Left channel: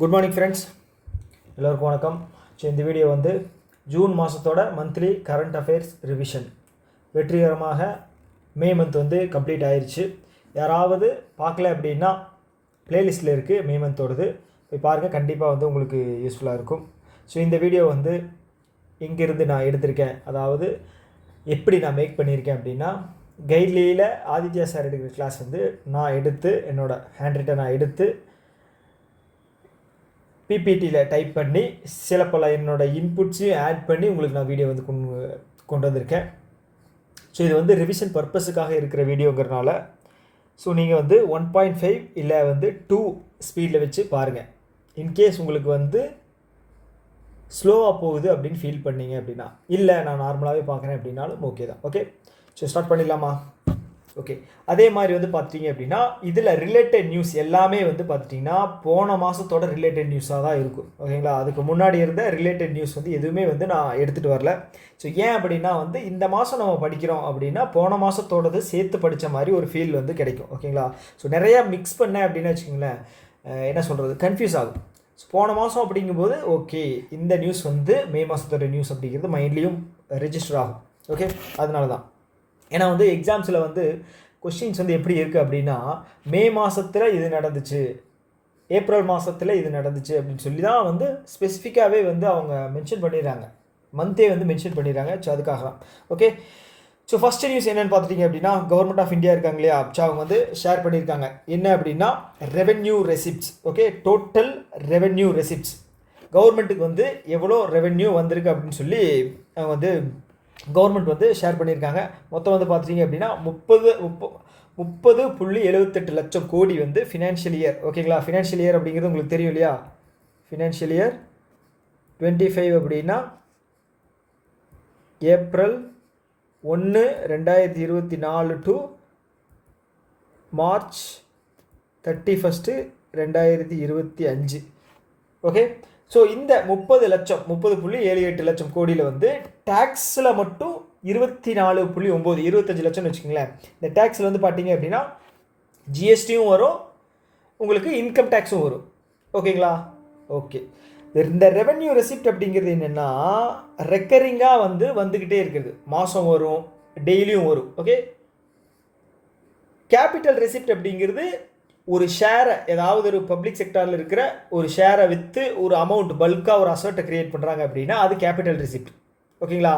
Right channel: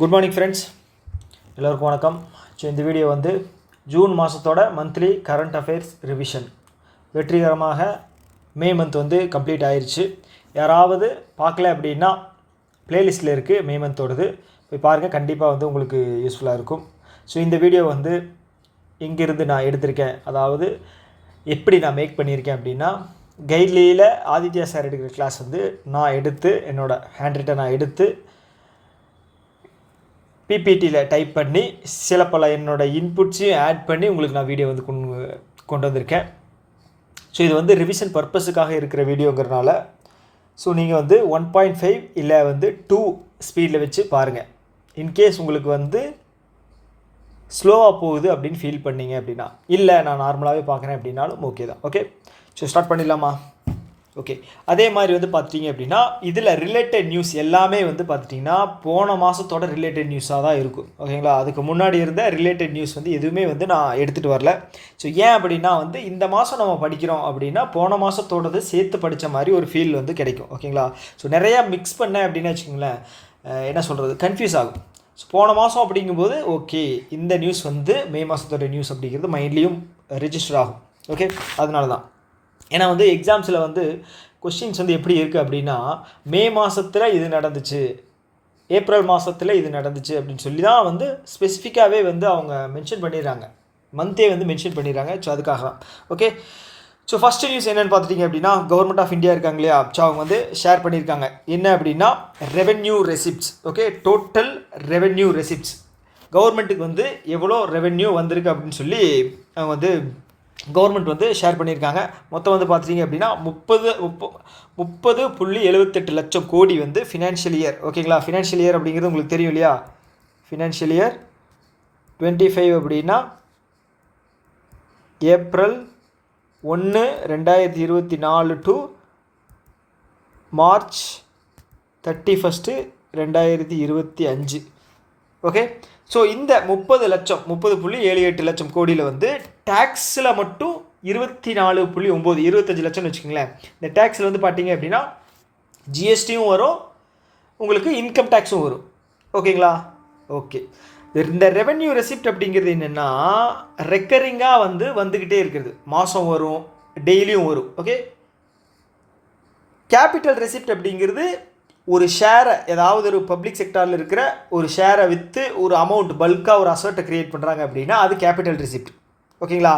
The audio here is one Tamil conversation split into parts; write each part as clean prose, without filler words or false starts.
குட் மார்னிங் ஃப்ரெண்ட்ஸ், எல்லோருக்கும் வணக்கம். ஸோ இந்த வீடியோ வந்து ஜூன் மாதத்தோட மந்த்லி கரண்ட் அஃபேர்ஸ் ரிவிஷன் வெற்றிகரமாக மே மந்த் வந்து கம்ப்ளீட் ஆயிடுச்சு. யாராவது பார்க்கல அப்படின்னா ப்ளேலிஸ்ட்டில் இருக்குது மே மந்தோடது, போய் பாருங்கள். கண்டிப்பாக வந்து உங்களுக்கு யூஸ்ஃபுல்லாக இருக்கும். ஸோ இந்த வீடியோ வந்து இங்கேருந்து நான் எடுத்திருக்கேன், அதாவது எப்படி நான் மேக் பண்ணியிருக்கேன் அப்படின்னா, கைட்லியில் ஆதித்யா சார் எடுக்கிற கிளாஸ் வந்து நான் எடுத்து என்னோடய ஹேண்ட் ரைட்டை நான் எடுத்து பிபிடியில் டைப் பண்ணி சில பல என்னோடய இன்புட்ஸையும் ஆட் பண்ணி உங்களுக்கு நான் வீடியோ வந்து கொண்டு வந்திருக்கேன். ஸோ இது வந்து ரிவிஷன் பர்பஸுக்காக இருக்கிற வீடியோங்கிறனால ஸோ நீங்கள் வந்து 1.5 இல்லை வந்து 2 ஸ்பீடில் வச்சு பாருங்கள். இன்கேஸ் உங்களுக்கு வந்து ஸ்லோவாக போகுது அப்படின்னு ஃபீல் பண்ணிங்க அப்படின்னா, இல்லை நான் நார்மலாகவே பார்க்குறேன் அப்படின்னாலும் ஓகே தான். ஓகே, ஸோ ஸ்டார்ட் பண்ணிடலாமா? ஓகே, அதே மாதிரி வந்து பார்த்துட்டிங்க அப்படின்னா இதில் ரிலேட்டட் நியூஸ் எல்லாமே வந்து பார்த்துட்டிங்கன்னா போன மாதத்தோட ரிலேட்டட் நியூஸாக தான் இருக்கும். ஓகேங்களா, அதுக்கு முன்னாடி இருந்த ரிலேட்டட் நியூஸ் வந்து எதுவுமே வந்து நான் எடுத்துகிட்டு வரல. ஸோ ஏன் அப்படின்னா வந்து இந்த மாதம் நம்ம படிக்கிறோம் அப்படின்னா போன மாதத்தோடது சேர்த்து படித்த மாதிரி ஒரு ஃபீல் வந்து கிடைக்கும். ஓகேங்களா, ஸோ நிறையா மிக்ஸ் பண்ணேன் அப்படின்னு வச்சுக்கோங்களேன், என்ன சொல்கிறது, கன்ஃபியூஸ் ஆகும். ஸோ போன மாதம் அப்படிங்கும்போது ஓகே இந்த நியூஸ் வந்து மே மாதத்தோட நியூஸ் அப்படிங்கிறது மைண்ட்லேயும் ரெஜிஸ்டர் ஆகும். ஓகே, அதனால தான். ஏன்னா வந்து எக்ஸாம்ஸில் வந்து கொஸ்டின்ஸ் வந்து எப்படி இருக்குது அப்படின்னா, மே மாதத்தில் இது நடந்துச்சு, ஏப்ரல் மாதத்தில் இது நடந்துச்சு அப்படின்னு சொல்லி தான் வந்து ஸ்பெசிஃபிக்காகவே வந்து அவங்க மென்ஷன் பண்ணிடுறாங்க, மந்தே வந்து மென்ஷன் பண்ணிடுறாங்க. ஸோ அதுக்காக தான். ஓகே, ஸோ ஃபஸ்ட்டு நியூஸ் என்னென்னு பார்த்துட்டிங்க அப்படின்னா, கவர்மெண்ட் ஆஃப் இந்தியா இருக்காங்க இல்லையா, ஸோ அவங்க வந்து ஷேர் பண்ணியிருக்காங்க என்ன அப்படின்னா revenue receipts. Okay, total revenue receipts, கவர்மெண்ட்டுக்கு வந்து எவ்வளோ ரெவென்யூ வந்திருக்கு அப்படின்னு சொல்லி அவங்க வந்து கவர்மெண்ட் வந்து ஷேர் பண்ணியிருக்காங்க. மொத்தம் வந்து பார்த்துட்டிங்க அப்படின்னா 30.78 லட்சம் கோடி வந்து ஃபினான்ஷியல் இயர். ஓகேங்களா, ஃபினான்ஷியல் இயர் அப்படிங்கிறது உங்களுக்கு தெரியும் இல்லையா, ஃபினான்ஷியல் இயர் 25 அப்படின்னா April 1, 2024 to March 31, 2025. Okay, so இந்த 30.78 லட்சம் கோடியில் வந்து டேக்ஸில் மட்டும் 24.9 25 லட்சம்னு வச்சுக்கோங்களேன். இந்த டேக்ஸில் வந்து பார்த்தீங்க அப்படின்னா ஜிஎஸ்டியும் வரும், உங்களுக்கு இன்கம் டேக்ஸும் வரும். ஓகேங்களா, ஓகே. இந்த ரெவென்யூ ரெசிப்ட் அப்படிங்கிறது என்னென்னா ரெக்கரிங்காக வந்துக்கிட்டே இருக்குது, மாதம் வரும், டெய்லியும் வரும். ஓகே, கேபிட்டல் ரெசிப்ட் அப்படிங்கிறது ஒரு ஷேரை, ஏதாவது ஒரு பப்ளிக் செக்டாரில் இருக்கிற ஒரு ஷேரை விற்று ஒரு அமௌண்ட் பல்காக ஒரு அசர்ட்டை க்ரியேட் பண்ணுறாங்க அப்படின்னா அது கேபிட்டல் ரெசிப்ட். ஓகேங்களா,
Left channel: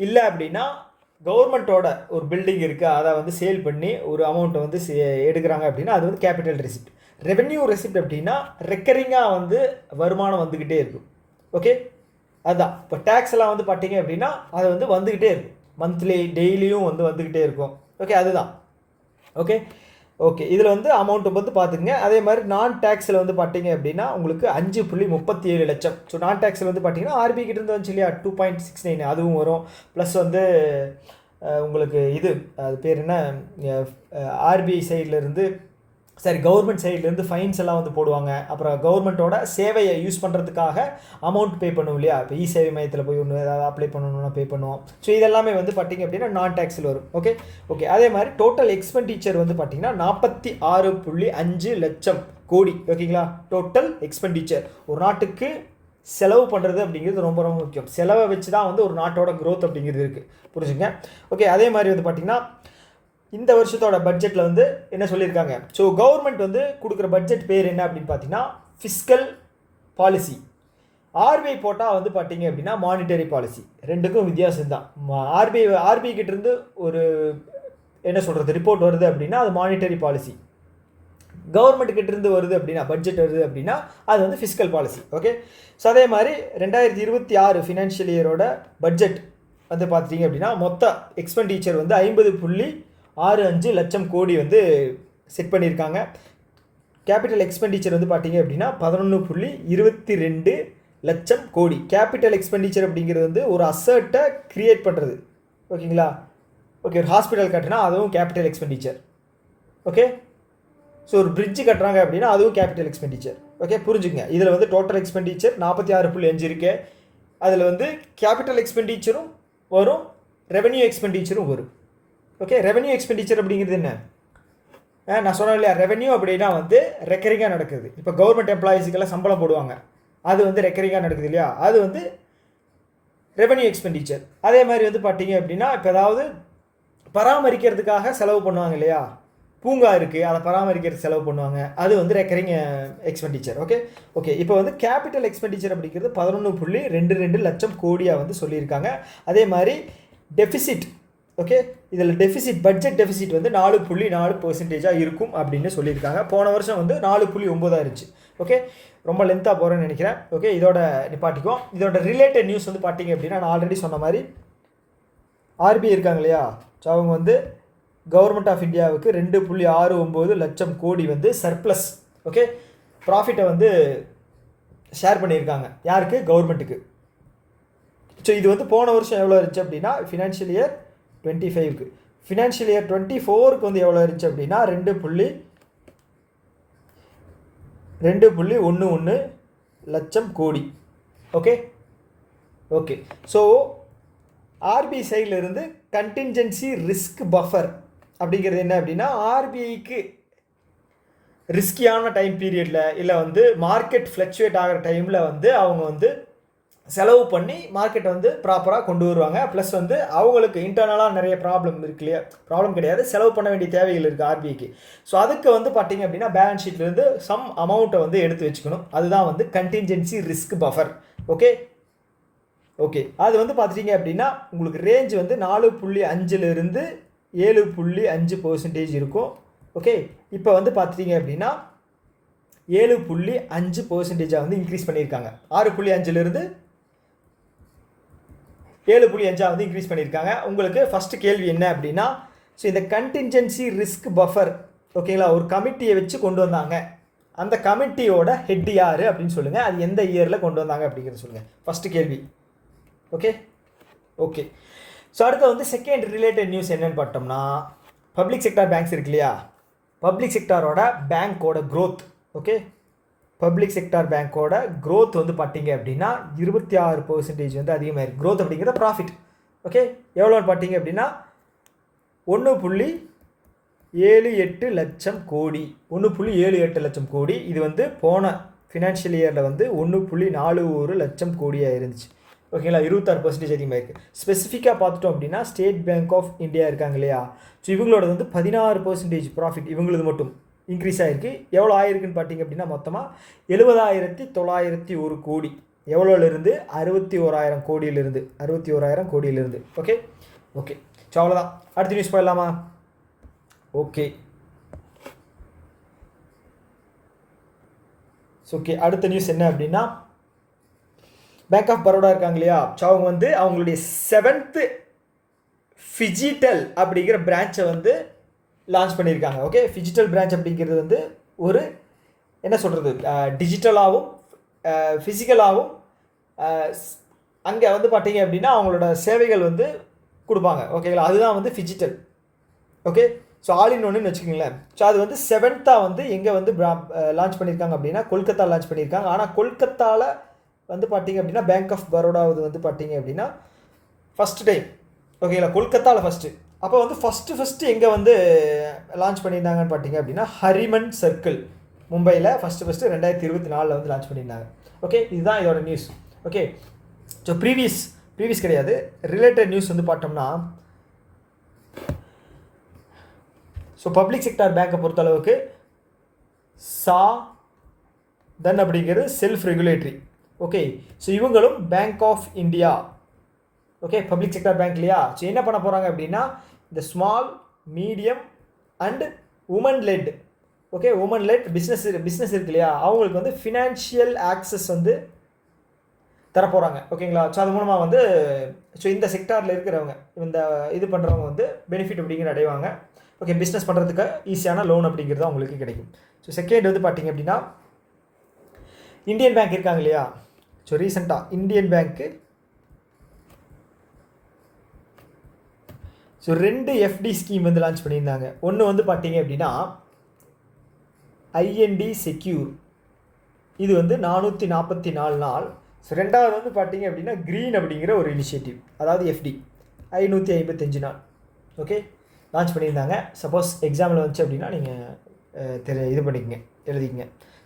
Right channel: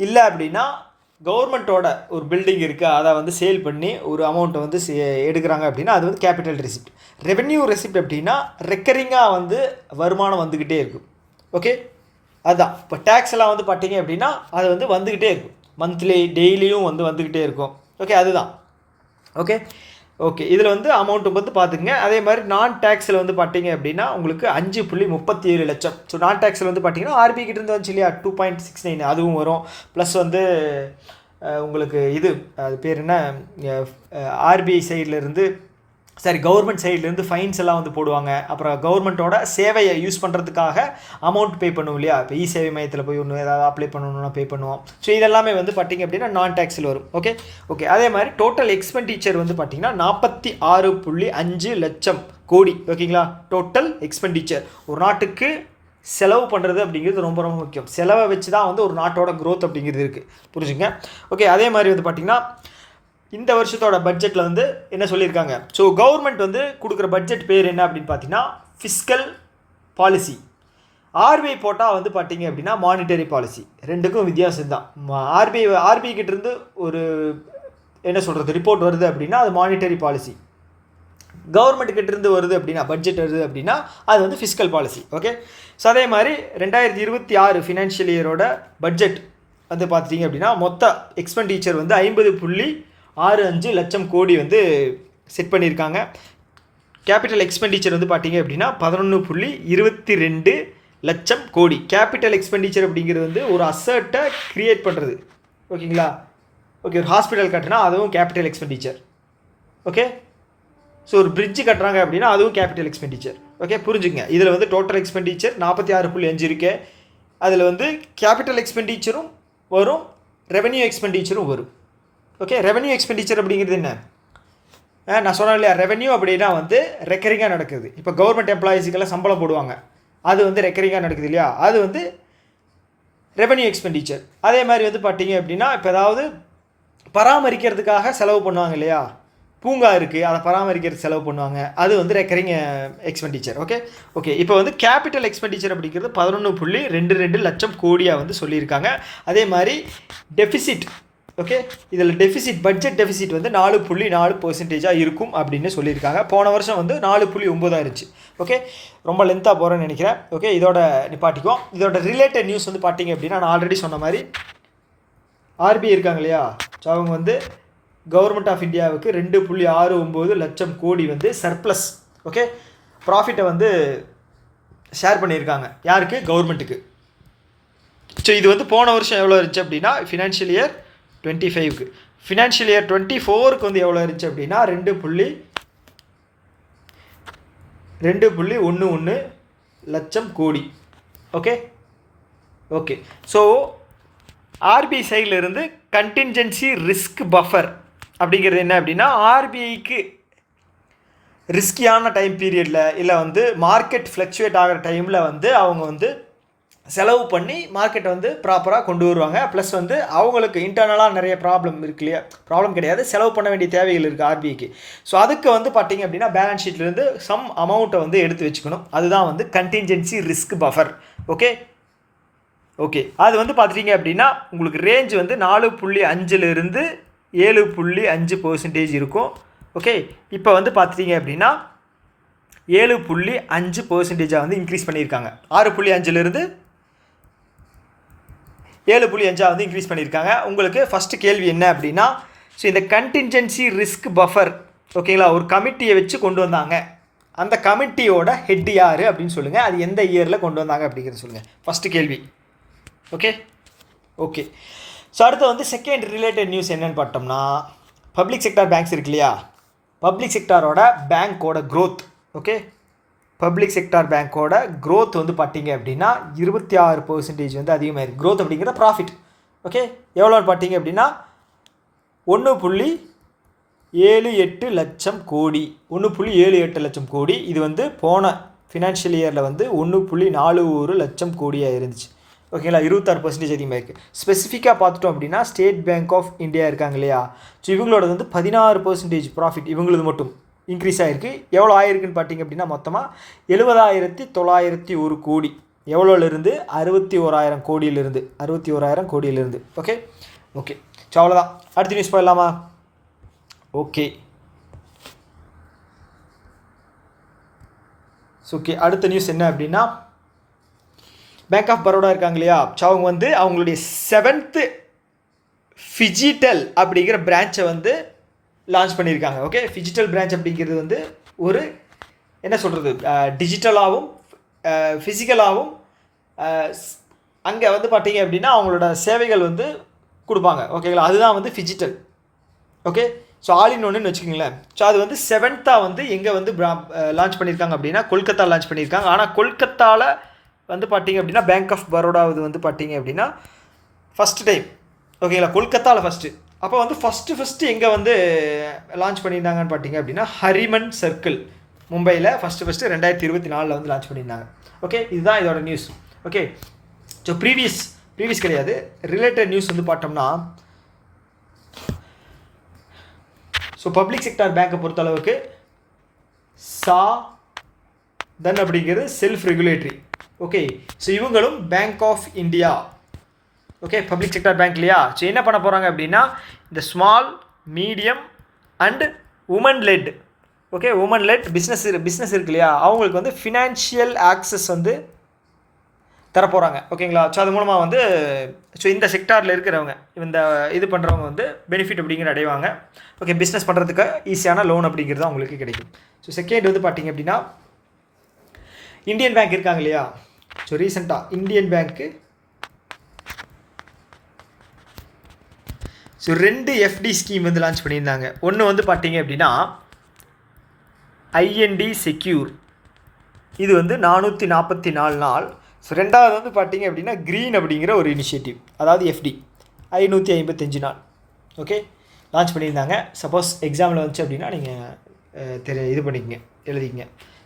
இல்லை அப்படின்னா கவர்மெண்ட்டோட ஒரு பில்டிங் இருக்குது, அதை வந்து சேல் பண்ணி ஒரு அமௌண்ட்டை வந்து எடுக்கிறாங்க அப்படின்னா அது வந்து கேபிட்டல் ரெசிப்ட். ரெவென்யூ ரெசிப்ட் அப்படின்னா ரெக்கரிங்காக வந்து வருமானம் வந்துக்கிட்டே இருக்கும். ஓகே, அதுதான். இப்போ டேக்ஸ் எல்லாம் வந்து பார்த்தீங்க அப்படின்னா அது வந்து வந்துக்கிட்டே இருக்கும், மந்த்லி டெய்லியும் வந்துக்கிட்டே இருக்கும். ஓகே, அதுதான். ஓகே ஓகே, இதில் வந்து அமௌண்ட்டு வந்து பார்த்துங்க. அதே மாதிரி நான் டேக்ஸில் வந்து பார்த்தீங்க அப்படின்னா உங்களுக்கு 5.37 லட்சம். ஸோ நான் டேக்ஸில் வந்து பார்த்தீங்கன்னா ஆர்பிஐ கிட்டேருந்து வந்துச்சு இல்லையா 2.69, அதுவும் வரும். ப்ளஸ் வந்து உங்களுக்கு இது அது பேர் என்ன, ஆர்பிஐ சைட்லேருந்து கவர்மெண்ட் சைட்லேருந்து ஃபைன்ஸ் எல்லாம் வந்து போடுவாங்க. அப்புறம் கவர்மெண்ட்டோட சேவையை யூஸ் பண்ணுறதுக்காக அமௌண்ட் பே பண்ணுவோம் இல்லையா, இப்போ இ சேவை மையத்தில் போய் ஒன்று ஏதாவது அப்ளை பண்ணணும்னா பே பண்ணுவோம். ஸோ இதெல்லாமே வந்து பார்த்திங்க அப்படின்னா நான் டேக்ஸில் வரும். ஓகே ஓகே, அதே மாதிரி டோட்டல் எக்ஸ்பெண்டிச்சர் வந்து பார்த்திங்கன்னா 46.5 லட்சம் கோடி. ஓகேங்களா, டோட்டல் எக்ஸ்பெண்டிச்சர். ஒரு நாட்டுக்கு செலவு பண்ணுறது அப்படிங்கிறது ரொம்ப ரொம்ப முக்கியம். செலவை வச்சு தான் வந்து ஒரு நாட்டோட க்ரோத் அப்படிங்கிறது இருக்குது, புரிஞ்சுங்க. ஓகே, அதே மாதிரி வந்து பார்த்திங்கன்னா இந்த வருஷத்தோட பட்ஜெட்டில் வந்து என்ன சொல்லியிருக்காங்க, ஸோ கவர்மெண்ட் வந்து கொடுக்குற பட்ஜெட் பேர் என்ன அப்படின்னு பார்த்தீங்கன்னா ஃபிஸ்கல் பாலிசி. ஆர்பிஐ போட்டால் வந்து பார்த்தீங்க அப்படின்னா மானிட்டரி பாலிசி. ரெண்டுக்கும் வித்தியாசம் தான். ஆர்பிஐ கிட்டேருந்து ஒரு என்ன சொல்கிறது ரிப்போர்ட் வருது அப்படின்னா அது மானிட்டரி பாலிசி. கவர்மெண்ட் கிட்டேருந்து வருது அப்படின்னா பட்ஜெட் வருது அப்படின்னா அது வந்து ஃபிஸ்கல் பாலிசி. ஓகே, ஸோ அதே மாதிரி 2026 ஃபினான்ஷியல் இயரோட பட்ஜெட் வந்து பார்த்துட்டிங்க அப்படின்னா மொத்த எக்ஸ்பெண்டிச்சர் வந்து 50.65 லட்சம் கோடி வந்து செட் பண்ணியிருக்காங்க. கேபிட்டல் எக்ஸ்பெண்டிச்சர் வந்து பார்த்தீங்க அப்படின்னா 11.22 லட்சம் கோடி. கேபிட்டல் எக்ஸ்பெண்டிச்சர் அப்படிங்கிறது வந்து ஒரு அசர்ட்டை க்ரியேட் பண்ணுறது. ஓகேங்களா, ஓகே, ஒரு ஹாஸ்பிட்டல் கட்டினா அதுவும் கேபிட்டல் எக்ஸ்பெண்டிச்சர். ஓகே, ஸோ ஒரு பிரிட்ஜு கட்டுறாங்க அப்படின்னா அதுவும் கேபிட்டல் எக்ஸ்பெண்டிச்சர். ஓகே, புரிஞ்சுங்க. இதில் வந்து டோட்டல் எக்ஸ்பெண்டிச்சர் 46.5 இருக்கு. அதில் வந்து கேபிட்டல் எக்ஸ்பெண்டிச்சரும் வரும், ரெவென்யூ எக்ஸ்பெண்டிச்சரும் வரும். ஓகே, ரெவென்யூ எக்ஸ்பெண்டிச்சர் அப்படிங்கிறது என்ன, நான் சொன்னேன் இல்லையா, ரெவென்யூ அப்படின்னா வந்து ரெக்கரிங்காக நடக்குது. இப்போ கவர்மெண்ட் எம்ப்ளாயீஸுக்கெல்லாம் சம்பளம் போடுவாங்க, அது வந்து ரெக்கரிங்காக நடக்குது இல்லையா, அது வந்து ரெவென்யூ எக்ஸ்பெண்டிச்சர். அதே மாதிரி வந்து பார்த்தீங்க அப்படின்னா இப்போ ஏதாவது பராமரிக்கிறதுக்காக செலவு பண்ணுவாங்க இல்லையா, பூங்கா இருக்குது அதை பராமரிக்கிறதுக்கு செலவு பண்ணுவாங்க, அது வந்து ரெக்கரிங் எக்ஸ்பெண்டிச்சர். ஓகே இப்போ வந்து கேபிட்டல் எக்ஸ்பெண்டிச்சர் அப்படிங்கிறது 11.22 லட்சம் கோடியாக வந்து சொல்லியிருக்காங்க. அதே மாதிரி டெஃபிசிட், ஓகே இதில் டெஃபிசிட், பட்ஜெட் டெஃபிசிட் வந்து 4.4% இருக்கும் அப்படின்னு சொல்லியிருக்காங்க. போன வருஷம் வந்து 4.9 இருந்துச்சு. ஓகே ரொம்ப லென்த்தாக போகிறேன்னு நினைக்கிறேன். ஓகே இதோட நிப்பாட்டிக்கும். இதோட ரிலேட்டட் நியூஸ் வந்து பார்த்தீங்க அப்படின்னா நான் ஆல்ரெடி சொன்ன மாதிரி ஆர்பிஐ இருக்காங்க இல்லையா, ஸோ அவங்க வந்து கவர்மெண்ட் ஆஃப் இந்தியாவுக்கு 2.69 லட்சம் கோடி வந்து சர்ப்ளஸ், ஓகே ப்ராஃபிட்டை வந்து ஷேர் பண்ணியிருக்காங்க. யாருக்கு? கவர்மெண்ட்டுக்கு. ஸோ இது வந்து போன வருஷம் எவ்வளோ இருந்துச்சு அப்படின்னா ஃபினான்ஷியல் இயர் 25க்கு. ஃபினான்ஷியல் இயர் 24க்கு வந்து எவ்வளோ இருந்துச்சு அப்படின்னா 2.11 லட்சம் கோடி. ஓகே ஸோ ஆர்பிஐ சைட்லேருந்து கண்டின்ஜென்சி ரிஸ்க் பஃபர் அப்படிங்கிறது என்ன அப்படின்னா, ஆர்பிஐக்கு ரிஸ்கியான டைம் பீரியடில் இல்லை வந்து மார்க்கெட் ஃப்ளக்சுவேட் ஆகிற டைமில் வந்து அவங்க வந்து செலவு பண்ணி மார்க்கெட்டை வந்து ப்ராப்பராக கொண்டு வருவாங்க. ப்ளஸ் வந்து அவங்களுக்கு இன்டர்னலாக நிறைய ப்ராப்ளம் இருக்கு இல்லையா, ப்ராப்ளம் கிடையாது, செலவு பண்ண வேண்டிய தேவைகள் இருக்குது ஆர்பிஐக்கு. ஸோ அதுக்கு வந்து பார்த்திங்க அப்படின்னா பேலன்ஸ் ஷீட்லேருந்து சம் அமௌண்ட்டை வந்து எடுத்து வச்சுக்கணும். அதுதான் வந்து கண்டின்ஜென்சி ரிஸ்க் பஃபர். ஓகே அது வந்து பார்த்துட்டிங்க அப்படின்னா உங்களுக்கு ரேஞ்ச் வந்து 4.5லிருந்து 7.5% இருக்கும். ஓகே இப்போ வந்து பார்த்துட்டிங்க அப்படின்னா 7.5% வந்து இன்க்ரீஸ் பண்ணியிருக்காங்க. 6.5லிருந்து 7.5 வந்து இன்க்ரீஸ் பண்ணியிருக்காங்க. உங்களுக்கு ஃபஸ்ட்டு கேள்வி என்ன அப்படின்னா, ஸோ இந்த கண்டின்ஜென்சி ரிஸ்க் பஃபர் ஓகேங்களா ஒரு கமிட்டியை வச்சு கொண்டு வந்தாங்க, அந்த கமிட்டியோட ஹெட் யார் அப்படின்னு சொல்லுங்கள், அது எந்த இயரில் கொண்டு வந்தாங்க அப்படிங்கிறத சொல்லுங்கள். ஃபஸ்ட்டு கேள்வி. ஓகே ஸோ அடுத்து வந்து செகண்ட் ரிலேட்டட் நியூஸ் என்னென்னு பார்த்தோம்னா, பப்ளிக் செக்டார் பேங்க்ஸ் இருக்கு இல்லையா, பப்ளிக் செக்டாரோட பேங்க்கோட க்ரோத். ஓகே பப்ளிக் செக்டார் பேங்க்கோட க்ரோத் வந்து பார்த்தீங்க அப்படின்னா 26% வந்து அதிகமாக இருக்குது. க்ரோத் அப்படிங்கிற ப்ராஃபிட். ஓகே எவ்வளோன்னு பார்த்தீங்க அப்படின்னா 1.78 லட்சம் கோடி. 1.78 லட்சம் கோடி. இது வந்து போன ஃபினான்ஷியல் இயரில் வந்து 1.41 லட்சம் கோடியாக இருந்துச்சு. ஓகேங்களா 26% அதிகமாக இருக்குது. ஸ்பெசிஃபிக்காக பார்த்துட்டோம் அப்படின்னா ஸ்டேட் பேங்க் ஆஃப் இந்தியா இருக்காங்க இல்லையா, ஸோ இவங்களோட வந்து 16% ப்ராஃபிட் இவங்களது மட்டும் இன்க்ரீஸ் ஆகிருக்கு. எவ்வளோ ஆயிருக்குன்னு பார்த்தீங்க அப்படின்னா மொத்தமாக 70,901 கோடி. எவ்வளோலேருந்து 61,000 கோடியிலிருந்து 61,000 கோடியிலிருந்து. ஓகே ஸோ அவ்வளோதான். அடுத்த நியூஸ் போயிடலாமா? ஓகே அடுத்த நியூஸ் என்ன அப்படின்னா, பேங்க் ஆஃப் பரோடா இருக்காங்க இல்லையா, ஸோ அவங்க வந்து அவங்களுடைய 7th ஃபிஜிட்டல் அப்படிங்கிற பிரான்ச்சை வந்து லான்ச் பண்ணியிருக்காங்க. ஓகே ஃபிஜிட்டல் பிரான்ச் அப்படிங்கிறது வந்து ஒரு என்ன சொல்கிறது, டிஜிட்டலாகவும் ஃபிசிக்கலாகவும் அங்கே வந்து பார்த்தீங்க அப்படின்னா அவங்களோட சேவைகள் வந்து கொடுப்பாங்க. ஓகேங்களா அதுதான் வந்து ஃபிஜிட்டல். ஓகே ஸோ ஆல் இன் ஒன்றுன்னு வச்சுக்கோங்களேன். ஸோ அது வந்து 7th வந்து எங்கே வந்து லான்ச் பண்ணியிருக்காங்க அப்படின்னா கொல்கத்தா லான்ச் பண்ணியிருக்காங்க. ஆனால் கொல்கத்தாவில் வந்து பார்த்தீங்க அப்படின்னா பேங்க் ஆஃப் பரோடாவது வந்து பார்த்தீங்க அப்படின்னா ஃபஸ்ட்டு டைம். ஓகேங்களா கொல்கத்தாவில் ஃபஸ்ட்டு. அப்போ வந்து ஃபஸ்ட்டு எங்கே வந்து லான்ச் பண்ணியிருந்தாங்கன்னு பார்த்தீங்க அப்படின்னா ஹரிமன் சர்க்கிள் மும்பையில் ஃபஸ்ட்டு 2024 வந்து லான்ச் பண்ணியிருந்தாங்க. ஓகே இதுதான் இதோட நியூஸ். ஓகே ஸோ ப்ரீவியஸ் கிடையாது, ரிலேட்டட் நியூஸ் வந்து பார்த்தோம்னா, ஸோ பப்ளிக் செக்டார் பேங்க்கை பொறுத்தளவுக்கு தென் அப்படிங்கிறது செல்ஃப் ரெகுலேட்டரி. ஓகே ஸோ இவங்களும் bank of India. Okay public sector bank இல்லையா, ஸோ என்ன பண்ண போகிறாங்க அப்படின்னா இந்த small medium and women led. Okay women led business இருக்கு இல்லையா, அவங்களுக்கு வந்து ஃபினான்ஷியல் ஆக்சஸ் வந்து தரப்போகிறாங்க. ஓகேங்களா ஸோ அது மூலமாக வந்து ஸோ இந்த செக்டாரில் இருக்கிறவங்க இந்த இது பண்ணுறவங்க வந்து பெனிஃபிட் அப்படிங்கிற அடைவாங்க. ஓகே பிஸ்னஸ் பண்ணுறதுக்கு ஈஸியான லோன் அப்படிங்கிறது அவங்களுக்கு கிடைக்கும். ஸோ செகண்ட் வந்து பார்த்திங்க அப்படின்னா இந்தியன் பேங்க் இருக்காங்க இல்லையா, ஸோ ரீசெண்டாக இந்தியன் பேங்க்கு ஸோ 2 எஃப்டி ஸ்கீம் வந்து லான்ச் பண்ணியிருந்தாங்க. ஒன்று வந்து பார்த்தீங்க அப்படின்னா ஐஎன்டி செக்யூர், இது வந்து 444 நாள். ஸோ ரெண்டாவது வந்து பார்த்தீங்க அப்படின்னா க்ரீன் அப்படிங்கிற ஒரு இனிஷியேட்டிவ், அதாவது எஃப்டி 555 நாள். ஓகே லான்ச் பண்ணியிருந்தாங்க. சப்போஸ் எக்ஸாமில் வந்துச்சு அப்படின்னா நீங்கள் இது பண்ணிக்கங்க, எழுதிக்கங்க.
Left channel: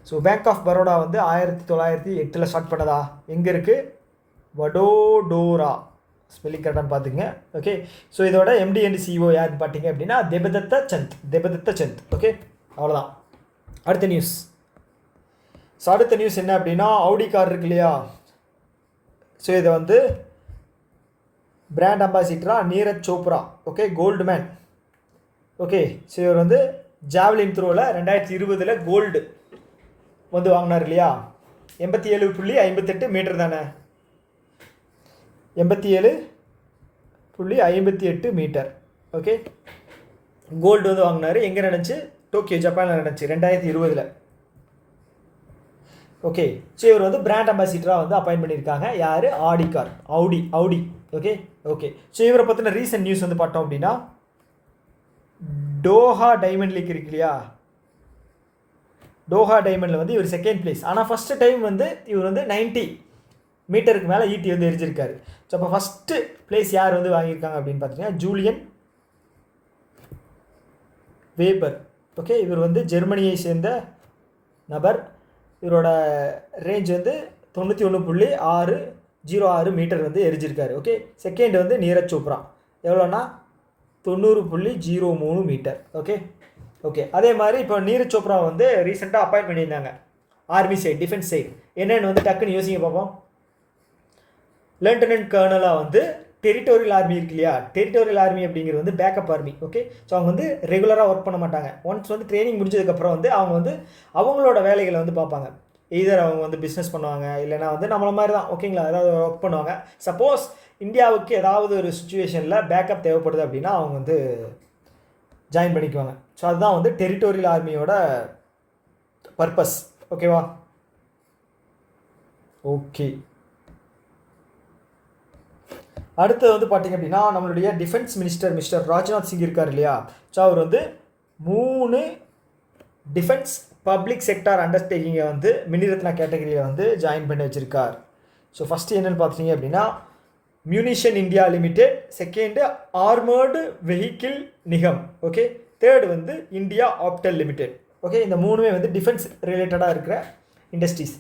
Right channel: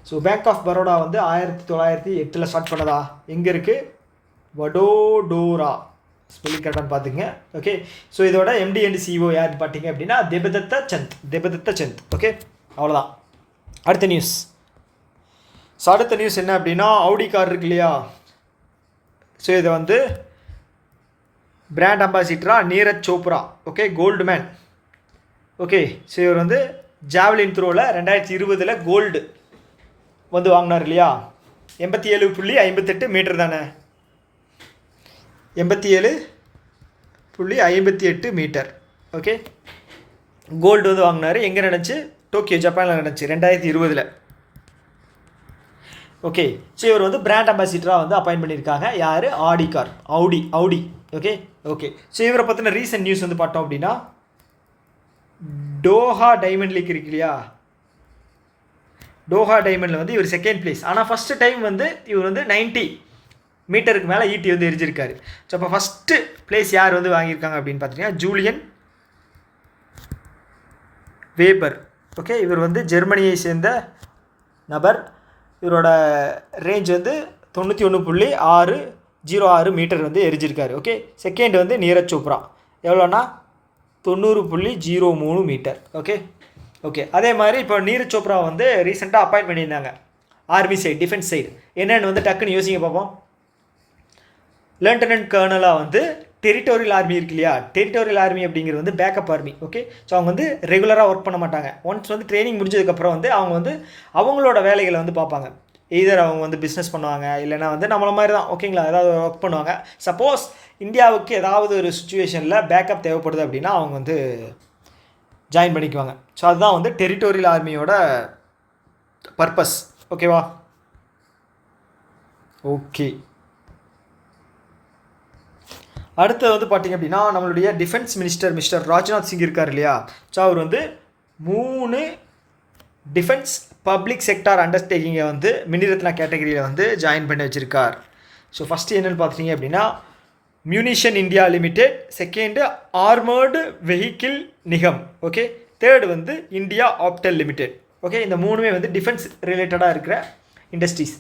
ஸோ பேங்க் ஆஃப் பரோடா வந்து 1908 ஸ்டார்ட் பண்ணதா? எங்கே இருக்குது? வடோடோரா. ஸ்பெல்லிங் கரெக்டானு பார்த்துங்க. ஓகே. ஸோ இதோட MD அண்ட் CEO யாருன்னு பார்த்தீங்க அப்படின்னா தேபதத்த சந்த். ஓகே, அவ்வளோதான். அடுத்த நியூஸ். ஸோ அடுத்த நியூஸ் என்ன அப்படின்னா, ஆடி கார் இருக்கு இல்லையா? ஸோ இதை வந்து பிராண்ட் அம்பாசிடராக Neeraj Chopra. Okay, gold man. Okay. So இவர் வந்து ஜாவலின் த்ரோவில் 2020 கோல்டு வந்து வாங்கினார் இல்லையா? 87.58 மீட்டர் தானே? 87.58 மீட்டர். ஓகே, கோல்டு வந்து வாங்கினார். எங்கே நடந்துச்சு? டோக்கியோ, ஜப்பானில் நடந்துச்சு 2020. ஓகே. ஸோ இவர் வந்து பிராண்ட் அம்பாசிடராக வந்து அப்பாயின்ட் பண்ணியிருக்காங்க. யார்? Audi car. ஆடி. ஓகே. ஸோ இவரை பற்றின ரீசன்ட் நியூஸ் வந்து பார்த்தோம் அப்படின்னா, டோஹா டைமண்ட் லீக் இருக்கு இல்லையா? டோஹா டைமண்டில் வந்து இவர் செகண்ட் பிளேஸ். ஆனால் ஃபஸ்ட்டு டைம் வந்து இவர் வந்து 90 மீட்டருக்கு மேலே ஈட்டி வந்து எரிஞ்சிருக்காரு. ஸோ அப்போ ஃபஸ்ட்டு பிளேஸ் யார் வந்து வாங்கியிருக்காங்க அப்படின்னு பார்த்தீங்கன்னா, ஜூலியன் வேபர். ஓகே, இவர் வந்து ஜெர்மனியை சேர்ந்த நபர். இவரோட ரேஞ்ச் வந்து 91.606 மீட்டர் வந்து எரிஞ்சிருக்காரு. ஓகே. செகண்ட் வந்து நீரஜ் சோப்ரா. எவ்வளோனா 90.03 மீட்டர். ஓகே. அதே மாதிரி இப்போ நீரஜ் சோப்ரா வந்து ரீசெண்டாக அப்பாயிண்ட் பண்ணியிருந்தாங்க ஆர்மி சைடு, டிஃபென்ஸ் சைடு. என்னென்னு வந்து டக்குன்னு யோசிங்க பார்ப்போம். லெஃப்டினன்ட் கர்னலாக வந்து டெரிட்டோரியல் ஆர்மி இருக்கு இல்லையா? டெரிட்டோரியல் ஆர்மி அப்படிங்கிறது வந்து பேக்கப் ஆர்மி. ஓகே. ஸோ அவங்க வந்து ரெகுலராக ஒர்க் பண்ண மாட்டாங்க. ஒன்ஸ் வந்து ட்ரைனிங் முடிஞ்சதுக்கப்புறம் வந்து அவங்க வந்து அவங்களோட வேலைகளை வந்து பார்ப்பாங்க. எய்தர் அவங்க வந்து பிஸ்னஸ் பண்ணுவாங்க, இல்லைனா வந்து நம்மள மாதிரி தான். ஓகேங்களா? ஏதாவது ஒர்க் பண்ணுவாங்க. சப்போஸ் இந்தியாவுக்கு ஏதாவது ஒரு சுச்சுவேஷனில் பேக்கப் தேவைப்படுது அப்படின்னா அவங்க வந்து ஜாயின் பண்ணிக்குவாங்க. ஸோ அதுதான் வந்து டெரிட்டோரியல் ஆர்மியோட பர்பஸ். ஓகேவா? ஓகே. அடுத்து வந்து பார்த்திங்க அப்படின்னா, நம்மளுடைய defence minister mister Rajnath Singh இருக்கார் இல்லையா? ஸோ அவர் வந்து 3 டிஃபென்ஸ் பப்ளிக் செக்டார் அண்டர்டேக்கிங்கை வந்து மினிரத்னா கேட்டகரியில் வந்து ஜாயின் பண்ணி வச்சுருக்கார். ஸோ ஃபஸ்ட்டு என்னென்னு பார்த்தீங்க அப்படின்னா, munition India limited. Second armoured vehicle Nigam. Okay. Third வந்து இந்தியா ஆப்டெல் லிமிடெட். ஓகே. இந்த 3மே வந்து டிஃபென்ஸ் ரிலேட்டடாக இருக்கிற இண்டஸ்ட்ரீஸ்.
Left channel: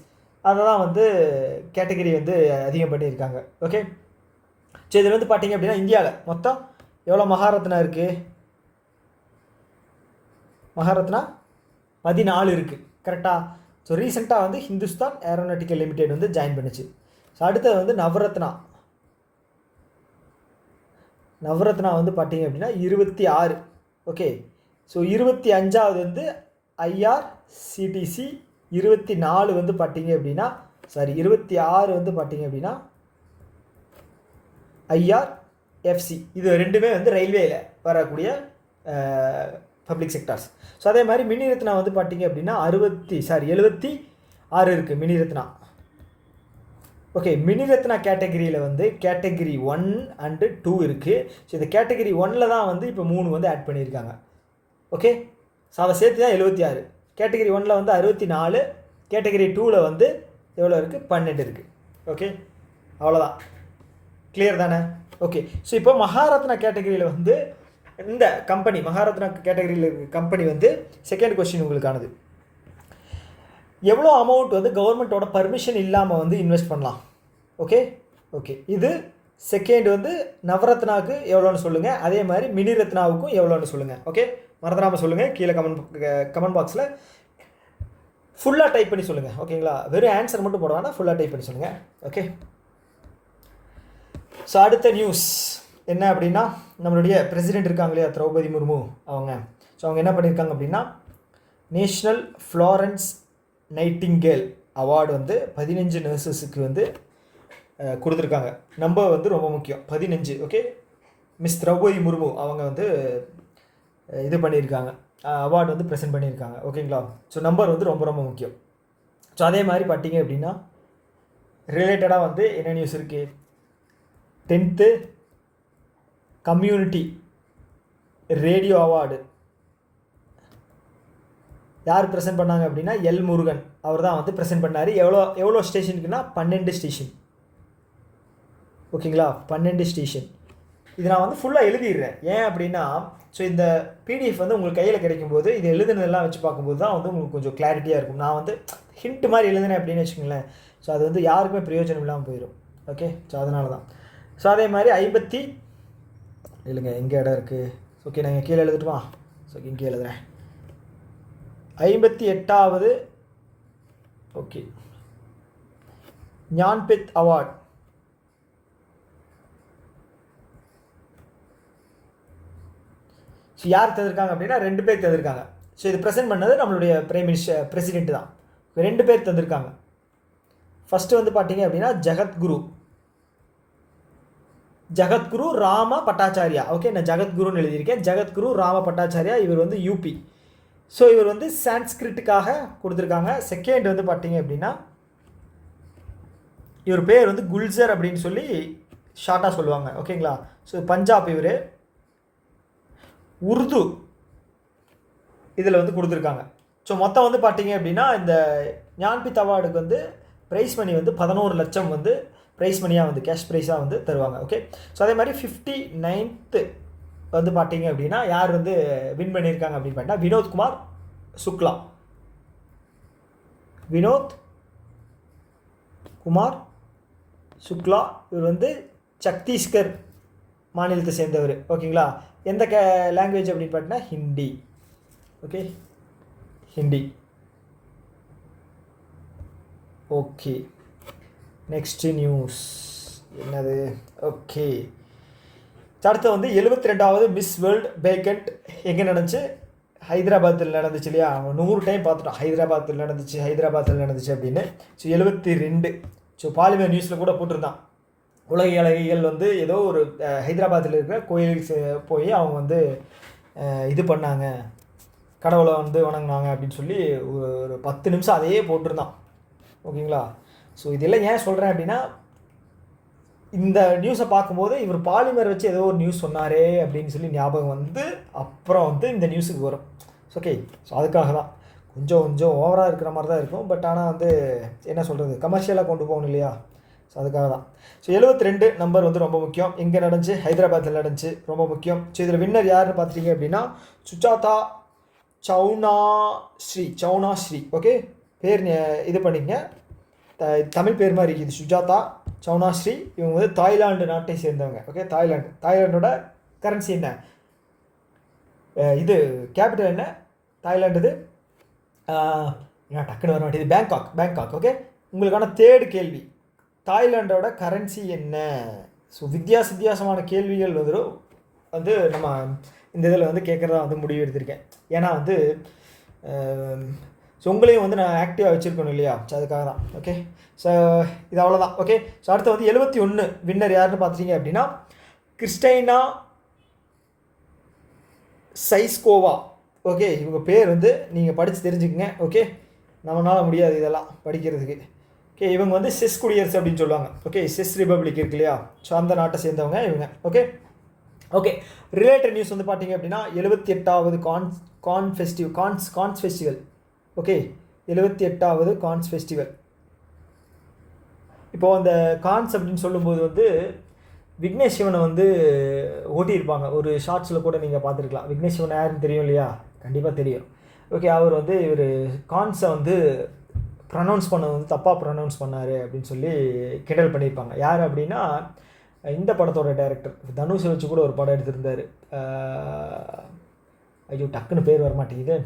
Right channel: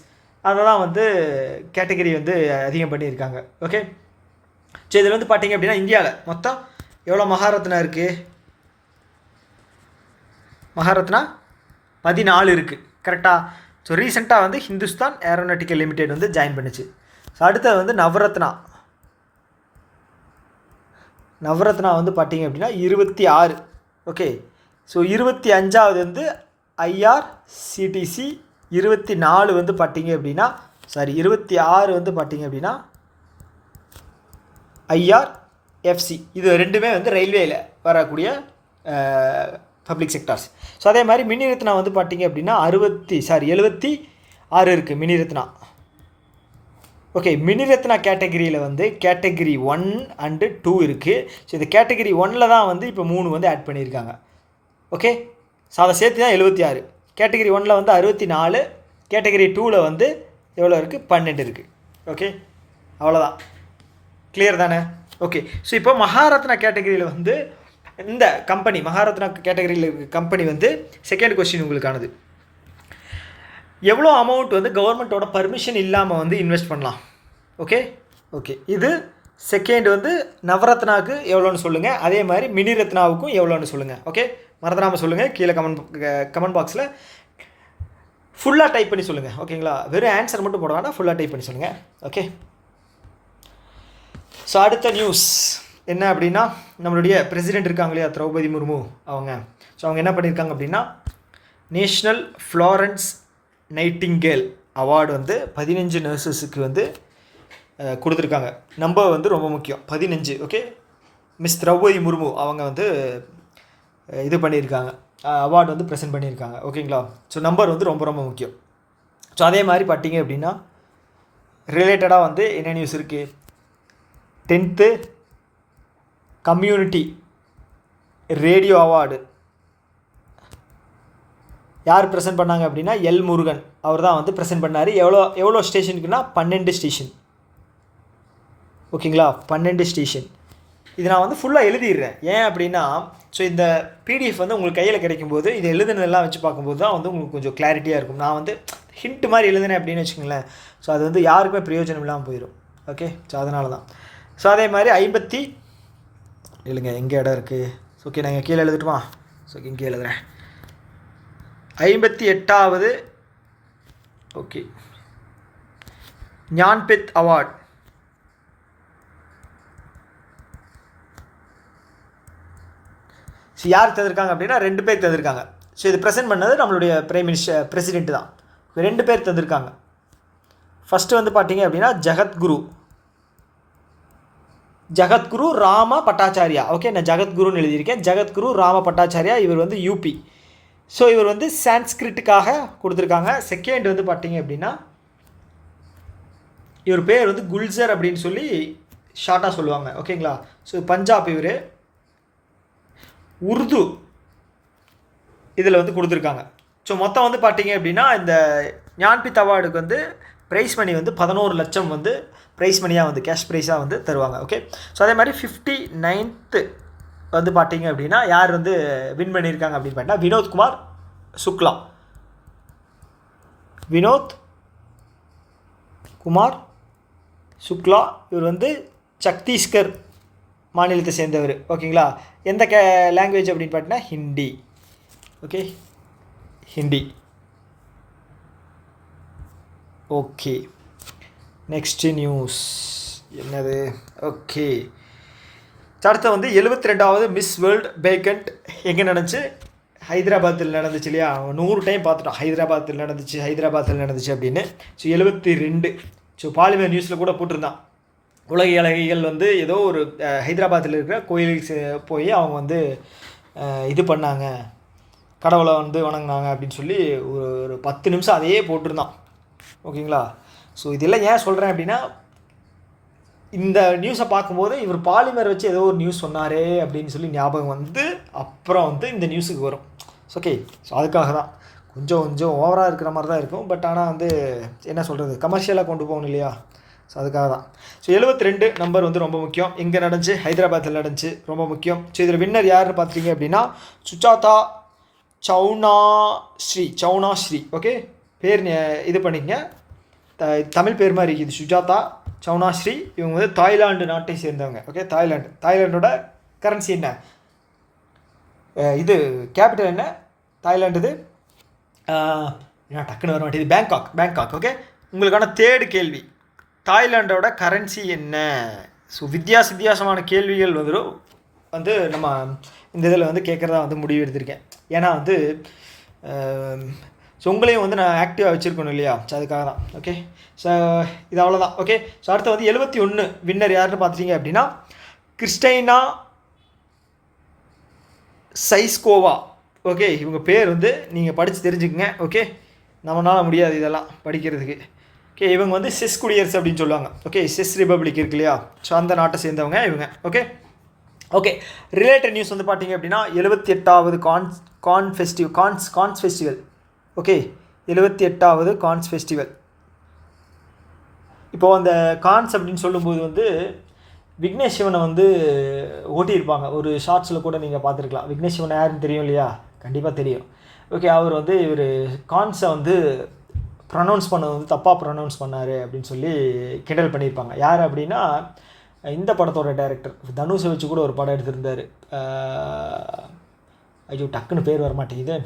அதை தான் வந்து கேட்டகரி வந்து அதிகம் பண்ணியிருக்காங்க. ஓகே. ஸோ இதில் வந்து பார்த்திங்க அப்படின்னா, இந்தியாவில் மொத்தம் எவ்வளோ மகாரத்னா இருக்குது? மகாரத்னா 14 இருக்குது. கரெக்டாக? ஸோ ரீசெண்டாக வந்து ஹிந்துஸ்தான் ஏரோநாட்டிக்கல் லிமிடெட் வந்து ஜாயின் பண்ணிச்சு. ஸோ அடுத்தது வந்து நவரத்னா வந்து பார்த்திங்க அப்படின்னா 26. ஓகே. ஸோ 25வது வந்து IRCTC. 24 வந்து பார்த்திங்க அப்படின்னா 26 வந்து பார்த்திங்க அப்படின்னா IRFC. இது ரெண்டுமே வந்து ரயில்வேயில் வரக்கூடிய பப்ளிக் செக்டார்ஸ். ஸோ அதே மாதிரி மினிரத்னா வந்து பார்த்திங்க அப்படின்னா 76 இருக்குது மினிரத்னா. ஓகே. மினிரத்னா கேட்டகரியில் வந்து கேட்டகரி 1 அண்டு 2 இருக்குது. ஸோ இந்த கேட்டகரி 1ல் தான் வந்து இப்போ 3 வந்து ஆட் பண்ணியிருக்காங்க. ஓகே. ஸோ அதை சேர்த்து தான் 76. கேட்டகரி 1ல் வந்து 64. கேட்டகரி 2வில் வந்து எவ்வளோ இருக்குது? 12 இருக்குது. ஓகே, அவ்வளோதான். கிளியர் தானே? ஓகே. ஸோ இப்போ மகாரத்னா கேட்டகரியில் வந்து இந்த கம்பெனி, மகாரத்னா கேட்டகரியில் இருக்க கம்பெனி வந்து செகண்ட் கொஸ்டின் உங்களுக்கானது. எவ்வளோ அமௌண்ட் வந்து கவர்மெண்ட்டோட பர்மிஷன் இல்லாமல் வந்து இன்வெஸ்ட் பண்ணலாம்? ஓகே. இது செகண்ட் வந்து நவரத்னாவுக்கு எவ்வளோன்னு சொல்லுங்கள். அதே மாதிரி மினிரத்னாவுக்கும் எவ்வளோன்னு சொல்லுங்கள். ஓகே, மறந்துடாமல் சொல்லுங்கள். கீழே கமெண்ட் பாக்ஸில் ஃபுல்லாக டைப் பண்ணி சொல்லுங்கள். ஓகேங்களா? வெறும் ஆன்சர் மட்டும் போட வேணாம், ஃபுல்லாக டைப் பண்ணி சொல்லுங்கள். ஓகே. ஸோ அடுத்த நியூஸ் என்ன அப்படின்னா, நம்மளுடைய பிரசிடெண்ட் இருக்காங்க இல்லையா, திரௌபதி முர்மு அவங்க. ஸோ அவங்க என்ன பண்ணியிருக்காங்க அப்படின்னா, நேஷ்னல் ஃப்ளாரன்ஸ் நைட்டிங்கேல் அவார்டு வந்து 15 நர்சஸுக்கு வந்து கொடுத்துருக்காங்க. நம்பர் வந்து ரொம்ப முக்கியம், 15. ஓகே. மிஸ் திரௌபதி முர்மு அவங்க வந்து இது பண்ணியிருக்காங்க, அவார்டு வந்து ப்ரெசென்ட் பண்ணியிருக்காங்க. ஓகேங்களா? ஸோ நம்பர் வந்து ரொம்ப ரொம்ப முக்கியம். ஸோ அதே மாதிரி பார்த்தீங்க அப்படின்னா ரிலேட்டடாக வந்து என்ன நியூஸ் இருக்குது? 10th கம்யூனிட்டி ரேடியோ அவார்டு யார் ப்ரெசென்ட் பண்ணாங்க அப்படின்னா எல் முருகன் அவர் தான் வந்து ப்ரெசென்ட் பண்ணார். எவ்வளோ ஸ்டேஷனுக்குன்னா 12 ஸ்டேஷன். ஓகேங்களா? 12 ஸ்டேஷன். இது நான் வந்து ஃபுல்லாக எழுதிடுறேன். ஏன் அப்படின்னா ஸோ இந்த பிடிஎஃப் வந்து உங்களுக்கு கையில் கிடைக்கும்போது இது எழுதுனதெல்லாம் வச்சு பார்க்கும்போது தான் வந்து உங்களுக்கு கொஞ்சம் கிளாரிட்டியாக இருக்கும். நான் வந்து ஹிண்ட் மாதிரி எழுதுனேன் அப்படின்னு வச்சுக்கோங்களேன், ஸோ அது வந்து யாருக்குமே பிரயோஜனம் இல்லாமல் போயிடும். ஓகே, ஸோ அதனால தான். ஸோ அதே மாதிரி இல்லைங்க எங்கே இடம் இருக்குது? ஓகே, நான் இங்கே கீழே எழுதட்டுமா? ஸோ இங்கே எழுதுகிறேன். 58வது ஓகே ஞான்பீத் அவார்ட் யார் தந்திருக்காங்க அப்படின்னா 2 பேர் தந்திருக்காங்க. ஸோ இது ப்ரெசென்ட் பண்ணது நம்மளுடைய பிரசிடென்ட் தான். 2 பேர் தந்திருக்காங்க. ஃபஸ்ட்டு வந்து பார்த்தீங்க அப்படின்னா ஜகத்குரு ராம பட்டாச்சாரியா. ஓகே, நான் ஜகத்குருன்னு எழுதியிருக்கேன். ஜகத்குரு ராம பட்டாச்சாரியா. இவர் வந்து யூபி. ஸோ இவர் வந்து சான்ஸ்கிரிட்டுக்காக கொடுத்துருக்காங்க. செகண்ட் வந்து பார்த்தீங்க அப்படின்னா இவர் பேர் வந்து குல்சர் அப்படின்னு சொல்லி ஷார்ட்டாக சொல்லுவாங்க. ஓகேங்களா? ஸோ பஞ்சாப். இவர் உருது இதில் வந்து கொடுத்துருக்காங்க. ஸோ மொத்தம் வந்து பார்த்தீங்க அப்படின்னா இந்த ஞான்பீத் அவார்டுக்கு வந்து ப்ரைஸ் மணி வந்து 11 லட்சம் வந்து ப்ரைஸ் மணியாக வந்து கேஷ் ப்ரைஸாக வந்து தருவாங்க. ஓகே, ஸோ அதே மாதிரி 59th வந்து பார்த்தீங்க அப்படின்னா யார் வந்து வின் பண்ணியிருக்காங்க அப்படின்னு பார்த்தீங்கன்னா வினோத்குமார் சுக்லா. இவர் வந்து சத்தீஸ்கர் மாநிலத்தை சேர்ந்தவர். ஓகேங்களா? எந்த லாங்குவேஜ் அப்படின்னு பார்த்தீங்கன்னா Hindi. Okay, Hindi. Okay, next news என்னது? ஓகே, அடுத்து வந்து 72வது மிஸ் வேர்ல்டு பேக்கண்ட் எங்கே நடந்துச்சு? ஹைதராபாத்தில் நடந்துச்சு இல்லையா? 100 டைம் பார்த்துட்டோம் ஹைதராபாத்தில் நடந்துச்சு அப்படின்னு. ஸோ 72. ஸோ பாலிமர் நியூஸில் கூட போட்டிருந்தான், உலக அழகிகள் வந்து ஏதோ ஒரு ஹைதராபாத்தில் இருக்கிற கோயிலுக்கு போய் அவங்க வந்து இது பண்ணாங்க, கடவுளை வந்து வணங்கினாங்க அப்படின்னு சொல்லி ஒரு 10 நிமிஷம் அதையே போட்டிருந்தான். ஓகேங்களா? ஸோ இதெல்லாம் ஏன் சொல்கிறேன் அப்படின்னா இந்த நியூஸை பார்க்கும்போது இவர் பாலிமர் வச்சு ஏதோ ஒரு நியூஸ் சொன்னாரே அப்படின்னு சொல்லி ஞாபகம் வந்து அப்புறம் வந்து இந்த நியூஸுக்கு வரும். ஓகே, ஸோ அதுக்காக தான் கொஞ்சம் ஓவராக இருக்கிற மாதிரி தான் இருக்கும். பட் ஆனால் வந்து என்ன சொல்கிறது, கமர்ஷியலாக கொண்டு போகணும் இல்லையா? ஸோ அதுக்காக தான். ஸோ 72 நம்பர் வந்து ரொம்ப முக்கியம். எங்கே நடந்துச்சு? ஹைதராபாத்தில் நடந்துச்சு, ரொம்ப முக்கியம். ஸோ இதில் வின்னர் யாருன்னு பார்த்தீங்க அப்படின்னா சுஜாதா சௌனாஸ்ரீ. ஓகே, பேர் இது பண்ணிங்க, தமிழ் பேர் மாதிரி இருக்குது, சுஜாதா சௌனாஸ்ரீ. இவங்க வந்து தாய்லாந்து நாட்டை சேர்ந்தவங்க. ஓகே, தாய்லாண்டோட கரன்சி என்ன? இது கேபிட்டல் என்ன தாய்லாண்டுது? டக்குன்னு வர மாட்டேது. பேங்காக். ஓகே, உங்களுக்கான தேர்டு கேள்வி, தாய்லாண்டோட கரன்சி என்ன? ஸோ வித்தியாசமான கேள்விகள் வந்து நம்ம இந்த இதில் வந்து கேட்குறதா வந்து முடிவு எடுத்திருக்கேன். ஏன்னா வந்து ஸோ உங்களையும் வந்து நான் ஆக்டிவாக வச்சுருக்கணும் இல்லையா? ஸோ அதுக்காக தான். ஓகே, ஸோ இது அவ்வளோதான். ஓகே, ஸோ அடுத்து வந்து 71 வின்னர் யாருன்னு பார்த்துட்டீங்க அப்படின்னா கிறிஸ்டைனா சைஸ்கோவா. ஓகே, இவங்க பேர் வந்து நீங்கள் படித்து தெரிஞ்சுக்கங்க. ஓகே, நம்மளால் முடியாது இதெல்லாம் படிக்கிறதுக்கு. ஓகே, இவங்க வந்து செஸ் குடியரசு அப்படின்னு சொல்லுவாங்க. ஓகே, செஸ் ரிப்பப்ளிக் இருக்கு இல்லையா? ஸோ அந்த நாட்டை சேர்ந்தவங்க இவங்க. ஓகே, ரிலேட்டட் நியூஸ் வந்து பார்த்தீங்க அப்படின்னா 78வது கான்ஸ் ஃபெஸ்டிவல். ஓகே, 78வது கான்ஸ் ஃபெஸ்டிவல். இப்போது அந்த கான்ஸ் அப்படின்னு சொல்லும்போது வந்து விக்னேஷ் சிவனை வந்து ஓட்டியிருப்பாங்க. ஒரு ஷார்ட்ஸில் கூட நீங்கள் பார்த்துருக்கலாம். விக்னேஷ் சிவனை யாருன்னு தெரியும் இல்லையா? கண்டிப்பாக தெரியும். ஓகே, அவர் வந்து இவர் கான்ஸை வந்து ப்ரொனவுன்ஸ் பண்ணது வந்து தப்பாக ப்ரொனவுன்ஸ் பண்ணார் அப்படின்னு சொல்லி கிண்டல் பண்ணியிருப்பாங்க. யார் அப்படின்னா இந்த படத்தோட டைரக்டர் தனுஷை வச்சு கூட ஒரு படம் எடுத்திருந்தார். ஐயோ டக்குன்னு பேர் வர மாட்டேங்குது.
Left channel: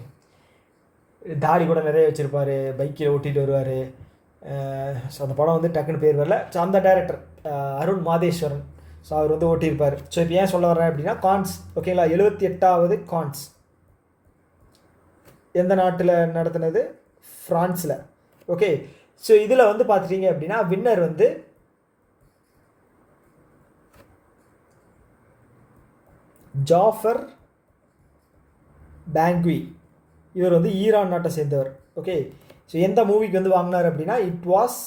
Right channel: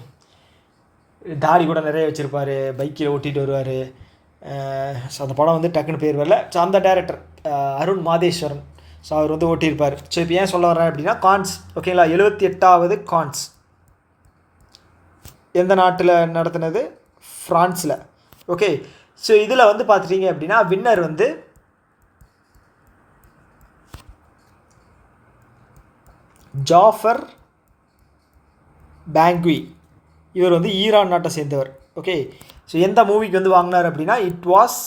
தாடி கூட நிறைய வச்சுருப்பார், பைக்கில் ஓட்டிகிட்டு வருவார். ஸோ அந்த படம் வந்து டக்குன்னு பேர் வரல. ஸோ அந்த டைரக்டர் அருண் மாதேஸ்வரன். ஸோ அவர் வந்து ஓட்டியிருப்பார். ஸோ இப்போ ஏன் சொல்ல வர்றேன் அப்படின்னா கான்ஸ். ஓகேங்களா? 78வது கான்ஸ் எந்த நாட்டில் நடத்துனது? ஃப்ரான்ஸில். ஓகே, ஸோ இதில் வந்து பார்த்துட்டிங்க அப்படின்னா வின்னர் வந்து ஜாஃபர் பேங்க்வி. இவர் வந்து ஈரான் நாட்டை சேர்ந்தவர். ஓகே, ஸோ எந்த மூவிக்கு வந்து வாங்கினார் அப்படின்னா it was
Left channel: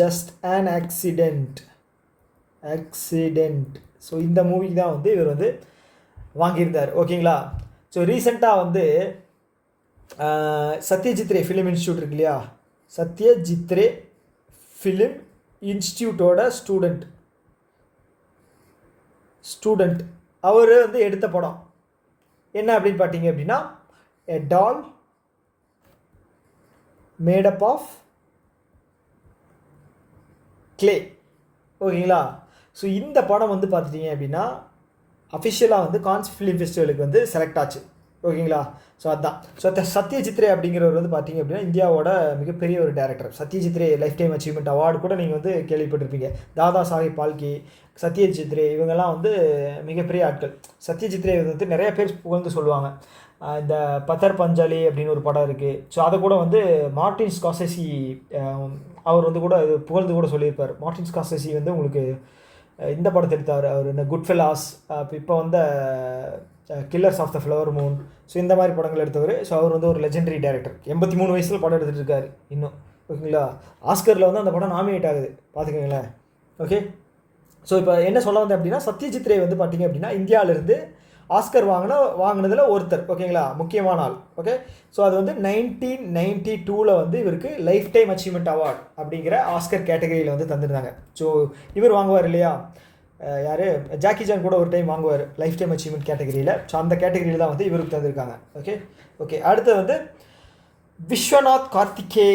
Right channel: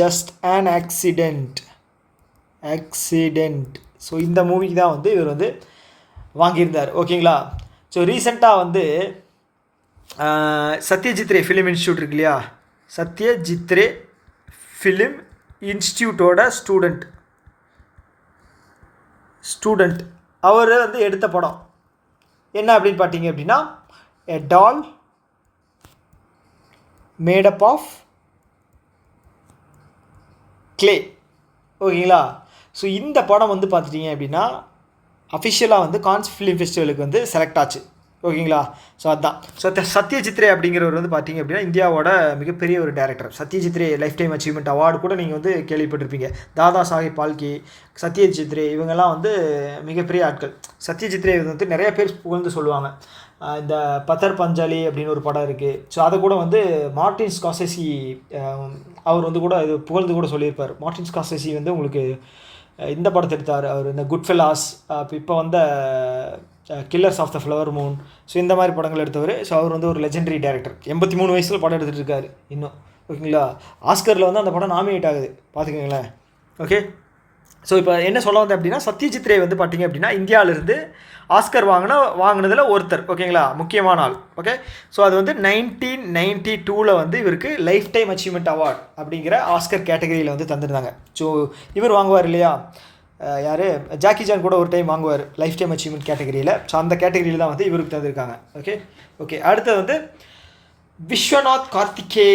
just an accident. So இந்த மூவிக்கு தான் வந்து இவர் வந்து வாங்கியிருந்தார். ஓகேங்களா? ஸோ ரீசெண்டாக வந்து சத்யஜித் ரே ஃபிலிம் இன்ஸ்டியூட் இருக்கு இல்லையா? சத்யஜித் ரே ஃபிலிம் இன்ஸ்டியூட்டோட ஸ்டூடெண்ட் ஸ்டூடெண்ட் அவர் வந்து எடுத்த படம் என்ன அப்படின்னு பார்த்தீங்க அப்படின்னா எ டால் மேடப் ஆஃப் கிளே. ஓகேங்களா? ஸோ இந்த படம் வந்து பார்த்துட்டிங்க அப்படின்னா அஃபிஷியலாக வந்து கான்ஸ் ஃபிலிம் ஃபெஸ்டிவலுக்கு வந்து செலக்ட் ஆச்சு. ஓகேங்களா? ஸோ அதுதான். ஸோ சத்யஜித் ரே அப்படிங்கிறவர் வந்து பார்த்தீங்க அப்படின்னா இந்தியாவோட மிகப்பெரிய ஒரு டேரக்டர். சத்யஜித் ரே லைஃப் டைம் அச்சீவ்மெண்ட் அவார்டு கூட நீங்கள் வந்து கேள்விப்பட்டிருப்பீங்க. தாதா சாஹிப் பால்கே, சத்யஜித் ரே இவங்கெல்லாம் வந்து மிகப்பெரிய ஆட்கள். சத்யஜித் ரே வந்து நிறைய பேர் புகழ்ந்து சொல்லுவாங்க. இந்த பத்தர் பஞ்சாலி அப்படின்னு ஒரு படம் இருக்குது. ஸோ அதை கூட வந்து மார்டின் ஸ்கார்செஸி அவர் வந்து கூட இது புகழ்ந்து கூட சொல்லியிருப்பார். மார்டின் ஸ்கார்செஸி வந்து உங்களுக்கு இந்த படத்தை எடுத்தார் அவர், இந்த குட் ஃபெல்லாஸ், இப்போ வந்த killers of the flower moon, so இந்த மாதிரி படங்கள் எடுத்தவர். ஸோ அவர் வந்து ஒரு லெஜெண்டரி டேரக்டர். 83 வயசில் படம் எடுத்துகிட்டு இருக்காரு இன்னும். ஓகேங்களா? ஆஸ்கரில் வந்து அந்த படம் நாமினேட் ஆகுது பார்த்துக்கோங்களேன். ஓகே, ஸோ இப்போ என்ன சொல்ல வந்தேன் அப்படின்னா சத்யஜித் ரே வந்து பார்த்திங்க அப்படின்னா இந்தியாவிலேருந்து ஆஸ்கர் வாங்கினதில் ஒருத்தர். ஓகேங்களா? முக்கியமான ஆள். ஓகே, ஸோ அது வந்து 1992 வந்து இவருக்கு லைஃப் டைம் அச்சீவ்மெண்ட் அவார்ட் அப்படிங்கிற ஆஸ்கர் கேட்டகரியில் வந்து தந்துருந்தாங்க. ஸோ இவர் வாங்குவார் இல்லையா, யார், ஜாக்கி ஜான் கூட ஒரு டைம் வாங்குவார் லைஃப் டைம் அச்சீவ்மெண்ட் கேட்டகரியில். ஸோ அந்த கேட்டகரியில் தான் வந்து இவருக்கு தந்திருக்காங்க. ஓகே அடுத்தது வந்து விஸ்வநாத் கார்த்திகே.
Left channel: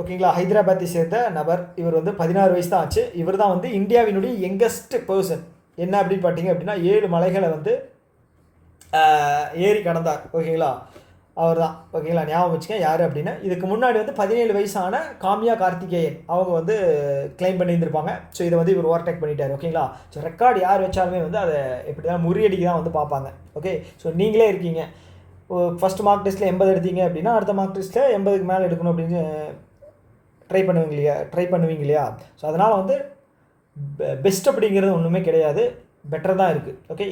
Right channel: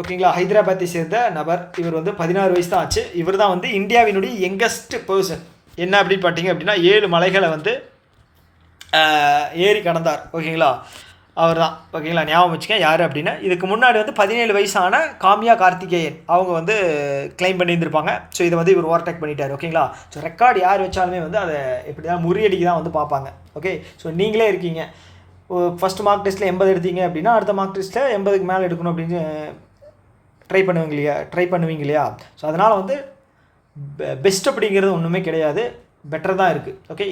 ஓகேங்களா? ஹைதராபாத்தை சேர்ந்த நபர். இவர் வந்து 16 வயசு தான் ஆச்சு. இவர் தான் வந்து இந்தியாவினுடைய யங்கஸ்ட் பர்சன். என்ன அப்படின்னு பார்த்தீங்க அப்படின்னா 7 மலைகளை வந்து ஏறி கடந்தார். ஓகேங்களா? அவர் தான். ஓகேங்களா? ஞாபகம் வச்சுக்கேன் யார் அப்படின்னா. இதுக்கு முன்னாடி வந்து 17 வயசான காமியா கார்த்திகேயன் அவங்க வந்து கிளைம் பண்ணியிருந்திருப்பாங்க. ஸோ இதை வந்து இவர் ஓவர்டேக் பண்ணிட்டார். ஓகேங்களா? ஸோ ரெக்கார்டு யார் வச்சாலுமே வந்து அதை எப்படி தான் முறியடிக்கு தான் வந்து பார்ப்பாங்க. ஓகே, ஸோ நீங்களே இருக்கீங்க, ஃபஸ்ட் மார்க் டெஸ்ட்டில் 80 எடுத்தீங்க அப்படின்னா அடுத்த மார்க் டெஸ்ட்டில் 80க்கு மேலே எடுக்கணும் அப்படின்னு ட்ரை பண்ணுவீங்க இல்லையா? ஸோ அதனால் வந்து பெஸ்ட் அப்படிங்கிறது ஒன்றுமே கிடையாது, பெட்டர் தான் இருக்குது. ஓகே,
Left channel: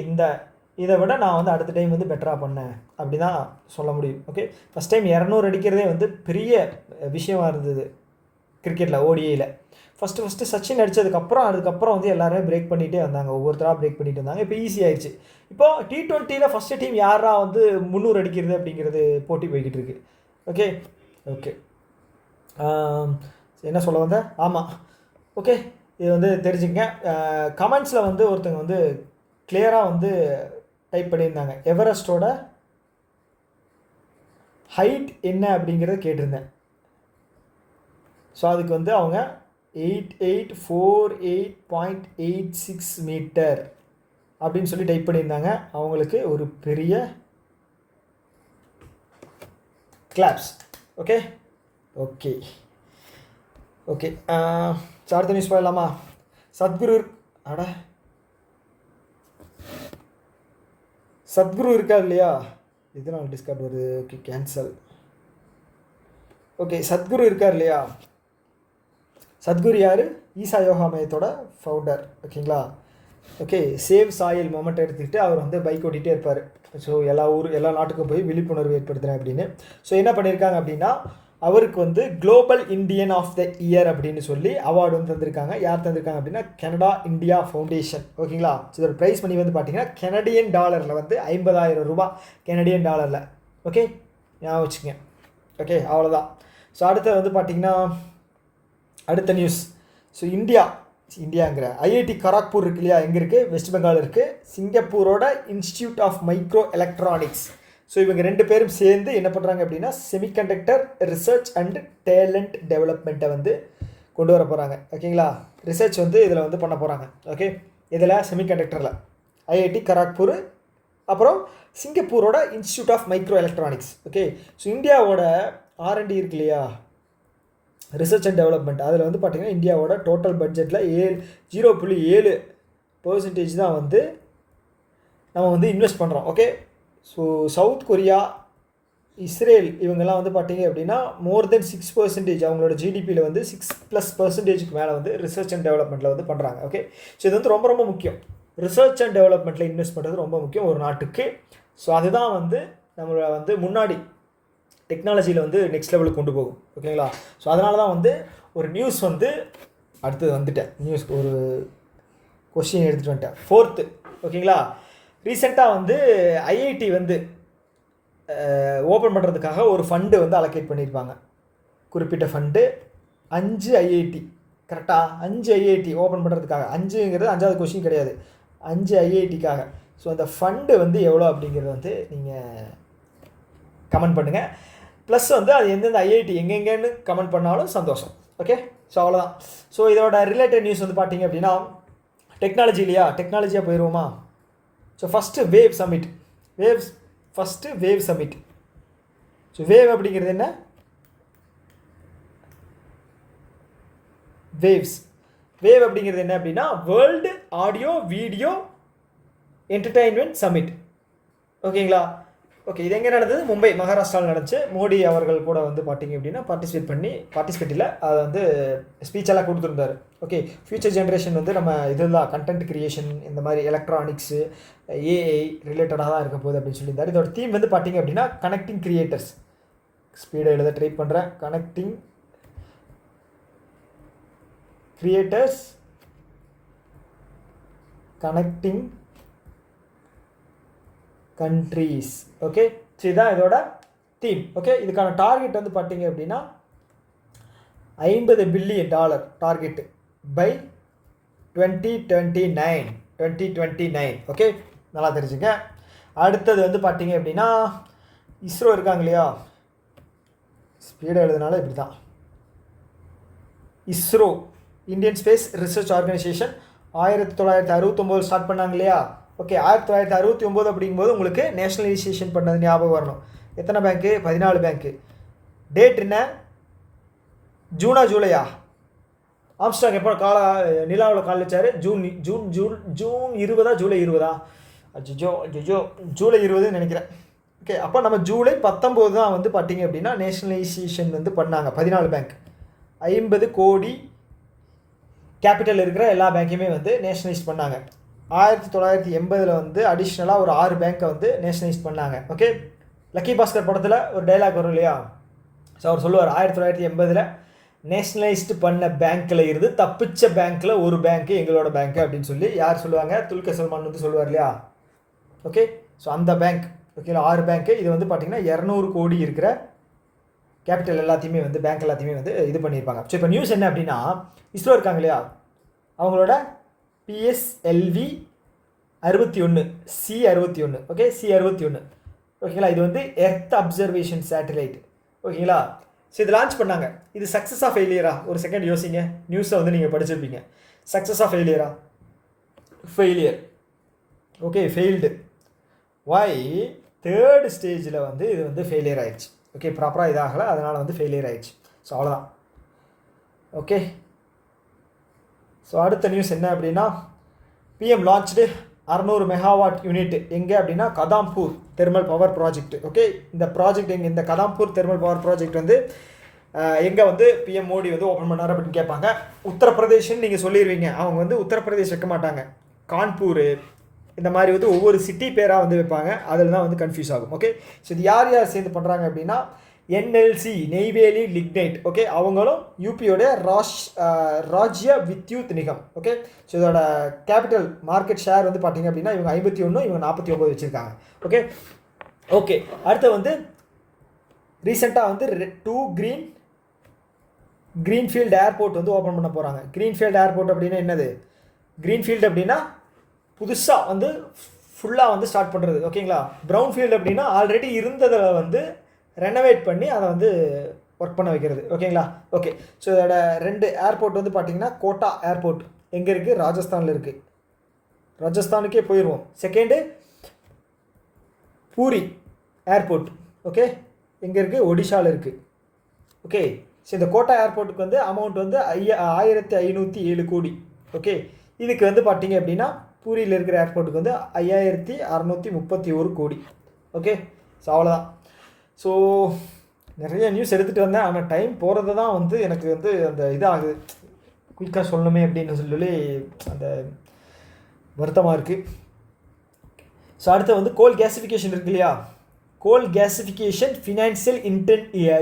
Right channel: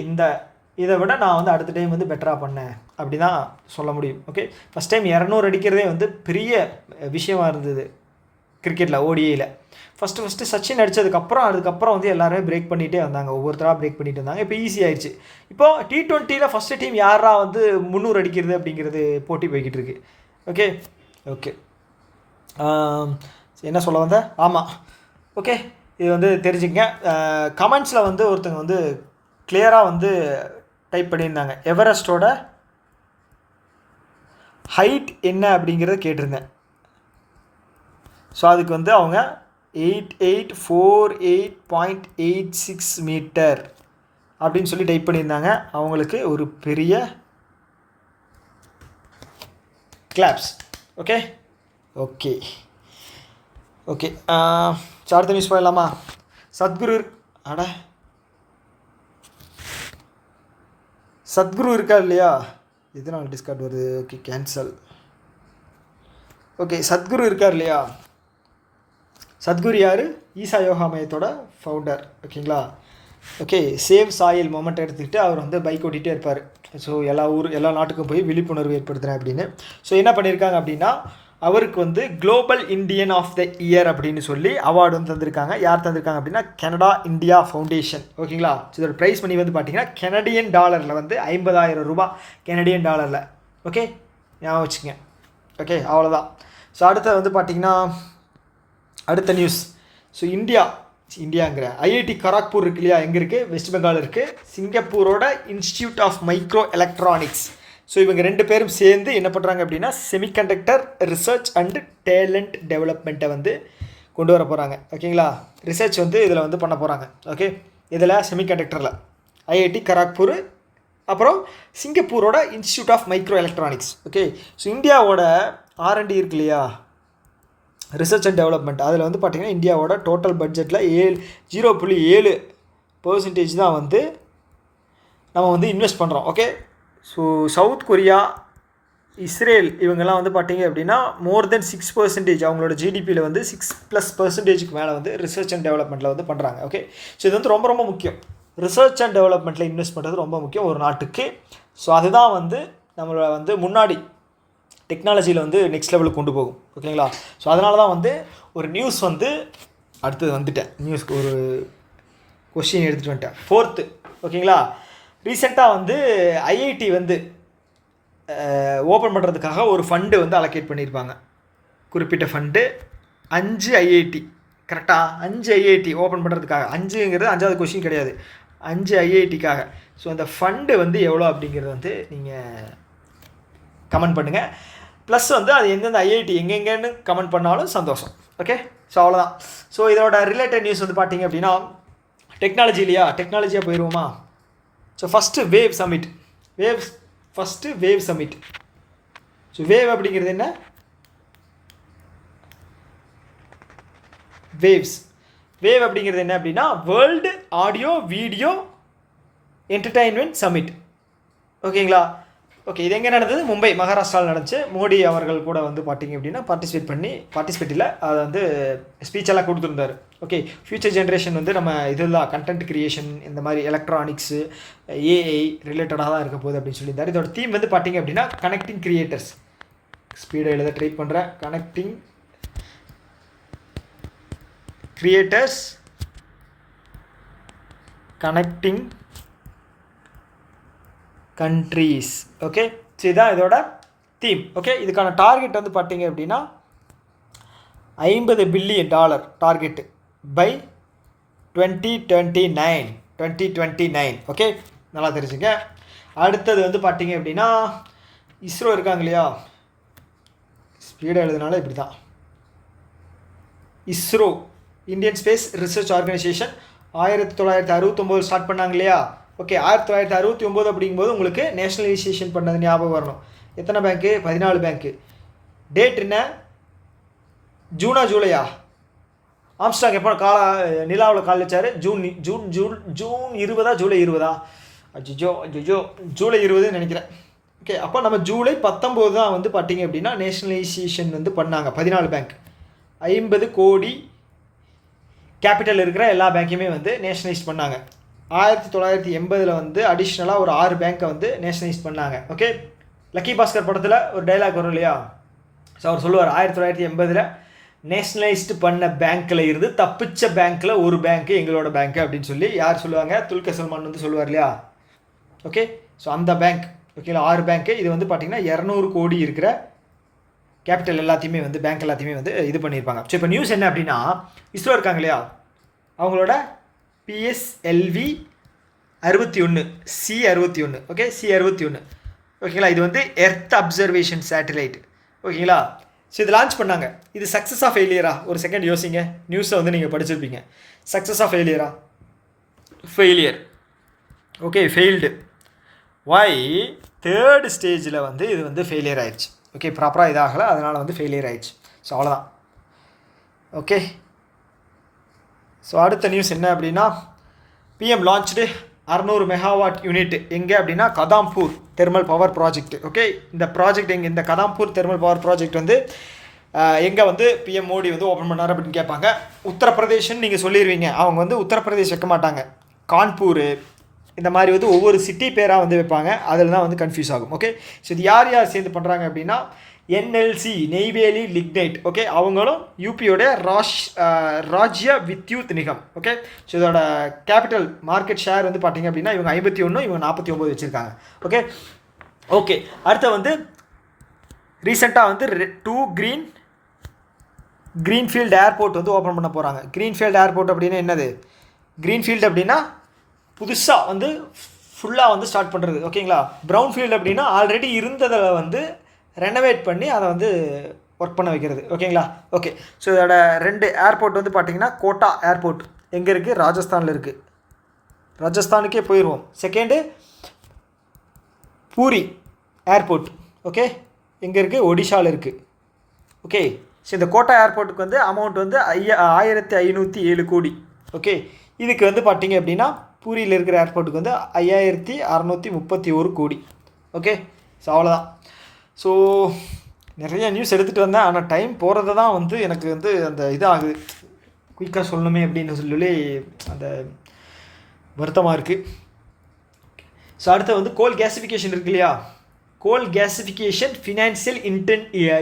இதை விட நான் வந்து அடுத்த டைம் வந்து பெட்டராக பண்ணேன் அப்படி தான் சொல்ல முடியும். ஓகே, ஃபஸ்ட் டைம் 200 அடிக்கிறதே வந்து பெரிய விஷயமா இருந்தது கிரிக்கெட்டில், ஓடிஐயில். ஃபஸ்ட்டு சச்சின் அதுக்கப்புறம் வந்து எல்லாருமே பிரேக் பண்ணிகிட்டே வந்தாங்க, ஒவ்வொருத்தராக பிரேக் பண்ணிட்டு இருந்தாங்க. இப்போ ஈஸி ஆயிடுச்சு. இப்போ T20 ஃபஸ்ட்டு டீம் யாரா வந்து 300 அடிக்கிறது அப்படிங்கிறது போட்டி போய்கிட்டு இருக்கு. ஓகே என்ன சொல்ல வந்தேன்? ஆமாம், ஓகே, இது வந்து தெரிஞ்சுங்க. கமெண்ட்ஸில் வந்து ஒருத்தங்க வந்து கிளியராக வந்து டைப் பண்ணியிருந்தாங்க, எவரெஸ்டோட ஹைட் என்ன அப்படிங்கிறத கேட்டிருந்தேன். ஸோ அதுக்கு வந்து அவங்க 8848.86 மீட்டர் அப்படின்னு சொல்லி டைப் பண்ணியிருந்தாங்க. அவங்களுக்கு ஒரு பெரிய கிளாப்ஸ். ஓகே ஸோ அடுத்த நியூஸ் போயிடலாமா? சத்குரு இருக்கா இல்லையா? இதனால் டிஸ்கார்ட் வருது. Okay, cancel. ஓகே, சத்குரு இருக்கார் இல்லையா? சத்குரு யார்? ஈசா யோகா மையத்தோட ஃபவுண்டர். ஓகேங்களா? ஓகே, சேவ் சாயில் மொமெண்ட் எடுத்துக்கிட்டு அவர் வந்து பைக் ஓட்டிகிட்டே இருப்பார். ஸோ எல்லா நாட்டுக்கும் போய் விழிப்புணர்வு ஏற்படுத்துகிறேன் அப்படின்னு. ஸோ என்ன பண்ணியிருக்காங்க அப்படின்னா அவருக்கு வந்து global Indian of the year அப்படின்னு சொல்லி அவார்டு வந்து தந்திருக்காங்க. யார் தந்திருக்காங்க அப்படின்னா கனடா இந்தியா ஃபவுண்டேஷன். ஓகேங்களா? ஸோ இதோட ப்ரைஸ் மணி வந்து பார்த்தீங்கன்னா கெனடியன் டாலரில் வந்து 50,000 ரூபாய் கெனடியன் டாலரில். ஓகே, ஞாபகம் வச்சுங்க. ஓகே, அவ்வளோதான். ஸோ அடுத்த வந்து பார்த்திங்கன்னா அடுத்த நியூஸ். ஸோ இந்தியாங்கிற ஐஐடி கராக்பூர் இருக்கு இல்லையா? எங்கே இருக்குது? வெஸ்ட் பெங்கால் இருக்குது. சிங்கப்பூரோட institute of micro electronics. So இவங்க 2 பேரும் சேர்ந்து என்ன பண்ணுறாங்க அப்படின்னா செமிகண்டக்டர் ரிசர்ச் அண்ட் டேலண்ட் டெவலப்மெண்ட்டை வந்து கொண்டு வர போகிறாங்க. ஓகேங்களா? ரிசர்ச் வந்து இதில் வந்து பண்ண போகிறாங்க. ஓகே, இதில் செமிகண்டக்டரில் ஐஐடி கராக்பூர், அப்புறம் சிங்கப்பூரோட institute of micro electronics. Okay, so இந்தியாவோட R&D இருக்கு இல்லையா, ரிசர்ச் அண்ட் டெவலப்மெண்ட், அதில் வந்து பார்த்திங்கன்னா இந்தியாவோட டோட்டல் பட்ஜெட்டில் 0.7% தான் வந்து நம்ம வந்து இன்வெஸ்ட் பண்ணுறோம். Okay, so south Korea, Israel இவங்கெல்லாம் வந்து பார்த்திங்க அப்படின்னா மோர் தென் 6% அவங்களோட ஜிடிபியில் வந்து 6+% மேலே வந்து ரிசர்ச் அண்ட் டெவலப்மெண்ட்டில் வந்து பண்ணுறாங்க. ஓகே, ஸோ இது வந்து ரொம்ப முக்கியம். ரிசர்ச் அண்ட் டெவலப்மெண்ட்டில் இன்வெஸ்ட் பண்ணுறது ரொம்ப முக்கியம் ஒரு நாட்டுக்கு. ஸோ அதுதான் வந்து நம்மளை வந்து முன்னாடி டெக்னாலஜியில் வந்து நெக்ஸ்ட் லெவலுக்கு கொண்டு போகும். ஓகேங்களா? ஸோ அதனால தான் வந்து ஒரு நியூஸ் வந்து அடுத்தது வந்துட்டேன். நியூஸ்க்கு ஒரு கொஸ்டின் எடுத்துகிட்டு வந்துட்டேன். 4th. ஓகேங்களா? ரீசெண்டாக வந்து ஐஐடி வந்து ஓப்பன் பண்ணுறதுக்காக ஒரு ஃபண்டு வந்து அலோகேட் பண்ணியிருப்பாங்க. குறிப்பிட்ட ஃபண்டு 5 ஐஐடி, கரெக்டாக 5 ஐஐடி ஓப்பன் பண்ணுறதுக்காக. 5ங்கிறது 5வது கொஸ்டின் கிடையாது. 5 ஐஐடிக்காக. ஸோ அந்த ஃபண்டு வந்து எவ்வளோ அப்படிங்கிறது வந்து நீங்கள் கமெண்ட் பண்ணுங்கள். ப்ளஸ் வந்து அது எந்தெந்த ஐஐடி எங்கெங்கன்னு கமெண்ட் பண்ணாலும் சந்தோஷம். ஓகே, ஸோ அவ்வளோதான். ஸோ இதோட ரிலேட்டட் நியூஸ் வந்து பார்த்தீங்க அப்படின்னா டெக்னாலஜியாக போயிடுவோமா? So first wave summit. Wave summit. So wave அப்படிங்கிறது என்ன? வேவ் அப்படிங்கிறது என்ன அப்படின்னா world audio video entertainment summit. ஓகேங்களா? ஓகே, இது எங்கே நடந்தது? மும்பை, மகாராஷ்டிராவில் நடந்துச்சு. மோடி அவர்கள் கூட வந்து பார்த்தீங்க அப்படின்னா பார்ட்டிசிபேட் இல்லை, அதை வந்து ஸ்பீச்செல்லாம் கொடுத்துருந்தார். ஓகே, ஃபியூச்சர் ஜென்ரேஷன் வந்து நம்ம இதெல்லாம் கண்டென்ட் கிரியேஷன், இந்த மாதிரி எலக்ட்ரானிக்ஸு, ஏஐ ரிலேட்டடாக தான் இருக்க போகுது அப்படின்னு சொல்லியிருந்தார். இதோட தீம் வந்து பார்த்தீங்க அப்படின்னா கனெக்டிங் கிரியேட்டர்ஸ். ஸ்பீடை எழுத ட்ரை பண்ணுறேன். Connecting creators, connecting countries. Okay, so இதுதான் இதோட தீம். ஓகே, இதுக்கான டார்கெட் வந்து பார்த்தீங்க அப்படின்னா $50 பில்லியன் டார்கெட்டு பை 2029. ஓகே, நல்லா தெரிஞ்சுங்க. அடுத்தது வந்து பார்த்தீங்க அப்படின்னா இஸ்ரோ இருக்காங்க இல்லையா, ஸ்பீடாக எழுதுனால இப்படி தான். ISRO, Indian space research organisation 1969 start பண்ணாங்க இல்லையா. ஓகே, 1969 அப்படிங்கும்போது உங்களுக்கு நேஷ்னலைசேஷன் பண்ணது ஞாபகம் வரணும். எத்தனை பேங்க்கு? 14 பேங்க்கு. டேட் என்ன? ஜூனா ஜூலையா? ஆம்ஸ்டாங் எப்போ நிலாவில் கால் வச்சார்? ஜூன் 20 ஜூலை 20? அஜிஜோ ஜூலை 20 நினைக்கிறேன். ஓகே, அப்போ நம்ம ஜூலை 19 தான் வந்து பார்த்தீங்க அப்படின்னா நேஷ்னலைசேஷன் வந்து பண்ணாங்க. 14 பேங்க், 50 கோடி கேபிட்டல் இருக்கிற எல்லா பேங்க்கையுமே வந்து நேஷ்னலைஸ் பண்ணாங்க. 1980 வந்து அடிஷ்னலாக ஒரு 6 பேங்க்கை வந்து நேஷ்னலைஸ் பண்ணாங்க. ஓகே, லக்கி பாஸ்கர் படத்தில் ஒரு டைலாக் வரும் இல்லையா, ஸோ அவர் சொல்லுவார் 1980 நேஷ்னலைஸ்டு பண்ண பேங்க்கில் இருந்து தப்பிச்ச பேங்க்கில் ஒரு பேங்க்கு எங்களோட பேங்க்கு அப்படின்னு சொல்லி யார் சொல்லுவாங்க? துல்கர் சல்மான் வந்து சொல்லுவார் இல்லையா. ஓகே, ஸோ அந்த பேங்க். ஓகேங்களா, 6 பேங்க்கு. இது வந்து பார்த்திங்கன்னா 200 கோடி இருக்கிற கேபிட்டல் எல்லாத்தையுமே வந்து பேங்க் எல்லாத்தையுமே வந்து இது பண்ணியிருப்பாங்க. ஸோ இப்போ நியூஸ் என்ன அப்படின்னா, இஸ்ரோ இருக்காங்க இல்லையா, அவங்களோட PSLV 61 C61. Okay, C61. ஓகேங்களா, இது வந்து எர்த் அப்சர்வேஷன் சேட்டலைட். ஓகேங்களா, ஸோ இது லான்ச் பண்ணாங்க. இது சக்ஸஸாக ஃபெயிலியரா? ஒரு செகண்ட் யோசிங்க. நியூஸை வந்து நீங்கள் படிச்சிருப்பீங்க. சக்ஸஸாக ஃபெயிலியரா? Failure. Okay, failed. Why? 3rd ஸ்டேஜில் வந்து இது வந்து ஃபெயிலியர் ஆயிடுச்சு. ஓகே, ப்ராப்பராக இதாகலை, அதனால் வந்து ஃபெயிலியர் ஆயிடுச்சு. ஸோ அவ்வளோதான். ஓகே, ஸோ அடுத்த நியூஸ் என்ன அப்படின்னா, PM லான்ச்டு 600 மெகாவாட் யூனிட் எங்கே அப்படின்னா கதாம்பூர் தெர்மல் பவர் ப்ராஜெக்ட். ஓகே, இந்த ப்ராஜெக்ட் எங்கே? இந்த கதாம்பூர் தெர்மல் பவர் ப்ராஜெக்ட் வந்து எங்கே வந்து PM மோடி வந்து ஓப்பன் பண்ணார் அப்படின்னு கேட்பாங்க. உத்தரப்பிரதேஷ்னு நீங்கள் சொல்லிடுவீங்க. அவங்க வந்து உத்தரப்பிரதேஷ் வைக்க மாட்டாங்க, கான்பூர் இந்த மாதிரி வந்து ஒவ்வொரு சிட்டி பேராக வந்து வைப்பாங்க. அதில் தான் வந்து கன்ஃபியூஸ் ஆகும். ஓகே, ஸோ இது யார் சேர்ந்து பண்ணுறாங்க அப்படின்னா NLC, நெய்வேலி லிக்னைட். ஓகே, அவங்களும் யூபியோடைய ராஜ்ய வித்யுத் நிகம். ஓகே, ஸோ இதோட கேபிட்டல் மார்க்கெட் ஷேர் வந்து பார்த்தீங்க அப்படின்னா இவங்க 51, இவங்க 49 வச்சுருக்காங்க. ஓகே, அடுத்து வந்து ரீசெண்டாக வந்து 2 க்ரீன்ஃபீல்டு ஏர்போர்ட் வந்து ஓப்பன் பண்ண போகிறாங்க. க்ரீன்ஃபீல்டு ஏர்போர்ட் அப்படின்னா என்னது? க்ரீன்ஃபீல்டு அப்படின்னா புதுசாக வந்து ஃபுல்லாக வந்து ஸ்டார்ட் பண்ணுறது. ஓகேங்களா, ப்ரௌன் ஃபீல்டு அப்படின்னா ஆல்ரெடி இருந்ததில் வந்து ரெனோவேட் பண்ணி அதை வந்து ஒர்க் பண்ண வைக்கிறது. ஓகேங்களா, ஓகே. ஸோ இதோட 2 ஏர்போர்ட் வந்து பார்த்திங்கன்னா கோட்டா ஏர்போர்ட் எங்கே இருக்குது? ராஜஸ்தானில் இருக்குது. ராஜஸ்தானுக்கே போயிடுவோம். Second puri airport. ஓகே, எங்கே இருக்குது? ஒடிஷாவில் இருக்குது. ஓகே, ஸோ இந்த கோட்டா ஏர்போர்ட்டுக்கு வந்து அமௌண்ட் வந்து 1507 கோடி. ஓகே, இதுக்கு வந்து பார்த்திங்க அப்படின்னா பூரியில் இருக்கிற ஏர்போர்ட்டுக்கு வந்து 5631 கோடி. ஓகே, ஸோ அவ்வளோதான். ஸோ நிறைய நியூஸ் எடுத்துகிட்டு வந்தேன், ஆனால் டைம் போகிறது தான் வந்து எனக்கு வந்து அந்த இதாகுது, குயிக்காக சொல்லணுமே அப்படின்னு சொல்லி அந்த வருத்தமாக இருக்குது. ஸோ அடுத்து வந்து கோல் கேசிஃபிகேஷன் இருக்கு இல்லையா, coal gasification financial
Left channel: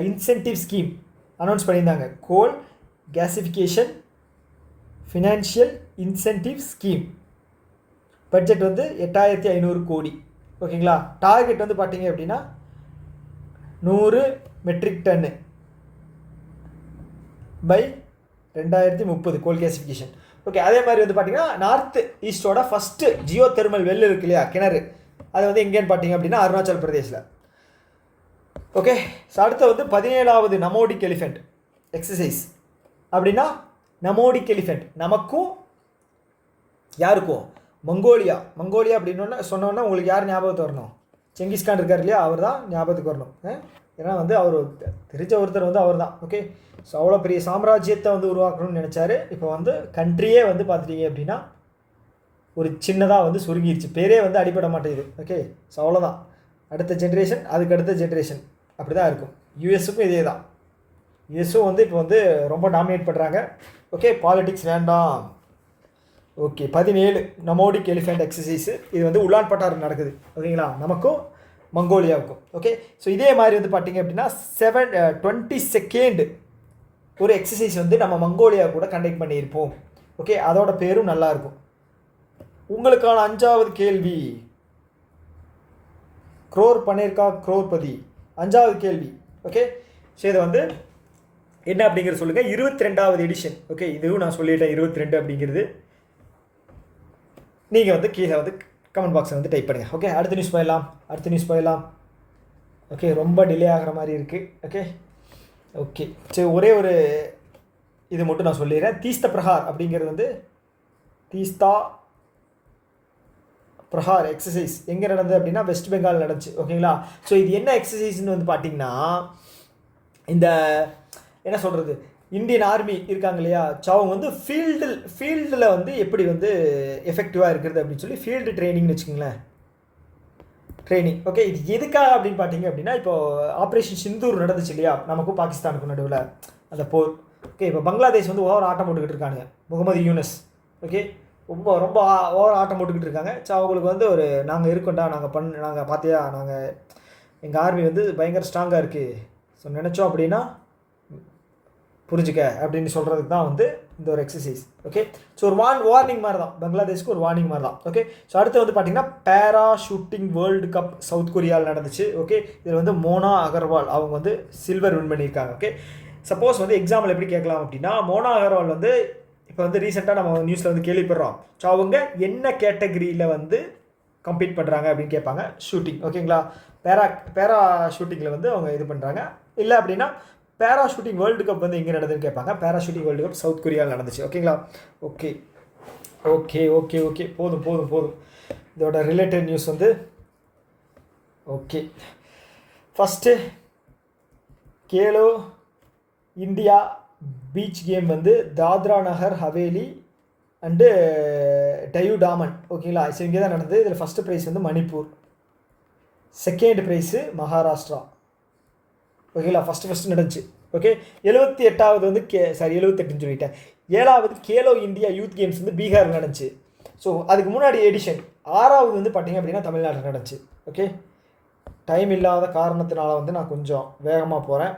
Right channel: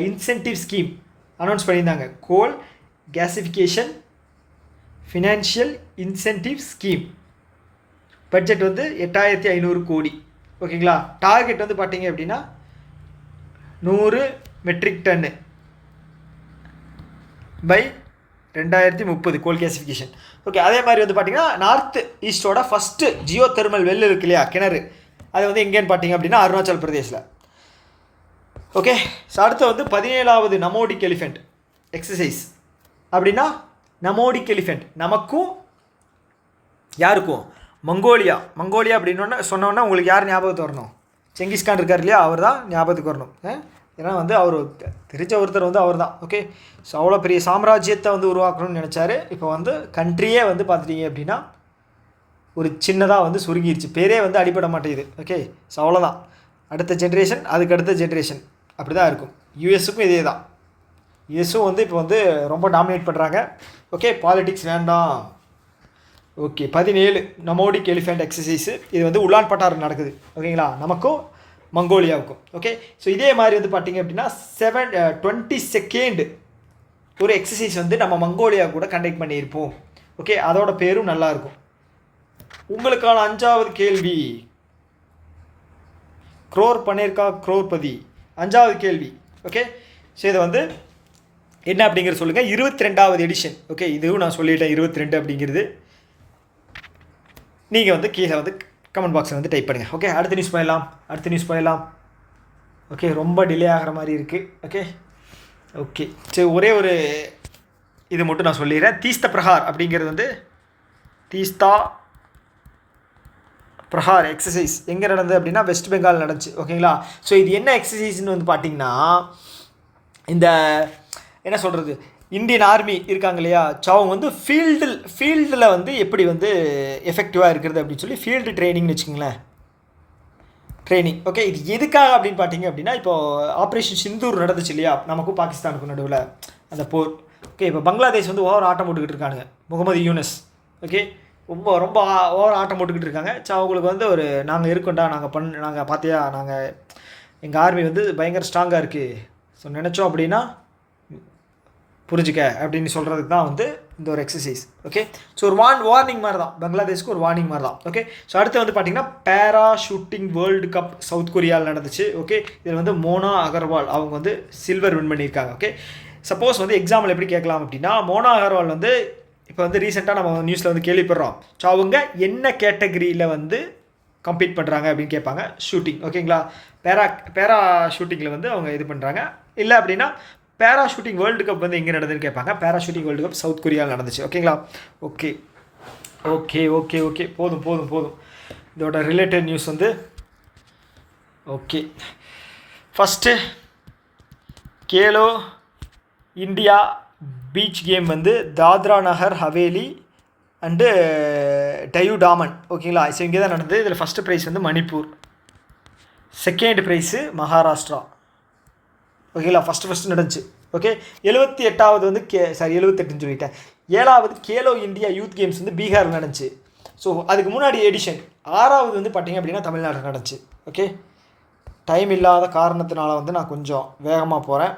incentive scheme announce பண்ணியிருந்தாங்க. Coal gasification financial incentive scheme budget வந்து 8500 கோடி. ஓகேங்களா, டார்கெட் வந்து பார்த்தீங்க அப்படின்னா 100 metric tonne by 2030 coal gasification. Okay, அதே மாதிரி வந்து பார்த்தீங்கன்னா நார்த் ஈஸ்டோட ஃபஸ்ட்டு ஜியோ தெர்மல் வெல் இருக்கு இல்லையா, கிணறு, அது வந்து எங்கேன்னு பார்த்தீங்க அப்படின்னா அருணாச்சல் பிரதேசில். ஓகே, ஸோ அடுத்து வந்து 17வது நமோடிக் எலிஃபெண்ட் எக்ஸசைஸ். அப்படின்னா நமோடிக் எலிஃபெண்ட் நமக்கும் யாருக்கும் மங்கோலியா அப்படின்னு சொன்னோன்னா உங்களுக்கு யார் ஞாபகத்து வரணும்? செங்கிஸ்கான் இருக்கார் இல்லையா, அவர் தான் ஞாபகத்துக்கு வரணும். ஏன்னா வந்து அவர் தெரிஞ்ச ஒருத்தர் வந்து அவர் தான். ஓகே, ஸோ அவ்வளோ பெரிய சாம்ராஜ்யத்தை வந்து உருவாக்கணும்னு நினச்சாரு. இப்போ வந்து கண்ட்ரியே வந்து பார்த்துட்டீங்க அப்படின்னா ஒரு சின்னதாக வந்து சுருங்கிடுச்சு, பேரே வந்து அடிபட மாட்டேங்குது. ஓகே, ஸோ அவ்வளோதான். அடுத்த ஜென்ரேஷன், அதுக்கு அடுத்த ஜென்ரேஷன் அப்படி தான் இருக்கும். யூஎஸுக்கும் இதே தான். யூஎஸும் வந்து இப்போ வந்து ரொம்ப டாமினேட் பண்ணுறாங்க. ஓகே, பாலிடிக்ஸ் வேண்டாம். Okay, 17 nomadic elephant exercise. இது வந்து உலான் பட்டார் நடக்குது. ஓகேங்களா, நமக்கும் மங்கோலியாவுக்கும். ஓகே, ஸோ இதே மாதிரி வந்து பார்த்தீங்க அப்படின்னா 22nd ஒரு எக்ஸசைஸ் வந்து நம்ம மங்கோலியா கூட கண்டக்ட் பண்ணியிருப்போம். ஓகே, அதோட பேரும் நல்லாயிருக்கும். உங்களுக்கான 5வது கேள்வி, க்ரோர் பன்னீர்கா க்ரோர்பதி 5வது கேள்வி. ஓகே, ஸோ இதை வந்து என்ன அப்படிங்கிறது சொல்லுங்கள். 22வது எடிஷன். ஓகே, இதுவும் நான் சொல்லிட்டேன் 22 அப்படிங்கிறது. நீங்கள் வந்து கீழே வந்து கமெண்ட் பாக்ஸில் வந்து டைப் பண்ணுங்கள். ஓகே, அடுத்த நியூஸ் போயிடலாம். ஓகே, ரொம்ப டிலே ஆகிற மாதிரி இருக்குது. ஓகே, சரி, ஒரே ஒரு இது மட்டும் நான் சொல்லிடுறேன். தீஸ்த பிரஹார் அப்படிங்கிறது வந்து தீஸ்தா பிரஹார் எக்ஸசைஸ் எங்கே நடந்தது அப்படின்னா வெஸ்ட் பெங்கால் நடந்துச்சு. ஓகேங்களா, ஸோ இது என்ன எக்ஸசைஸ்ன்னு வந்து பார்த்திங்கன்னா, இந்த என்ன சொல்கிறது, இந்தியன் ஆர்மி இருக்காங்க இல்லையா, ஸோ அவங்க வந்து ஃபீல்டில் வந்து எப்படி வந்து எஃபெக்டிவாக இருக்கிறது அப்படின்னு சொல்லி ஃபீல்டு ட்ரைனிங்னு வச்சுக்கோங்களேன், ட்ரைனிங். ஓகே, இது எதுக்காக அப்படின்னு பார்த்தீங்க அப்படின்னா, இப்போது ஆப்ரேஷன் சிந்தூர் நடந்துச்சு இல்லையா, நமக்கும் பாகிஸ்தானுக்கும் நடுவில் அந்த போர். ஓகே, இப்போ பங்களாதேஷ் வந்து ஓவர் ஆட்டம் போட்டுக்கிட்டு இருக்கானுங்க, முகமது யூனஸ். ஓகே, ரொம்ப ஓவர் ஆட்டம் போட்டுக்கிட்டு இருக்காங்க. ஸோ அவங்களுக்கு வந்து ஒரு நாங்கள் இருக்கோண்டா, நாங்கள் பார்த்தியா, எங்கள் ஆர்மி வந்து பயங்கர ஸ்ட்ராங்காக இருக்குது, ஸோ நினச்சோம் அப்படின்னா புரிஞ்சுக்க அப்படின்னு சொல்கிறதுக்கு தான் வந்து இந்த ஒரு எக்ஸசைஸ். ஓகே, ஸோ ஒரு வார்னிங் மாதிரி தான், பங்களாதேஷ்க்கு ஒரு வார்னிங் மாதிரி தான். ஓகே, ஸோ அடுத்து வந்து பார்த்திங்கன்னா பேரா ஷூட்டிங் வேர்ல்டு கப் சவுத் கொரியாவில் நடந்துச்சு. ஓகே, இதில் வந்து மோனா அகர்வால் அவங்க வந்து சில்வர் வின் பண்ணியிருக்காங்க. ஓகே, சப்போஸ் வந்து எக்ஸாம்பிள் எப்படி கேட்கலாம் அப்படின்னா, மோனா அகர்வால் வந்து இப்போ வந்து ரீசெண்டாக நம்ம நியூஸில் வந்து கேள்விப்படுறோம். ஸோ அவங்க என்ன கேட்டகரியில் வந்து கம்பீட் பண்ணுறாங்க அப்படின்னு கேட்பாங்க, ஷூட்டிங். ஓகேங்களா, பேரா ஷூட்டிங்கில் வந்து அவங்க இது பண்ணுறாங்க. இல்லை அப்படின்னா பேராஷூட்டிங் வேர்ல்டு கப் வந்து எங்கே நடந்ததுன்னு கேட்பாங்க. பேராஷூட்டிங் வேர்ல்டு கப் சவுத் கொரியாவில் நடந்துச்சு. ஓகேங்களா, ஓகே போதும். இதோட ரிலேட்டட் நியூஸ் வந்து okay. First Khelo India beach game வந்து தாத்ரா நகர் ஹவேலி அண்டு டயூ டாமன். ஓகேங்களா, ஸோ இங்கே தான் நடந்தது. இதில் ஃபஸ்ட்டு ப்ரைஸ் வந்து மணிப்பூர், செகண்ட் ப்ரைஸு மகாராஷ்டிரா. ஓகேங்களா, ஃபஸ்ட்டு நடந்துச்சு. ஓகே, 78வது வந்து 78ன்னு சொல்லிட்டேன். 7வது கேலோ இந்தியா யூத் கேம்ஸ் வந்து பீகாரில் நடந்துச்சு. ஸோ அதுக்கு முன்னாடி எடிஷன் 6வது வந்து பார்த்திங்க அப்படின்னா தமிழ்நாட்டில் நடந்துச்சு. ஓகே, டைம் இல்லாத காரணத்தினால வந்து நான் கொஞ்சம் வேகமாக போகிறேன்.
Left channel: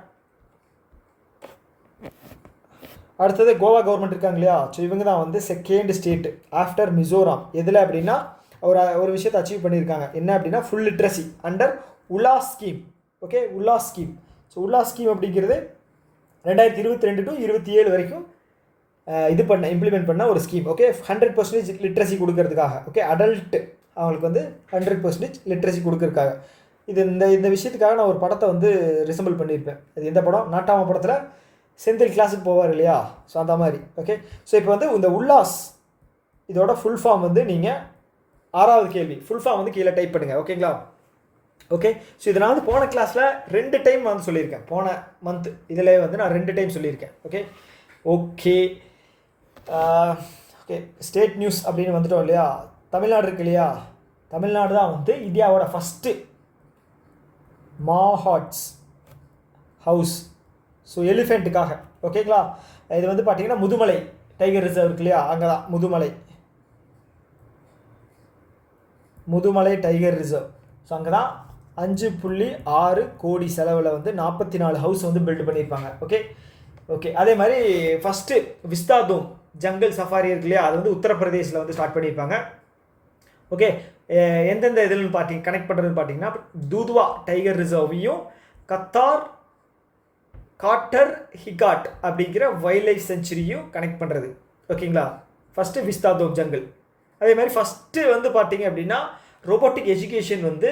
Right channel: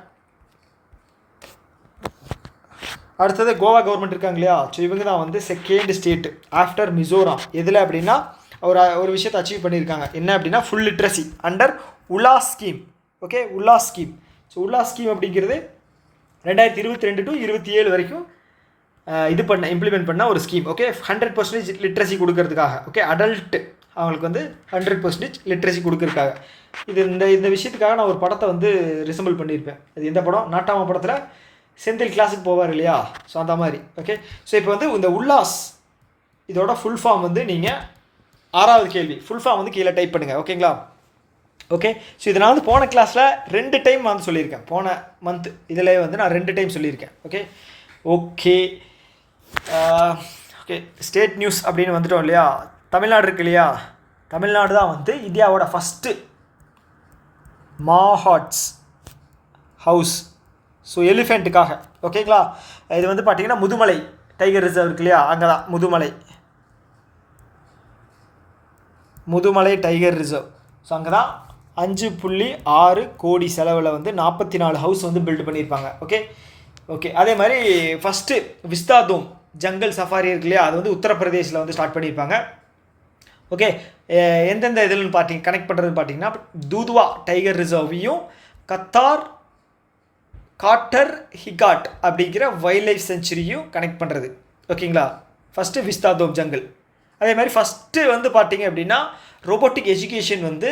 அடுத்தது கோவா கவர்மெண்ட் இருக்காங்க இல்லையா, ஸோ இவங்க தான் வந்து செகண்ட் ஸ்டேட் ஆஃப்டர் மிசோராம். எதில் அப்படின்னா ஒரு விஷயத்தை அச்சீவ் பண்ணியிருக்காங்க. என்ன அப்படின்னா full literacy under Ullas scheme. Okay, Ullas scheme. So Ullas scheme அப்படிங்கிறது 2022 to 27 வரைக்கும் இம்ப்ளிமெண்ட் பண்ண ஒரு ஸ்கீம். ஓகே, 100% லிட்ரஸி கொடுக்கறதுக்காக. ஓகே, அடல்ட் அவங்களுக்கு வந்து 100% லிட்ரஸி கொடுக்கறதுக்காக. இந்த விஷயத்துக்காக நான் ஒரு படத்தை வந்து ரிசம்பிள் பண்ணியிருப்பேன். அது எந்த படம், நாட்டாம படத்தில் செந்தில் கிளாஸுக்கு போவார் இல்லையா, ஸோ அந்த மாதிரி. ஓகே, ஸோ இப்போ வந்து இந்த உல்லாஸ் இதோட ஃபுல் ஃபார்ம் வந்து நீங்கள் 6வது கேள்வி ஃபுல் ஃபார்ம் வந்து கீழே டைப் பண்ணுங்கள். ஓகேங்களா, ஓகே. ஸோ இதை நான் வந்து போன கிளாஸில் 2 டைம் வந்து சொல்லியிருக்கேன். போன மந்த் இதில் வந்து நான் 2 டைம் சொல்லியிருக்கேன். ஓகே. ஸ்டேட் நியூஸ் அப்படின்னு வந்துட்டோம் இல்லையா, தமிழ்நாடு இருக்கு இல்லையா, தமிழ்நாடு தான் வந்து இந்தியாவோட ஃபஸ்ட்டு மாஹாட்ஸ் ஹவுஸ். ஸோ எலிஃபெண்ட்டுக்காக. ஓகேங்களா, இது வந்து பார்த்திங்கன்னா முதுமலை டைகர் ரிசர்வ் இருக்கு இல்லையா, அங்கே தான் முதுமலை டைகர் ரிசர்வ். ஸோ அங்கே தான் 5.6 கோடி செலவில் வந்து 44 ஹவுஸ் வந்து பில்ட் பண்ணியிருப்பாங்க. ஓகே. அதே மாதிரி ஃபஸ்ட்டு விஸ்தாதோம் ஜங்கல் சஃபாரி இருக்கு இல்லையா, அது வந்து உத்தரப்பிரதேசில் வந்து ஸ்டார்ட் பண்ணியிருப்பாங்க. ஓகே, எந்தெந்த இதில்னு கனெக்ட் பண்ணுறதுன்னு பார்த்தீங்கன்னா தூதுவா டைகர் ரிசர்வையும் காட்டர் ஹிகாட் அப்படிங்கிற வைல்ட் லைஃப் சென்ச்சுரியும் கனெக்ட் பண்ணுறது. ஓகேங்களா, ஃபஸ்ட்டு விஸ்தாதோப் ஜங்கல். அதே மாதிரி ஃபஸ்ட்டு வந்து பார்த்தீங்க அப்படின்னா ரோபோட்டிக் எஜுகேஷன் வந்து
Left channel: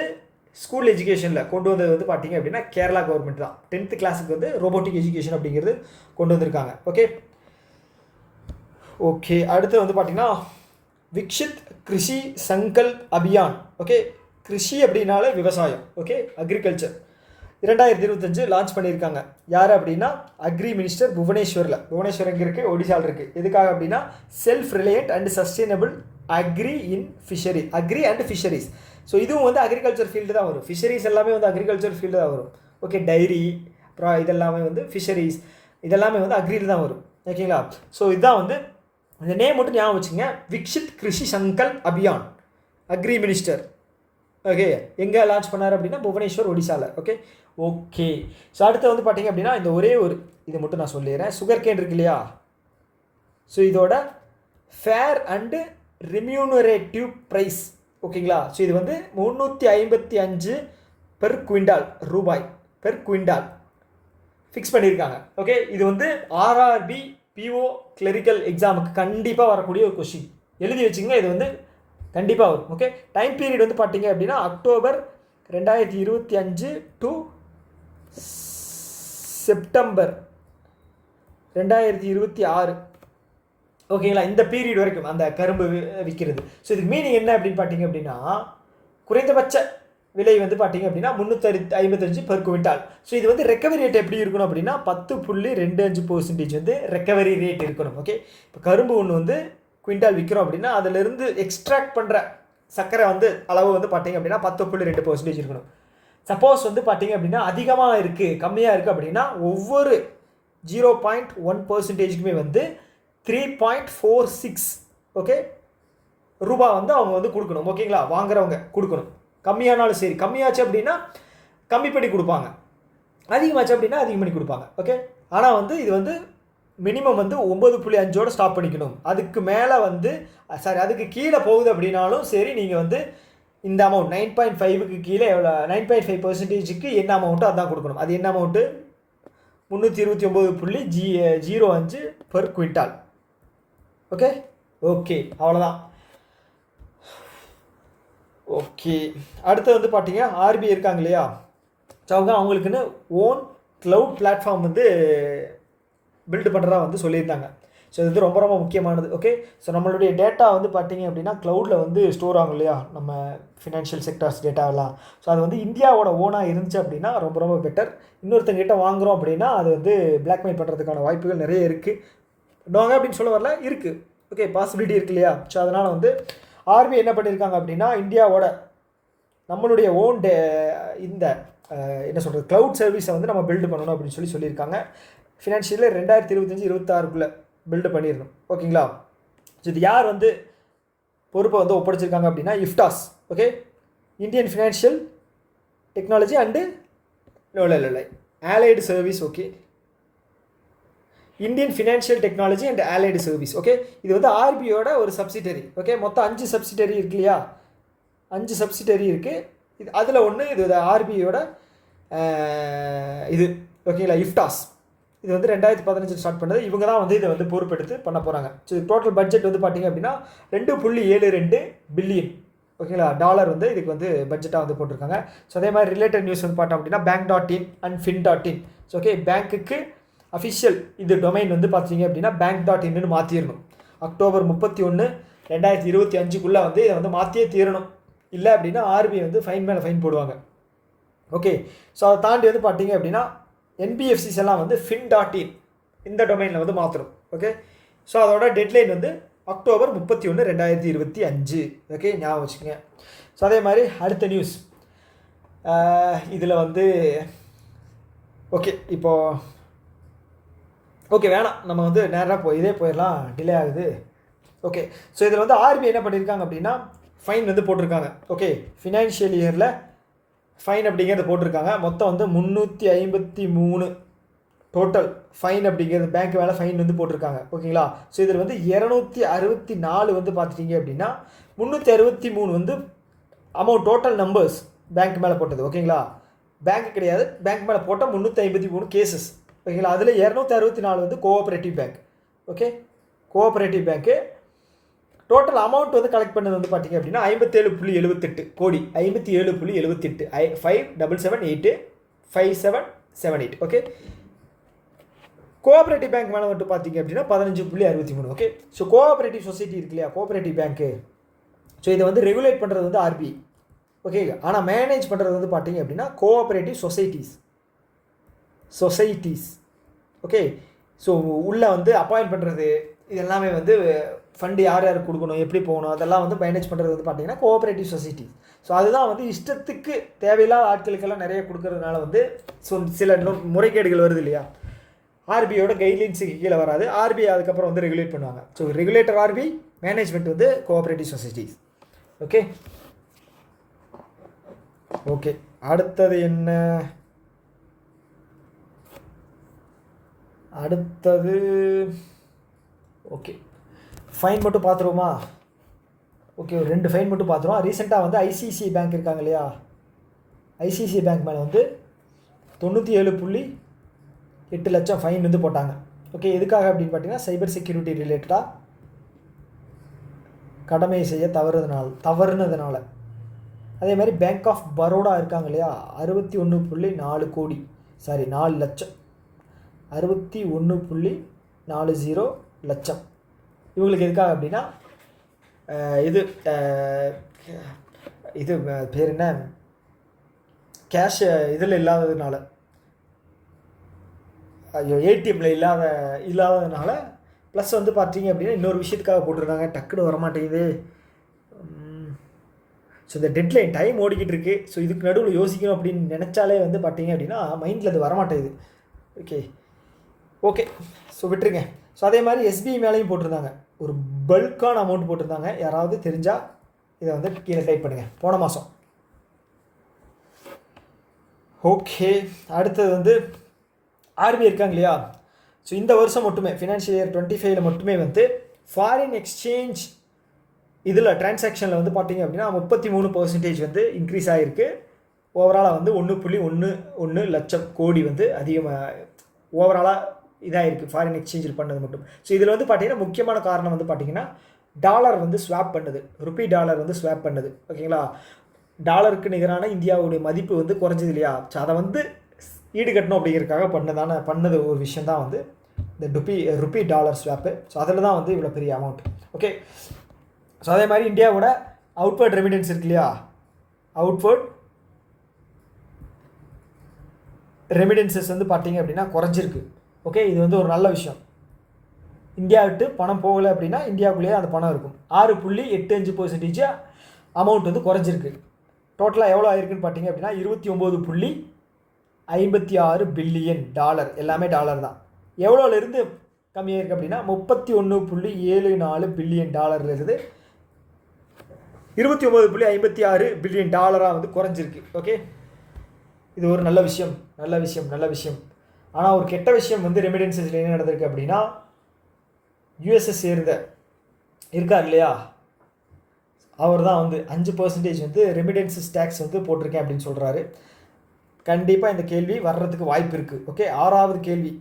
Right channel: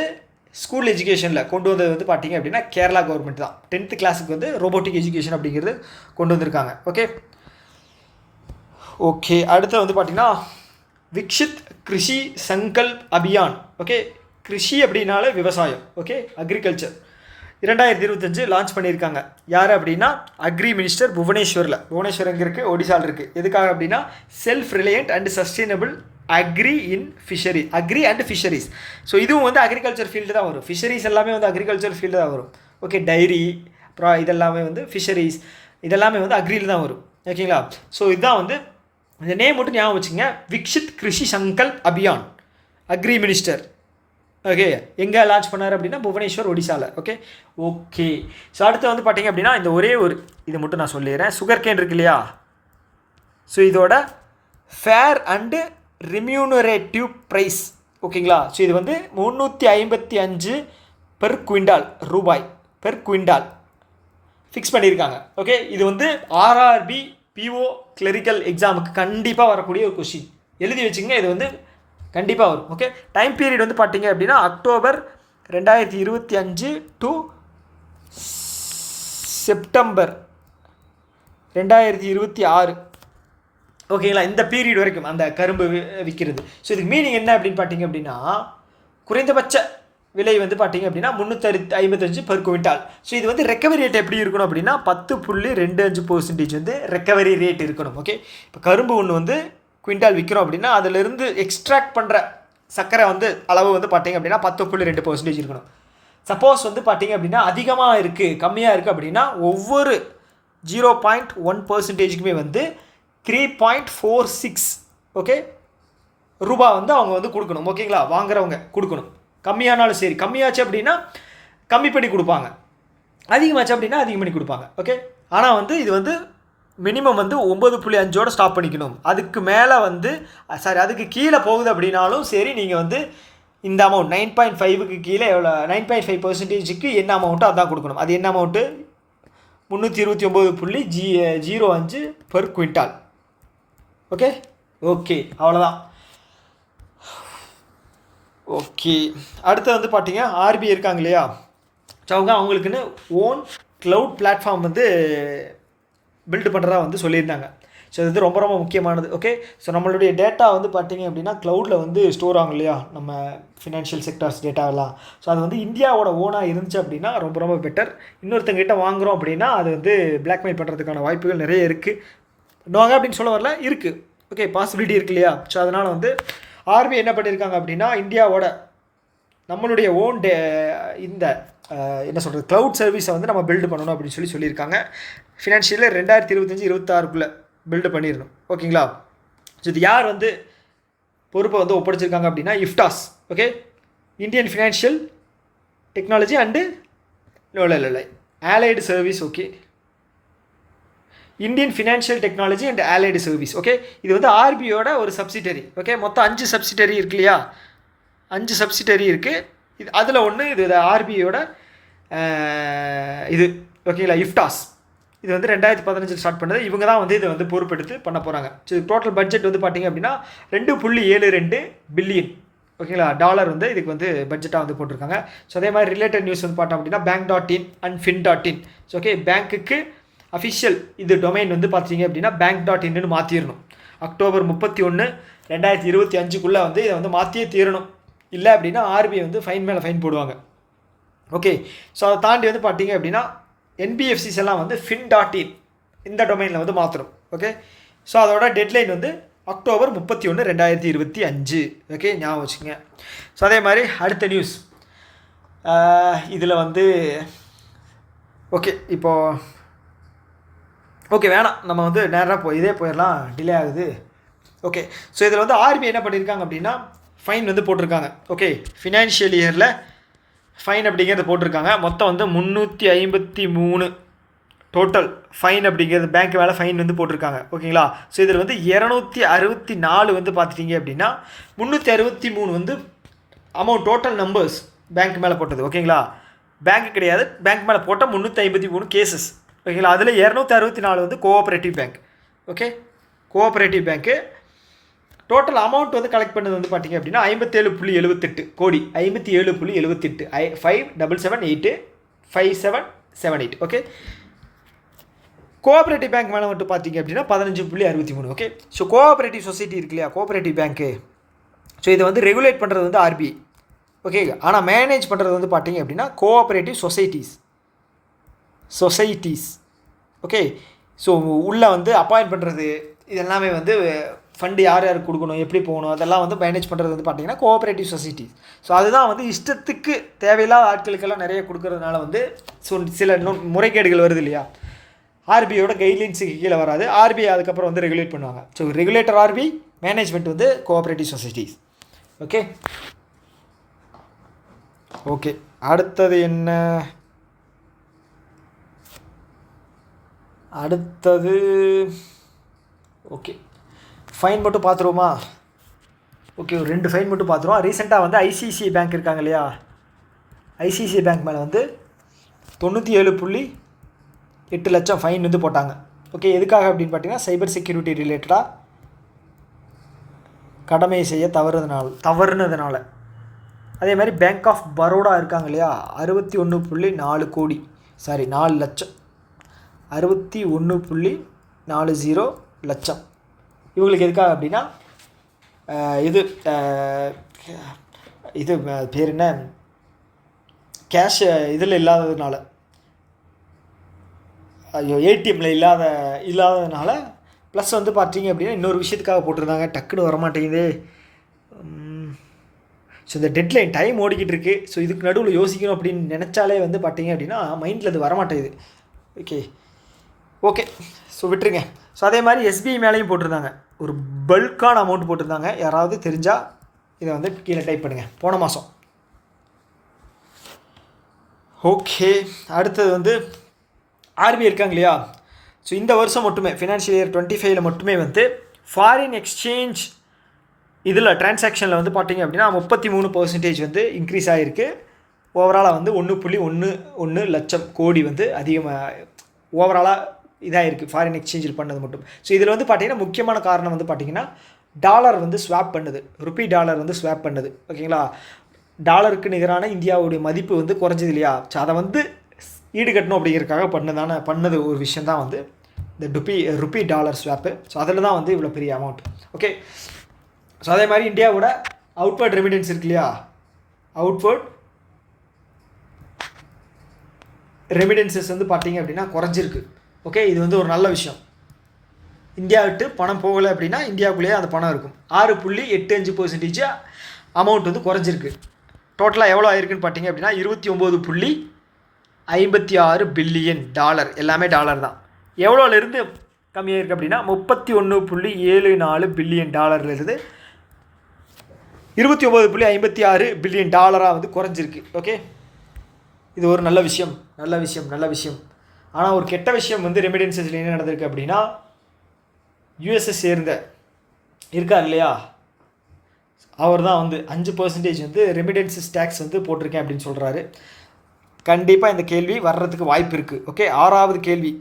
ஸ்கூல் எஜுகேஷனில் கொண்டு வந்தது வந்து பார்த்தீங்க அப்படின்னா கேரளா கவர்மெண்ட் தான். 10th கிளாஸுக்கு வந்து ரோபோட்டிக் எஜுகேஷன் அப்படிங்கிறது கொண்டு வந்திருக்காங்க. ஓகே ஓகே அடுத்து வந்து பார்த்தீங்கன்னா விக்ஷித் கிருஷி சங்கல்ப் அபியான். ஓகே கிருஷி அப்படின்னாலே விவசாயம். ஓகே அக்ரிகல்ச்சர் 2025 லான்ச் பண்ணியிருக்காங்க. யார் அப்படின்னா அக்ரி மினிஸ்டர் புவனேஸ்வர் எங்கே இருக்குது, ஒடிசாவில் இருக்குது. எதுக்காக அப்படின்னா self reliant and sustainable agri and fisheries. So இதுவும் வந்து அக்ரிகல்ச்சர் ஃபீல்டு தான் வரும். ஃபிஷரிஸ் எல்லாமே வந்து அக்ரிகல்ச்சர் ஃபீல்டு தான் வரும். ஓகே டைரி அப்புறம் இதெல்லாமே வந்து ஃபிஷரிஸ் இதெல்லாமே வந்து அக்ரியில் தான் வரும். ஓகேங்களா. ஸோ இதுதான் வந்து இந்த நேம் மட்டும் ஞாபகம் வச்சுங்க. Viksit Krishi Sankalp Abhiyan agri minister. Okay எங்கே லான்ச் பண்ணார் அப்படின்னா புவனேஸ்வர் ஒடிசாவில். ஓகே ஸோ அடுத்து வந்து பார்த்தீங்க அப்படின்னா இந்த ஒரே ஒரு இது மட்டும் நான் சொல்லிடுறேன். சுகர் கேன் இருக்கு இல்லையா, ஸோ இதோட ஃபேர் அண்டு ரெம்யூனரேட்டிவ் ப்ரைஸ். ஓகேங்களா. ஸோ இது வந்து 355 பெர் குவிண்டால் ரூபாய் பெர் குவிண்டால் ஃபிக்ஸ் பண்ணியிருக்காங்க. ஓகே இது வந்து ஆர்ஆர்பி பிஓ கிளரிக்கல் எக்ஸாமுக்கு கண்டிப்பாக வரக்கூடிய ஒரு கொஷின். எழுதி வச்சுங்க, இது வந்து கண்டிப்பாக வரும். ஓகே டைம் பீரியட் வந்து பார்த்தீங்க அப்படின்னா அக்டோபர் 2025 டு செப்டம்பர் 2026. ஓகேங்களா. இந்த பீரியட் வரைக்கும் அந்த கரும்பு விற்கிறது. ஸோ இதுக்கு மீனிங் என்ன அப்படின்னு பார்த்தீங்க அப்படின்னா குறைந்தபட்ச விலை வந்து பார்த்தீங்க அப்படின்னா 355 பெர் குவிண்டால். ஸோ இது வந்து ரெக்கவரி ரேட் எப்படி இருக்கணும் அப்படின்னா 10.25% வந்து ரெக்கவரி ரேட் இருக்கணும். ஓகே இப்போ கரும்பு ஒன்று வந்து குவிண்டால் விற்கிறோம் அப்படின்னா அதிலிருந்து எக்ஸ்ட்ராக்ட் பண்ணுற சர்க்கரை வந்து அளவு வந்து பார்த்தீங்க அப்படின்னா 10.2% இருக்கணும். சப்போஸ் வந்து பார்த்தீங்க அப்படின்னா அதிகமாக இருக்குது கம்மியாக இருக்குது அப்படின்னா ஒவ்வொரு 0.1%க்குமே வந்து 3.46 ஓகே ரூபா வந்து அவங்க வந்து கொடுக்கணும். ஓகேங்களா. வாங்குறவங்க கொடுக்கணும். கம்மியானாலும் சரி, கம்மியாச்சு அப்படின்னா கம்மி பண்ணி கொடுப்பாங்க, அதிகமாச்சு அப்படின்னா அதிகம் பண்ணி கொடுப்பாங்க. ஓகே ஆனால் வந்து இது வந்து மினிமம் வந்து 9.5 ஸ்டாப் பண்ணிக்கணும். அதுக்கு மேலே வந்து அதுக்கு கீழே போகுது அப்படின்னாலும் சரி நீங்கள் வந்து இந்த அமௌண்ட் 9.5க்கு கீழே எவ்வளோ 9.5%க்கு என்ன அமௌண்ட்டோ அதான் கொடுக்கணும். அது என்ன amount 329.05 per quintal. Okay okay அவ்வளோதான். ஓகே அடுத்து வந்து பார்த்தீங்க ஆர்பிஐ இருக்காங்க இல்லையா, ஸோ அவங்களுக்குன்னு ஓன் க்ளவுட் பிளாட்ஃபார்ம் வந்து பில்டு பண்ணுறதா வந்து சொல்லியிருந்தாங்க. ஸோ இது ரொம்ப ரொம்ப முக்கியமானது. ஓகே ஸோ நம்மளுடைய டேட்டா வந்து பார்த்தீங்க அப்படின்னா க்ளவுடில் வந்து ஸ்டோர் ஆகும் இல்லையா நம்ம ஃபினான்ஷியல் செக்டர்ஸ் டேட்டாவெல்லாம். ஸோ அது வந்து இந்தியாவோட ஓனாக இருந்துச்சு அப்படின்னா ரொம்ப ரொம்ப பெட்டர். இன்னொருத்தங்கிட்ட வாங்குகிறோம் அப்படின்னா அது வந்து பிளாக்மெயில் பண்ணுறதுக்கான வாய்ப்புகள் நிறைய இருக்குது. வாங்க அப்படின்னு சொல்ல வரல, இருக்குது. ஓகே பாசிபிலிட்டி இருக்கு இல்லையா. ஸோ அதனால் வந்து ஆர்பிஐ என்ன பண்ணியிருக்காங்க அப்படின்னா இந்தியாவோட நம்மளுடைய ஓன் இந்த என்ன சொல்கிறது க்ளவுட் சர்வீஸை வந்து நம்ம பில்டு பண்ணணும் அப்படின்னு சொல்லியிருக்காங்க. ஃபினான்ஷியலில் 2025-26க்குள்ளே பில்டு பண்ணிடணும். ஓகேங்களா. ஸோ இது யார் வந்து பொறுப்பை வந்து ஒப்படைச்சிருக்காங்க அப்படின்னா IFTAS. Okay Indian financial technology and இல்லை allied service. Okay Indian financial technology and allied service. Okay இது வந்து ஆர்பிஐயோட ஒரு சப்சிடரி. ஓகே மொத்தம் 5 சப்சிடரி இருக்கு இல்லையா, 5 சப்சிடரி இருக்குது. இது அதில் ஒன்று இது ஆர்பிஐயோட இது. ஓகேங்களா. இஃப்டாஸ் இது வந்து 2015 ஸ்டார்ட் பண்ணது. இவங்க தான் வந்து இதை வந்து பொறுப்பெடுத்து பண்ண போகிறாங்க. ஸோ டோட்டல் பட்ஜெட் வந்து பார்த்திங்க அப்படின்னா 2.72 பில்லியன் ஓகேங்களா டாலர் வந்து இதுக்கு வந்து பட்ஜெட்டாக வந்து போட்டிருக்காங்க. ஸோ அதே மாதிரி ரிலேட்டட் நியூஸ் வந்து பார்த்தோம் அப்படின்னா bank.in and fin.in. So okay பேங்க்குக்கு அஃபிஷியல் இது டொமைன் வந்து பார்த்தீங்க அப்படின்னா bank.inன்னு மாற்றிடணும். அக்டோபர் 31, 2025க்குள்ளே வந்து இதை வந்து மாற்றியே தீரணும். இல்லை அப்படின்னா ஆர்பிஐ வந்து ஃபைன் மேலே ஃபைன் போடுவாங்க. ஓகே ஸோ அதை தாண்டி வந்து பார்த்தீங்க அப்படின்னா என்பிஎஃப்சிஸ் எல்லாம் வந்து fin.in இந்த டொமைனில் வந்து மாற்றணும். ஓகே ஸோ அதோட டெட்லைன் வந்து அக்டோபர் 31, 2025. ஓகே ஞாபகம் வச்சுக்கோங்க. ஸோ அதே மாதிரி அடுத்த நியூஸ் இதில் வந்து ஓகே இப்போது ஓகே வேணாம் நம்ம வந்து நேராக இதே போயிடலாம், டிலே ஆகுது. ஓகே ஸோ இதில் வந்து ஆர்பிஐ என்ன பண்ணியிருக்காங்க அப்படின்னா ஃபைன் வந்து போட்டிருக்காங்க. ஓகே ஃபினான்ஷியல் இயரில் ஃபைன் அப்படிங்கிறத போட்டிருக்காங்க. மொத்தம் வந்து 353 டோட்டல் ஃபைன் அப்படிங்கிறது பேங்க் மேலே ஃபைன் வந்து போட்டிருக்காங்க. ஓகேங்களா. ஸோ இதில் வந்து 264 வந்து பார்த்துட்டிங்க அப்படின்னா 363 வந்து அமௌண்ட் டோட்டல் நம்பர்ஸ் பேங்க் மேலே போட்டது. ஓகேங்களா. பேங்க் கிடையாது, பேங்க் மேலே போட்ட 353 கேசஸ். ஓகேங்களா. அதில் 264 வந்து கோஆப்ரேட்டிவ் பேங்க். ஓகே கோஆப்ரேட்டிவ் பேங்க்கு டோட்டல் அமௌண்ட் வந்து கலெக்ட் பண்ணது வந்து பார்த்தீங்க அப்படின்னா 57.78 கோடி, 57.78, 5778 ஓகே. கோஆப்ரேட்டிவ் பேங்க் மேலே மட்டும் பார்த்தீங்க அப்படின்னா 15.63 ஓகே. ஸோ கோஆப்ரேட்டிவ் சொசைட்டி இருக்கு இல்லையா, கோஆப்ரேட்டிவ் பேங்க்கு, ஸோ இதை வந்து ரெகுலேட் பண்ணுறது வந்து ஆர்பிஐ ஓகே. ஆனால் மேனேஜ் பண்ணுறது வந்து பார்த்தீங்க அப்படின்னா கோஆப்ரேட்டிவ் சொசைட்டிஸ் ஓகே. ஸோ உள்ளே வந்து அப்பாயிண்ட் பண்ணுறது இதெல்லாமே வந்து ஃபண்டு யார் யாருக்கு கொடுக்கணும், எப்படி போகணும், அதெல்லாம் வந்து மேனேஜ் பண்ணுறது வந்து பார்த்தீங்கன்னா கோஆப்ரேட்டிவ் சொசைட்டிஸ். ஸோ அதுதான் வந்து இஷ்டத்துக்கு தேவையில்லாத ஆட்களுக்கெல்லாம் நிறைய கொடுக்கறதுனால வந்து ஸோ சில முறைகேடுகள் வருது இல்லையா. ஆர்பிஐயோட கைட்லைன்ஸுக்கு கீழே வராது, ஆர்பிஐ அதுக்கப்புறம் வந்து ரெகுலேட் பண்ணுவாங்க. ஸோ ரெகுலேட்டர் ஆர்பிஐ, மேனேஜ்மெண்ட் வந்து கோஆப்ரேட்டிவ் சொசைட்டிஸ் ஓகே. ஓகே, அடுத்தது என்ன, அடுத்தது ஓகே ஃபைன் மட்டும் பார்த்துருவோமா. ஓகே, ஒரு 2 ஃபைன் மட்டும் பார்த்துருவோம். ரீசெண்டாக வந்து ஐசிஐசிஐ பேங்க் இருக்காங்க இல்லையா, ஐசிஐசிஐ பேங்க் மேலே வந்து 97.8 லட்சம் ஃபைன் வந்து போட்டாங்க ஓகே. எதுக்காக அப்படின்னு பார்த்தீங்கன்னா சைபர் செக்யூரிட்டி ரிலேட்டடாக கடமை செய்ய தவறுனதுனால. அதே மாதிரி பேங்க் ஆஃப் பரோடா இருக்காங்க இல்லையா, 61.4 கோடி, சாரி 4 லட்சம், 61.40 லட்சம். இவங்களுக்கு எதுக்காக அப்படின்னா இது பேர் என்ன, கேஷ் இதில் இல்லாததுனால, ஏடிஎம்மில் இல்லாததுனால, ப்ளஸ் வந்து பார்த்தீங்க அப்படின்னா இன்னொரு விஷயத்துக்காக போட்டிருந்தாங்க, டக்குன்னு வரமாட்டேங்குது. ஸோ இந்த டெட்லைன் டைம் ஓடிக்கிட்டு இருக்குது. ஸோ இதுக்கு நடுவில் யோசிக்கணும் அப்படின்னு நினச்சாலே வந்து பார்த்தீங்க அப்படின்னா மைண்டில் அது வரமாட்டேங்குது ஓகே. ஓகே, ஸோ விட்டுருங்க. ஸோ அதே மாதிரி எஸ்பிஐ மேலேயும் போட்டிருந்தாங்க, ஒரு பல்கான அமௌண்ட் போட்டிருந்தாங்க. யாராவது தெரிஞ்சால் இதை வந்து கீழே டைப் பண்ணுங்கள், போன மாதம். ஓகே, அடுத்தது வந்து ஆர்பிஐ இருக்காங்க இல்லையா. ஸோ இந்த வருஷம் மட்டுமே ஃபினான்ஷியல் இயர் 25 மட்டுமே வந்து ஃபாரின் எக்ஸ்சேஞ்ச் இதில் டிரான்சாக்ஷனில் வந்து பார்த்தீங்க அப்படின்னா 33% வந்து இன்க்ரீஸ் ஆகிருக்கு. ஓவராலாக வந்து 1.11 லட்சம் கோடி வந்து அதிகமாக ஓவராலாக இதாக இருக்குது ஃபாரின் எக்ஸ்சேஞ்சில் பண்ணது மட்டும். ஸோ இதில் வந்து பார்த்திங்கன்னா முக்கியமான காரணம் வந்து பார்த்திங்கன்னா டாலர் வந்து ஸ்வாப் பண்ணுது, ருப்பி டாலர் வந்து ஸ்வாப் பண்ணுது ஓகேங்களா. டாலருக்கு நிகரான இந்தியாவுடைய மதிப்பு வந்து குறைஞ்சது இல்லையா. ஸோ அதை வந்து ஈடுகட்டணும் அப்படிங்கிறதுக்காக பண்ணது ஒரு விஷயம் தான் வந்து இந்த ருப்பி டாலர் ஸ்வாப்பு. ஸோ அதில் தான் வந்து இவ்வளோ பெரிய அமௌண்ட் ஓகே. ஸோ அதே மாதிரி இந்தியாவோட அவுட்வர்ட் ரெமிடன்ஸ் இருக்கு இல்லையா, அவுட்வர்ட் ரெமிடன்சஸ் வந்து பார்த்தீங்க அப்படின்னா குறைஞ்சிருக்கு ஓகே. இது வந்து ஒரு நல்ல விஷயம். இந்தியா விட்டு பணம் போகலை அப்படின்னா இந்தியாவுக்குள்ளேயே அந்த பணம் இருக்கும். 6.85% அமௌண்ட் வந்து குறைஞ்சிருக்கு. டோட்டலாக எவ்வளோ ஆயிருக்குன்னு பார்த்தீங்க அப்படின்னா 29.56 பில்லியன் டாலர், எல்லாமே டாலர் தான். எவ்வளோலேருந்து கம்மியாக இருக்குது அப்படின்னா 31.74 பில்லியன் டாலர்லேருந்து 29.56 பில்லியன் டாலராக வந்து குறைஞ்சிருக்கு ஓகே. இது ஒரு நல்ல விஷயம். ஆனால் ஒரு கெட்ட விஷயம் வந்து ரெமிடன்ஸில் என்ன நடந்திருக்கு அப்படின்னா, யூஎஸ்ஏ சேர்ந்த இருக்கார் இல்லையா, அவர் தான் வந்து 5% வந்து ரெமிடன்ஸஸ் டேக்ஸ் வந்து போட்டிருக்கேன் அப்படின்னு சொல்கிறாரு. கண்டிப்பாக இந்த கேள்வி வர்றதுக்கு வாய்ப்பு இருக்குது ஓகே. 6வது கேள்வி,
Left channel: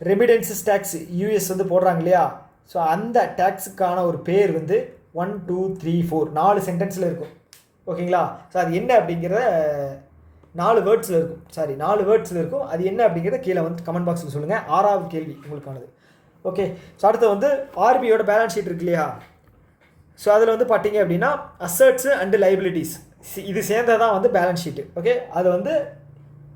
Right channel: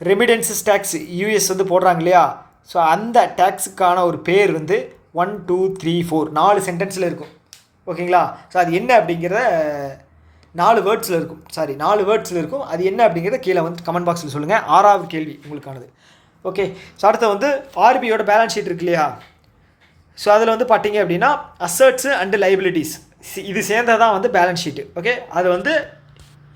ரெமிடன்ஸஸ் டேக்ஸ் யூஎஸ் வந்து போடுறாங்க இல்லையா. ஸோ அந்த டேக்ஸுக்கான ஒரு பேர் வந்து 1 2 3 4 4 சென்டென்ஸில் இருக்கும் ஓகேங்களா. ஸோ அது என்ன அப்படிங்கிறத 4 வேர்ட்ஸில் இருக்கும். அது என்ன அப்படிங்கிறத கீழே வந்து கமெண்ட் பாக்ஸில் சொல்லுங்கள். 6வது கேள்வி உங்களுக்கானது ஓகே. ஸோ அடுத்து வந்து ஆர்பிஐயோட பேலன்ஸ் ஷீட் இருக்கு இல்லையா. ஸோ அதில் வந்து பார்த்தீங்க அப்படின்னா அசட்ஸு அண்டு லைபிலிட்டிஸ் இது சேர்ந்தது தான் வந்து பேலன்ஸ் ஷீட்டு ஓகே. அது வந்து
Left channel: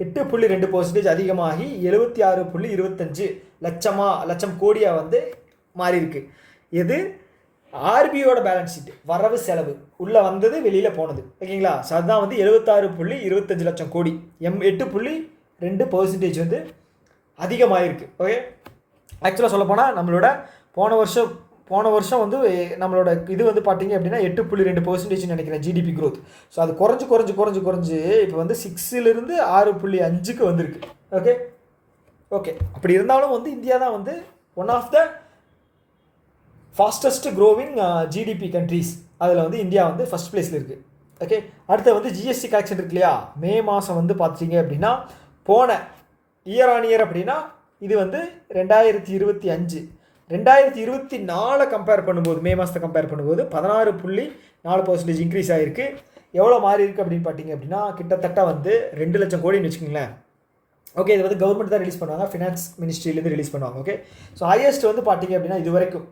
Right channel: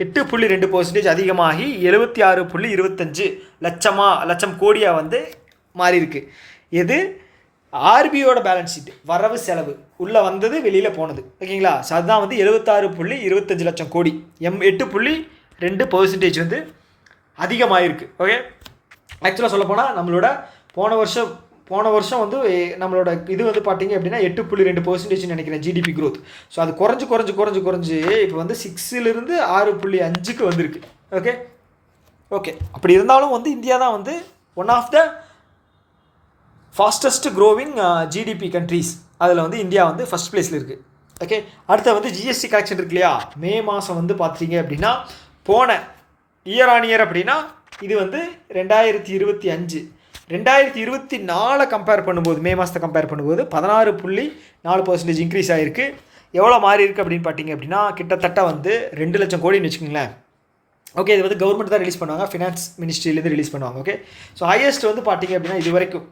8.2% அதிகமாகி 76.25 லட்சம் கோடியாக வந்து மாறி இருக்கு. எது ஆர்பிஐயோட பேலன்ஸ் ஷீட், வரவு செலவு உள்ளே வந்தது வெளியில் போனது ஓகேங்களா. ஸோ அதுதான் வந்து 76.25 லட்சம் கோடி, 8.2% வந்து அதிகமாகிருக்கு ஓகே. ஆக்சுவலாக சொல்லப்போனால் நம்மளோட போன வருஷம் வந்து நம்மளோட இது வந்து பார்த்தீங்க அப்படின்னா 8.2% நினைக்கிறேன் ஜிடிபி க்ரோத். ஸோ அது குறைஞ்சு இப்போ வந்து 6லிருந்து 6.5க்கு வந்திருக்கு ஓகே. அப்படி இருந்தாலும் வந்து இந்தியா தான் வந்து one of the fastest growing GDP countries. அதில் வந்து இந்தியா வந்து ஃபஸ்ட் பிளேஸில் இருக்குது ஓகே. அடுத்து வந்து ஜிஎஸ்டி கலெக்ஷன் இருக்கு இல்லையா. மே மாதம் வந்து பார்த்தீங்க அப்படின்னா போன இயர் ஆன் இயர் அப்படின்னா இது வந்து 2025 2024 கம்பேர் பண்ணும்போது, மே மாதத்தை கம்பேர் பண்ணும்போது 16.4% இன்க்ரீஸ் ஆகிருக்கு. எவ்வளோ மாறி இருக்குது அப்படின்னு பார்த்தீங்க அப்படின்னா, கிட்டத்தட்ட வந்து 2 லட்சம் கோடின்னு வச்சுக்கோங்களேன். ஓகே, இது வந்து கவர்மெண்ட் தான் ரிலீஸ் பண்ணுவாங்க, ஃபினான்ஸ் மினிஸ்ட்ரியிலேருந்து ரிலீஸ் பண்ணுவாங்க. ஓகே, ஸோ ஹையஸ்ட் வந்து பார்த்தீங்க அப்படின்னா இது வரைக்கும்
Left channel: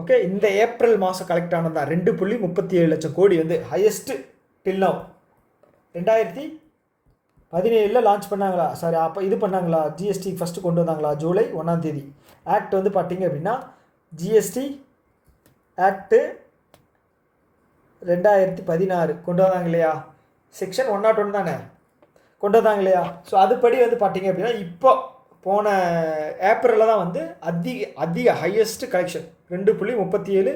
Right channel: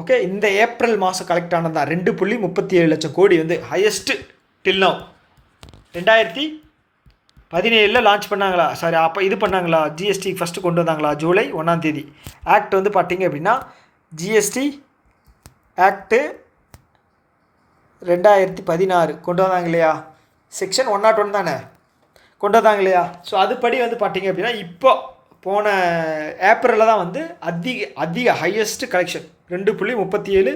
ஓகே இந்த ஏப்ரல் மாதம் கலெக்ட் ஆனது தான் 2.37 லட்சம் கோடி வந்து ஹையஸ்ட்டு டில் நவ். 2017 லான்ச் பண்ணாங்களா, சாரி அப்போ இது பண்ணாங்களா, ஜிஎஸ்டி ஃபஸ்ட்டு கொண்டு வந்தாங்களா, ஜூலை 1ஆம் தேதி. ஆக்ட் வந்து பார்த்தீங்க அப்படின்னா ஜிஎஸ்டி ஆக்ட்டு 2016 கொண்டு வந்தாங்க இல்லையா, செக்ஷன் 101 தானே கொண்டு வந்தாங்க இல்லையா. ஸோ அதுபடி வந்து பார்த்தீங்க அப்படின்னா இப்போ போன ஏப்ரலில் தான் வந்து அதிக ஹையஸ்ட் கலெக்ஷன் 2.37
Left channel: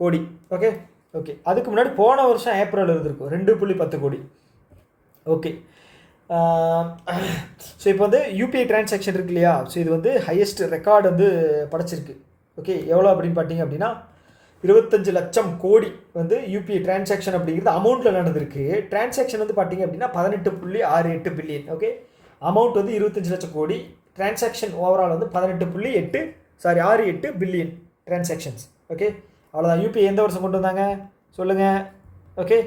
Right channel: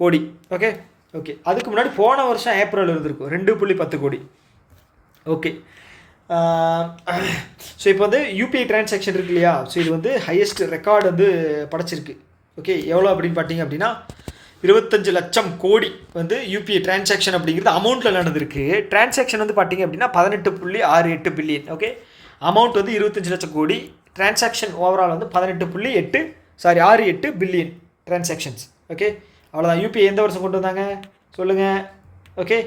கோடி. ஓகே ஓகே, அதுக்கு முன்னாடி போன வருஷம் ஏப்ரல் இருந்திருக்கும் 2.10 கோடி. ஓகே, ஸோ இப்போ வந்து யூபிஐ டிரான்சாக்ஷன் இருக்கு இல்லையா, ஸோ இது வந்து ஹையஸ்ட் ரெக்கார்டு வந்து படைச்சிருக்கு. ஓகே, எவ்வளோ அப்படின்னு பார்த்தீங்க அப்படின்னா 25 லட்சம் கோடி வந்து யூபிஐ டிரான்சாக்ஷன் அப்படிங்கிறது அமௌண்ட்டில் நடந்திருக்கு. டிரான்சாக்ஷன் வந்து பார்த்தீங்க அப்படின்னா 18.68 பில்லியன். ஓகே, அமௌண்ட் வந்து 25 லட்சம் கோடி, டிரான்சாக்ஷன் ஓவரால் வந்து 18.68 பில்லியன் டிரான்சாக்ஷன்ஸ். ஓகே, அவ்வளோதான். யூபிஐ எந்த வருஷம் கொண்டு வந்தாங்க சொல்லுங்கள். ஓகே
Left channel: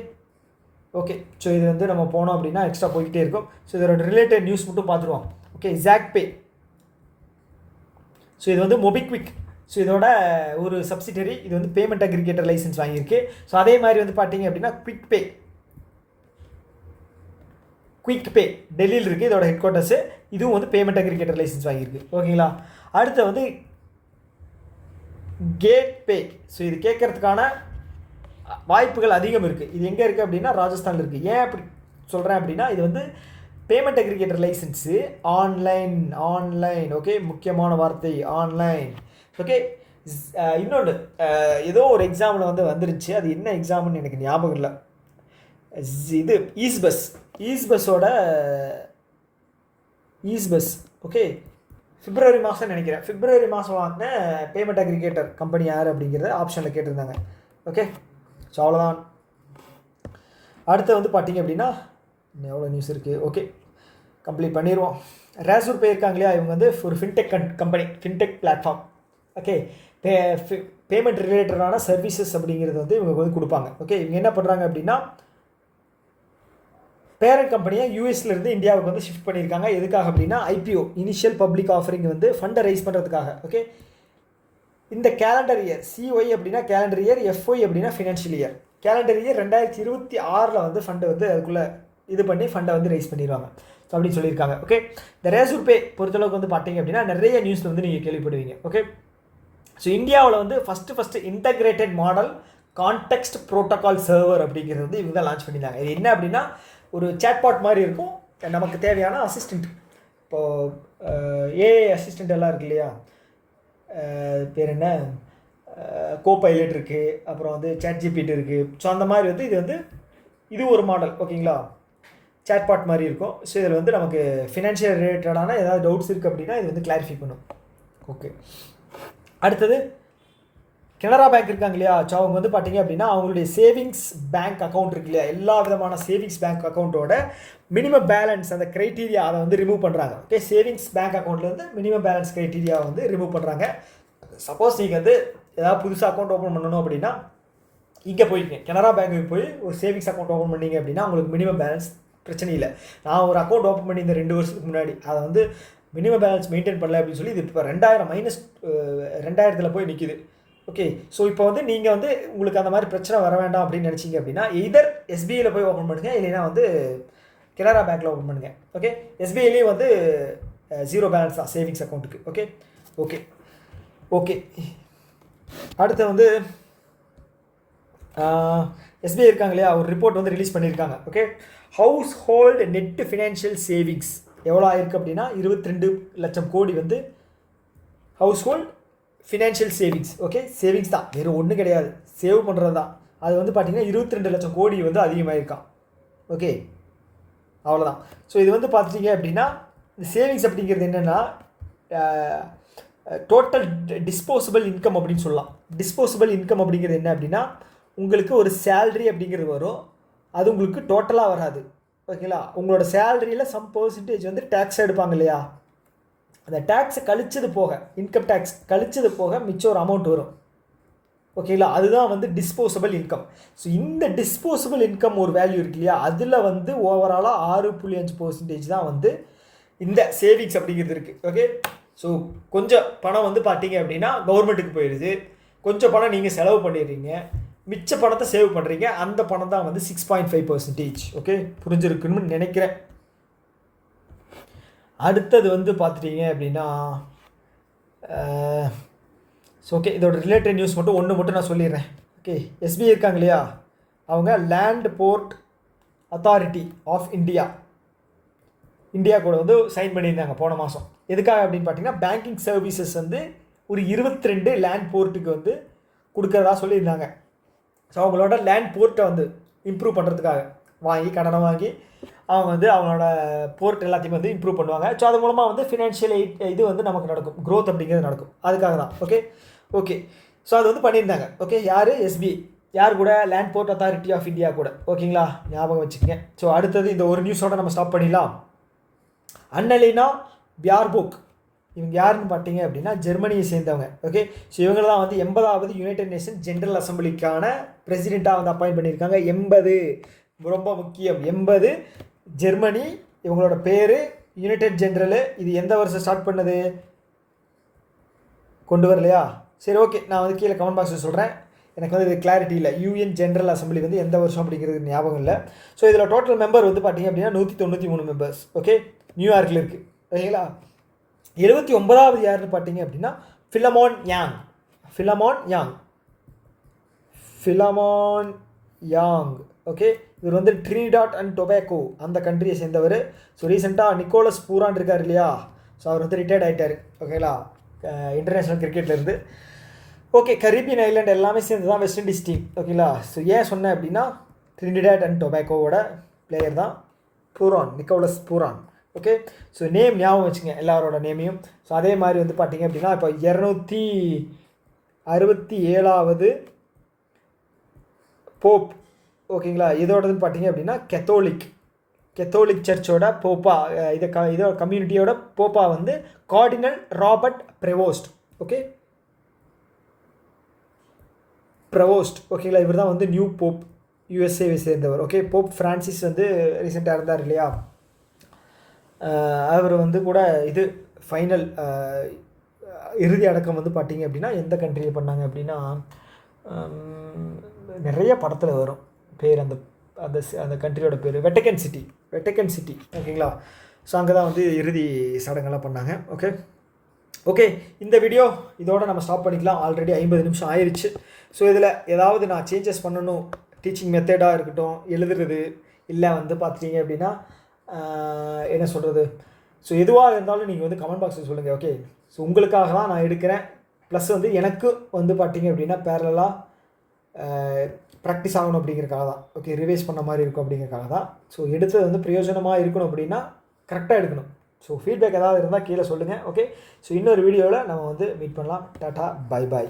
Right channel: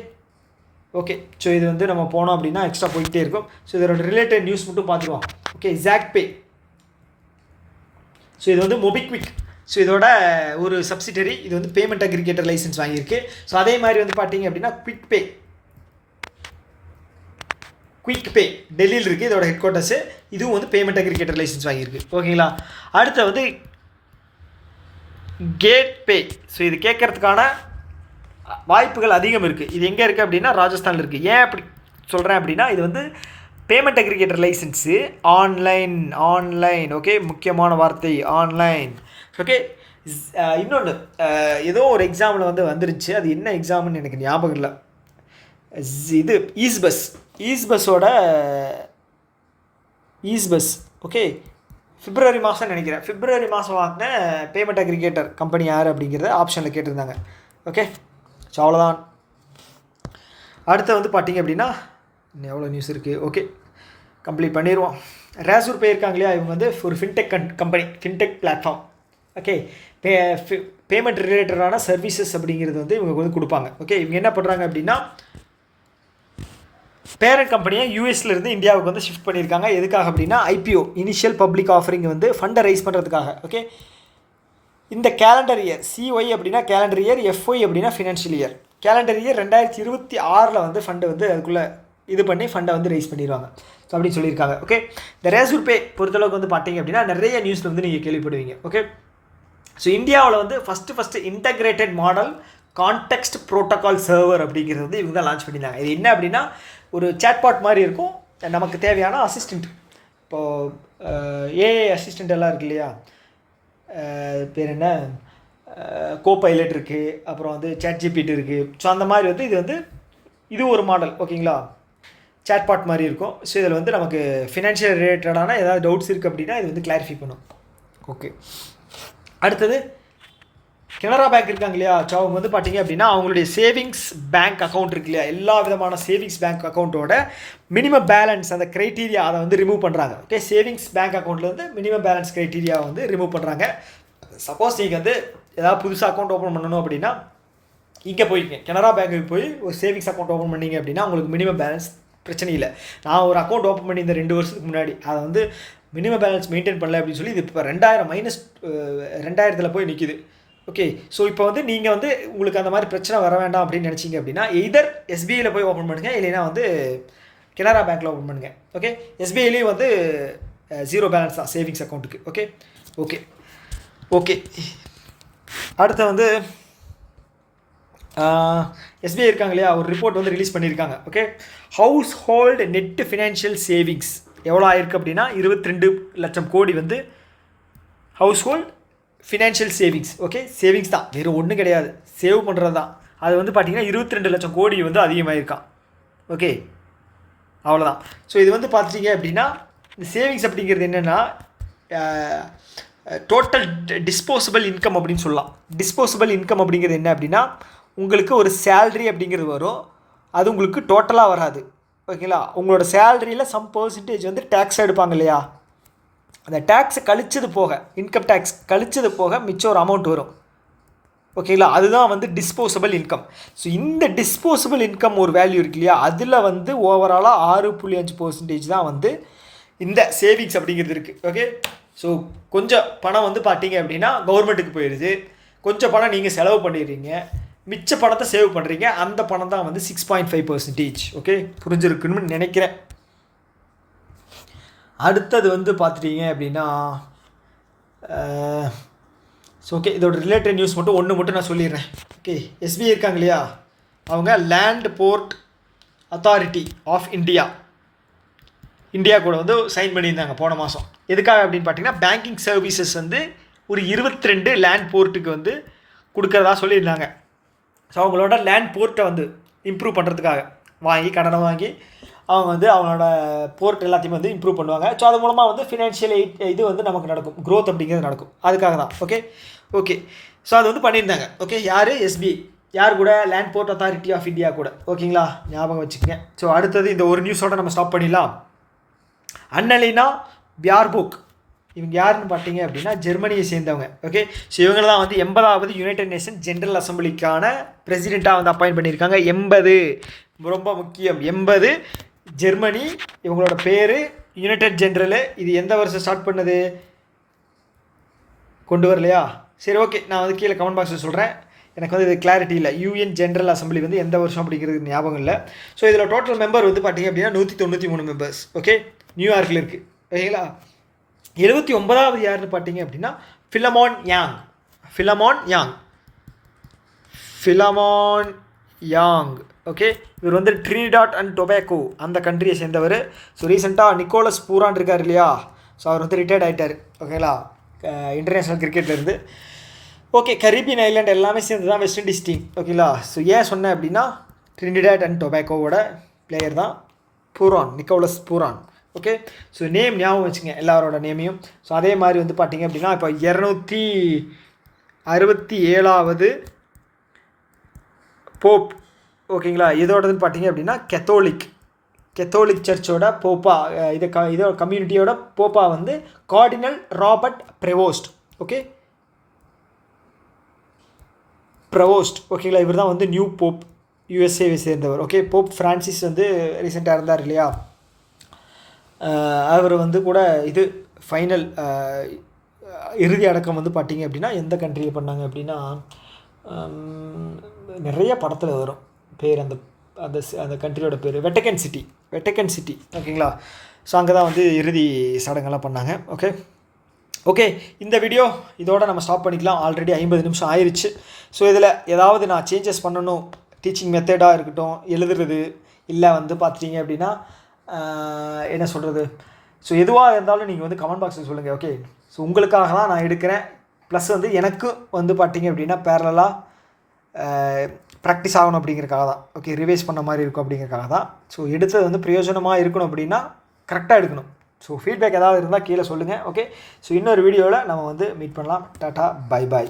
ஓகே, ஸோ இது வந்து நம்ம போனோம் அப்படின்னா எக்ஸ்ட்ரா போய்கிட்டே இருக்கும். ஸோ இதோட ரிலேட்டட் நியூஸ் மட்டும் பார்த்துருவோம். ஓகே, ஜாக்பே, ஸோ இது வந்து மொபிக்விக், ஸோ இதோட ஒரு சப்சிடரி. இது வந்து பேமெண்ட் அக்ரிகேட்டர் லைசன்ஸ் வாங்கியிருக்கு. ஸோ அதே மாதிரி வந்து பார்த்தீங்க அப்படின்னா குயிக் பே டெல்லியில் இருக்குது, இதோட ஹெட் குவார்ட்டர்ஸு. இதுவும் வந்து பேமெண்ட் அக்ரிகேட்டர் லைசன்ஸ் வாங்கியிருக்கு. ஓகேங்களா, அடுத்து வந்து கேட் பே. ஸோ இது கேட்கறதுக்கான வாய்ப்புகள் அதிகம் இருக்குது. இது எங்கே இருக்குது அப்படின்னா ராஜஸ்தானில் இருக்குது. ஏன் அப்படி சொல்கிறேன் அப்படின்னா, இது வந்து payment aggregator licence online. Okay, முக்கியமான வார்த்தை ஆன்லைன். ஓகே, இன்னொன்று ஏதோ ஒரு எக்ஸாமில் வந்து வந்துருச்சு, அது என்ன எக்ஸாம்னு எனக்கு ஞாபகம் இல்லை. இது ஈஸ்பஸ்ஸோட ஓகே, பிப்ரவரி மாதம் நினைக்கிறேன். பிப்ரவரி மாதம் வாங்கின பேமெண்ட் அக்ரிகேட்டர் கம்பெனி யார் அப்படிங்கிறத ஆப்ஷனில் கேட்டிருந்தாங்க. ஓகே, ஸோ அவ்வளோதான். அடுத்து வந்து பார்த்தீங்க அப்படின்னா இன்னும் எவ்வளோ நியூஸ் இருக்குது. ஓகே, கம்ப்ளீட் பண்ணிடுவோம். ரேசூர் பே இருக்காங்க இல்லையா, இவங்க வந்து ஒரு fintech company, fintech platform. Okay, payment ரிலேட்டடான சர்வீசஸ் அப்படிங்கிறது வந்து இவங்க வந்து கொடுப்பாங்க. ஓகே, இவங்க என்ன பண்ணுறாங்க அப்படின்னா பேரண்ட் கம்பெனியை யூஎஸ்லேருந்து இந்தியாவுக்கு வந்து ஷிஃப்ட் பண்ணியிருக்காங்க. எதுக்காக அப்படின்னா ஐபிஓ, இனிஷியல் பப்ளிக் ஆஃபரிங் வந்து ஃபண்டை ரைஸ் பண்ணுறதுக்காக. ஓகே, இந்த கேலண்டர் இயர், சிஒய் அப்படின்னா கேலண்டர் இயர், எஃப்ஒய் அப்படின்னா ஃபினான்ஷியல் இயர். கேலண்டர் இயர் 2026 வந்து ஃபண்டை வந்து அதுக்குள்ளே இது பண்ணி ஃபண்டை வந்து ரைஸ் பண்ணிடுவாங்க. ஸோ அப்படின்னு சொல்லியிருக்காங்க. ஓகே, இந்த ரேசூர் பே பொறுத்தளவுக்கு வந்து பார்த்தீங்க அப்படின்னா நிறைய நியூஸில் வந்து நீங்கள் கேள்விப்படுவீங்க. ஓகே, ஸோ இந்தியாவில் வந்து first integrated model context protocol server அப்படிங்கிறது வந்து இவங்க தான் லான்ச் பண்ணியிருந்தாங்க. இது என்ன அப்படின்னா ஒரு சேட்பாட் மாதிரி இருக்கும், நமக்கு தேவையான அசிஸ்டண்ட். இப்போது ஏஐ அசிஸ்டண்ட் எல்லாம் இருக்கு இல்லையா, பேர் என்ன, கோபைலட் இருக்குது, அப்புறம் வந்து சாட்ஜிபிடி இருக்குது. ஸோ அந்த மாதிரி வந்து இது ஒரு மாடல். ஓகேங்களா, சேட்பாட் மாதிரி இருக்கும். ஸோ இதில் வந்து நமக்கு ஃபினான்ஷியல் ரிலேட்டடான ஏதாவது டவுட்ஸ் இருக்குது அப்படின்னா இது வந்து கிளாரிஃபை பண்ணும். ஓகே, அடுத்தது கனரா பேங்க் இருக்காங்க இல்லையா, ஸோ அவங்க வந்து பார்த்தீங்க அப்படின்னா அவங்களுடைய சேவிங்ஸ் பேங்க் அக்கௌண்ட் இருக்கு இல்லையா, எல்லா விதமான சேவிங்ஸ் பேங்க் அக்கௌண்ட்டோட மினிமம் பேலன்ஸ் அந்த க்ரைட்டீரியா அதை வந்து ரிமூவ் பண்ணுறாங்க. ஓகே, சேவிங்ஸ் பேங்க் அக்கௌண்ட்லேருந்து மினிமம் பேலன்ஸ் க்ரைட்டீரியா வந்து ரிமூவ் பண்ணுறாங்க. சப்போஸ் நீங்கள் வந்து ஏதாவது புதுசாக அக்கௌண்ட் ஓப்பன் பண்ணணும் அப்படின்னா இங்கே போய்ங்க கனரா பேங்க்குக்கு போய் ஒரு சேவிங்ஸ் அக்கௌண்ட் ஓப்பன் பண்ணிங்க அப்படின்னா உங்களுக்கு மினிமம் பேலன்ஸ் பிரச்சனை இல்லை. நான் ஒரு அக்கௌண்ட் ஓப்பன் பண்ணி இந்த 2 வருஷத்துக்கு முன்னாடி அதை வந்து மினிமம் பேலன்ஸ் மெயின்டைன் பண்ணல அப்படின்னு சொல்லி இது இப்போ 2000 போய் நிற்கிது. ஓகே, ஸோ இப்போ வந்து நீங்கள் வந்து உங்களுக்கு அந்த மாதிரி பிரச்சனை வர வேண்டாம் அப்படின்னு நினச்சிங்க அப்படின்னா எய்தர் எஸ்பிஐயில் போய் ஓப்பன் பண்ணுங்கள், இல்லைன்னா வந்து கனரா பேங்க்கில் ஓப்பன் பண்ணுங்கள். ஓகே, எஸ்பிஐலேயும் வந்து 0 பேலன்ஸ் தான் சேவிங்ஸ் அக்கௌண்ட்டுக்கு. ஓகே ஓகே ஓகே அடுத்து வந்து எஸ்பிஐ இருக்காங்க இல்லையா, ஒரு ரிப்போர்ட் வந்து ரிலீஸ் பண்ணியிருக்காங்க. Okay, house hold net financial savings எவ்வளோ ஆயிருக்கு அப்படின்னா 22 லட்சம் கோடி வந்து house hold financial savings. Okay, savings தான், வேறு ஒன்றும் கிடையாது, சேவ் பண்ணுறது தான். அது வந்து பார்த்திங்கன்னா 22 லட்சம் கோடி வந்து அதிகமாகிருக்கான். ஓகே, அவ்வளோதான். ஸோ இது வந்து பார்த்துட்டிங்க அப்படின்னா இந்த சேவிங்ஸ் அப்படிங்கிறது என்னென்னா டோட்டல் டிஸ்போசபிள் இன்கம் அப்படின்னு சொல்லலாம். டிஸ்போசபிள் இன்கம் அப்படிங்கிறது என்ன அப்படின்னா உங்களுக்கு ஒரு சேல்ரி அப்படிங்கிறது வரும், அது உங்களுக்கு டோட்டலாக வராது. ஓகேங்களா, உங்களோட சேலரியில் சம் பர்சன்டேஜ் வந்து டேக்ஸ் எடுப்பாங்க இல்லையா, அந்த டேக்ஸை கழிச்சது போக, இன்கம் டேக்ஸ் கழிச்சது போக மிச்சம் ஒரு அமௌண்ட் வரும். ஓகேங்களா, அதுதான் வந்து டிஸ்போசபிள் இன்கம். ஸோ இந்த டிஸ்போசபிள் இன்கம் ஒரு வேல்யூ இருக்கு இல்லையா, அதில் வந்து ஓவராலாக 6.5% தான் வந்து இந்த சேவிங்ஸ் அப்படிங்கிறது இருக்குது. ஓகே, ஸோ கொஞ்சம் பணம் வந்து பார்த்தீங்க அப்படின்னா கவர்மெண்ட்டுக்கு போயிடுது, கொஞ்சம் பணம் நீங்கள் செலவு பண்ணிடுறீங்க, மிச்ச பணத்தை சேவ் பண்ணுறீங்க. அந்த பணம் தான் வந்து 6.5%. ஓகே, புரிஞ்சிருக்குன்னு நினைக்கிறேன். அடுத்தது வந்து பார்த்துட்டீங்க அப்படின்னா ஸோ ஓகே, இதோட ரிலேட்டட் நியூஸ் மட்டும் நான் சொல்லிடுறேன். ஓகே, எஸ்பிஐ இருக்காங்க இல்லையா, அவங்க land port authority of India கூட வந்து சைன் பண்ணியிருந்தாங்க போன மாதம். எதுக்காக அப்படின்னு பார்த்தீங்கன்னா பேங்கிங் சர்வீசஸ் வந்து ஒரு 22 லேண்ட் போர்ட்டுக்கு வந்து கொடுக்குறதா சொல்லியிருந்தாங்க. ஸோ அவங்களோட லேண்ட் போர்ட்டை வந்து இம்ப்ரூவ் பண்ணுறதுக்காக கடனை வாங்கி அவங்க வந்து அவங்களோட போர்ட் எல்லாத்தையுமே வந்து இம்ப்ரூவ் பண்ணுவாங்க. ஸோ அது மூலமாக வந்து ஃபினான்ஷியல் இது வந்து நமக்கு நடக்கும், க்ரோத் அப்படிங்கிறது நடக்கும். அதுக்காக தான். ஓகே ஸோ அது வந்து பண்ணியிருந்தாங்க. ஓகே, யார்? எஸ்பிஐ. யார் கூட? Land port authority of India கூட. ஓகேங்களா, ஞாபகம் வச்சுக்கோங்க. ஸோ அடுத்தது இந்த ஒரு நியூஸோட நம்ம ஸ்டாப் பண்ணிடலாம். அன்னலினா பியார்போக், இவங்க யாருன்னு பார்த்தீங்க அப்படின்னா ஜெர்மனியை சேர்ந்தவங்க. ஓகே, ஸோ இவங்க தான் வந்து 80வது யுனைடெட் நேஷன் ஜென்ரல் அசம்பிளிக்கான பிரசிடெண்ட்டாக வந்து அப்பாயிண்ட் பண்ணியிருக்காங்க. 80 ரொம்ப முக்கியம். 80 ஜெர்மனி. இவங்களோட பேர் யுனைடெட் ஜென்ரலு. இது எந்த வருஷம் ஸ்டார்ட் பண்ணது கொண்டு வரலையா? சரி, ஓகே, நான் வந்து கீழே கமெண்ட் பாக்ஸில் சொல்கிறேன். எனக்கு வந்து இது கிளாரிட்டி இல்லை. யூஎன் ஜென்ரல் அசம்பிளி வந்து எந்த வருஷம் அப்படிங்கிறது ஞாபகம் இல்லை. ஸோ இதில் டோட்டல் மெம்பர் வந்து பார்த்திங்க அப்படின்னா 193 மெம்பர்ஸ். ஓகே, நியூயார்க்கில் இருக்குது. ஓகேங்களா, 79வது யாருன்னு பார்த்தீங்க அப்படின்னா ஃபிலமோன் யாங். ஓகே, இவர் வந்து ட்ரினிடாட் அண்ட் டொபாக்கோ அந்த கண்ட்ரியை சேர்ந்தவர். ஸோ ரீசெண்டாக நிக்கோலஸ் பூரான் இருக்கார் இல்லையா, ஸோ அவர் வந்து ரிட்டையர்ட் ஆகிட்டார். ஓகேங்களா, இன்டர்நேஷ்னல் கிரிக்கெட்லேருந்து. ஓகே, கரீபியன் ஐலாண்ட் எல்லாமே சேர்ந்து தான் வெஸ்ட் இண்டீஸ் டீம். ஓகேங்களா, ஸோ ஏன் சொன்னேன் அப்படின்னா ட்ரினிடாட் அண்ட் டொபாக்கோவோட பிளேயர் தான் நிக்கோலஸ் பூரான். ஓகே, ஸோ நேம் ஞாபகம் வச்சுங்க எல்லாரோட நேமையும். ஸோ அதே மாதிரி வந்து பார்த்திங்க அப்படின்னா இப்போ 267வது போப். ஓகேங்களா, இதோடதுன்னு பார்த்தீங்க அப்படின்னா கெத்தோலிக் சர்ச்சோட போப்பா, இதோட கம்யூனிட்டியோட போப்பா வந்து கார்டினல் ராபர்ட் ப்ரெவோஸ்ட். ஓகேங்களா, இவர் தான் வந்து நியூ போப், யூஎஸ்ஏவை சேர்ந்தவர். ஓகே, போப் ஃப்ரான்சிஸ் வந்து ரீசெண்டாக இருந்தார் இல்லையா, அவர் வந்து கூட இது ஃபைனல் இறுதி அடக்கம் வந்து பார்த்திங்க அப்படின்னா எந்த கண்ட்ரியில் பண்ணாங்க அப்படின்னா நிறைய படத்தில் வரும் பேர், அந்த அந்த அந்த கண்ட்ரியோட பேர் வெட்டிக்கன் சிட்டி. ஓகேங்களா, ஸோ அங்கே தான் வந்து இறுதி சடங்கெல்லாம் பண்ணாங்க. ஓகே, இந்த வீடியோ இதோட நம்ம ஸ்டாப் பண்ணிக்கலாம். ஆல்ரெடி 50 நிமிஷம் ஆயிடுச்சு. ஸோ இதில் ஏதாவது நான் சேஞ்சஸ் பண்ணணும், டீச்சிங் மெத்தடாக இருக்கட்டும், எழுதுறது இல்லை வந்து பார்த்துட்டிங்க அப்படின்னா என்ன சொல்கிறது, ஸோ எதுவாக இருந்தாலும் நீங்கள் வந்து கமெண்ட் பாக்ஸில் சொல்லுங்கள். ஓகே, ஸோ உங்களுக்காக தான் நான் எடுக்கிறேன். ப்ளஸ் வந்து எனக்கு வந்து பார்த்திங்க அப்படின்னா பேரலாக ப்ராக்டிஸ் ஆகணும் அப்படிங்கிறக்காக தான். ஓகே, ரிவைஸ் பண்ண மாதிரி இருக்கும் அப்படிங்கிறக்காக தான். ஸோ எடுத்தது வந்து பிரயோஜனமாக இருக்கணும் அப்படின்னா கரெக்டாக எடுக்கணும். ஸோ ஃபீட்பேக் ஏதாவது இருந்தால் கீழே சொல்லுங்கள். ஓகே, ஸோ இன்னொரு வீடியோவில் நம்ம வந்து மீட் பண்ணலாம். Tata, bye bye.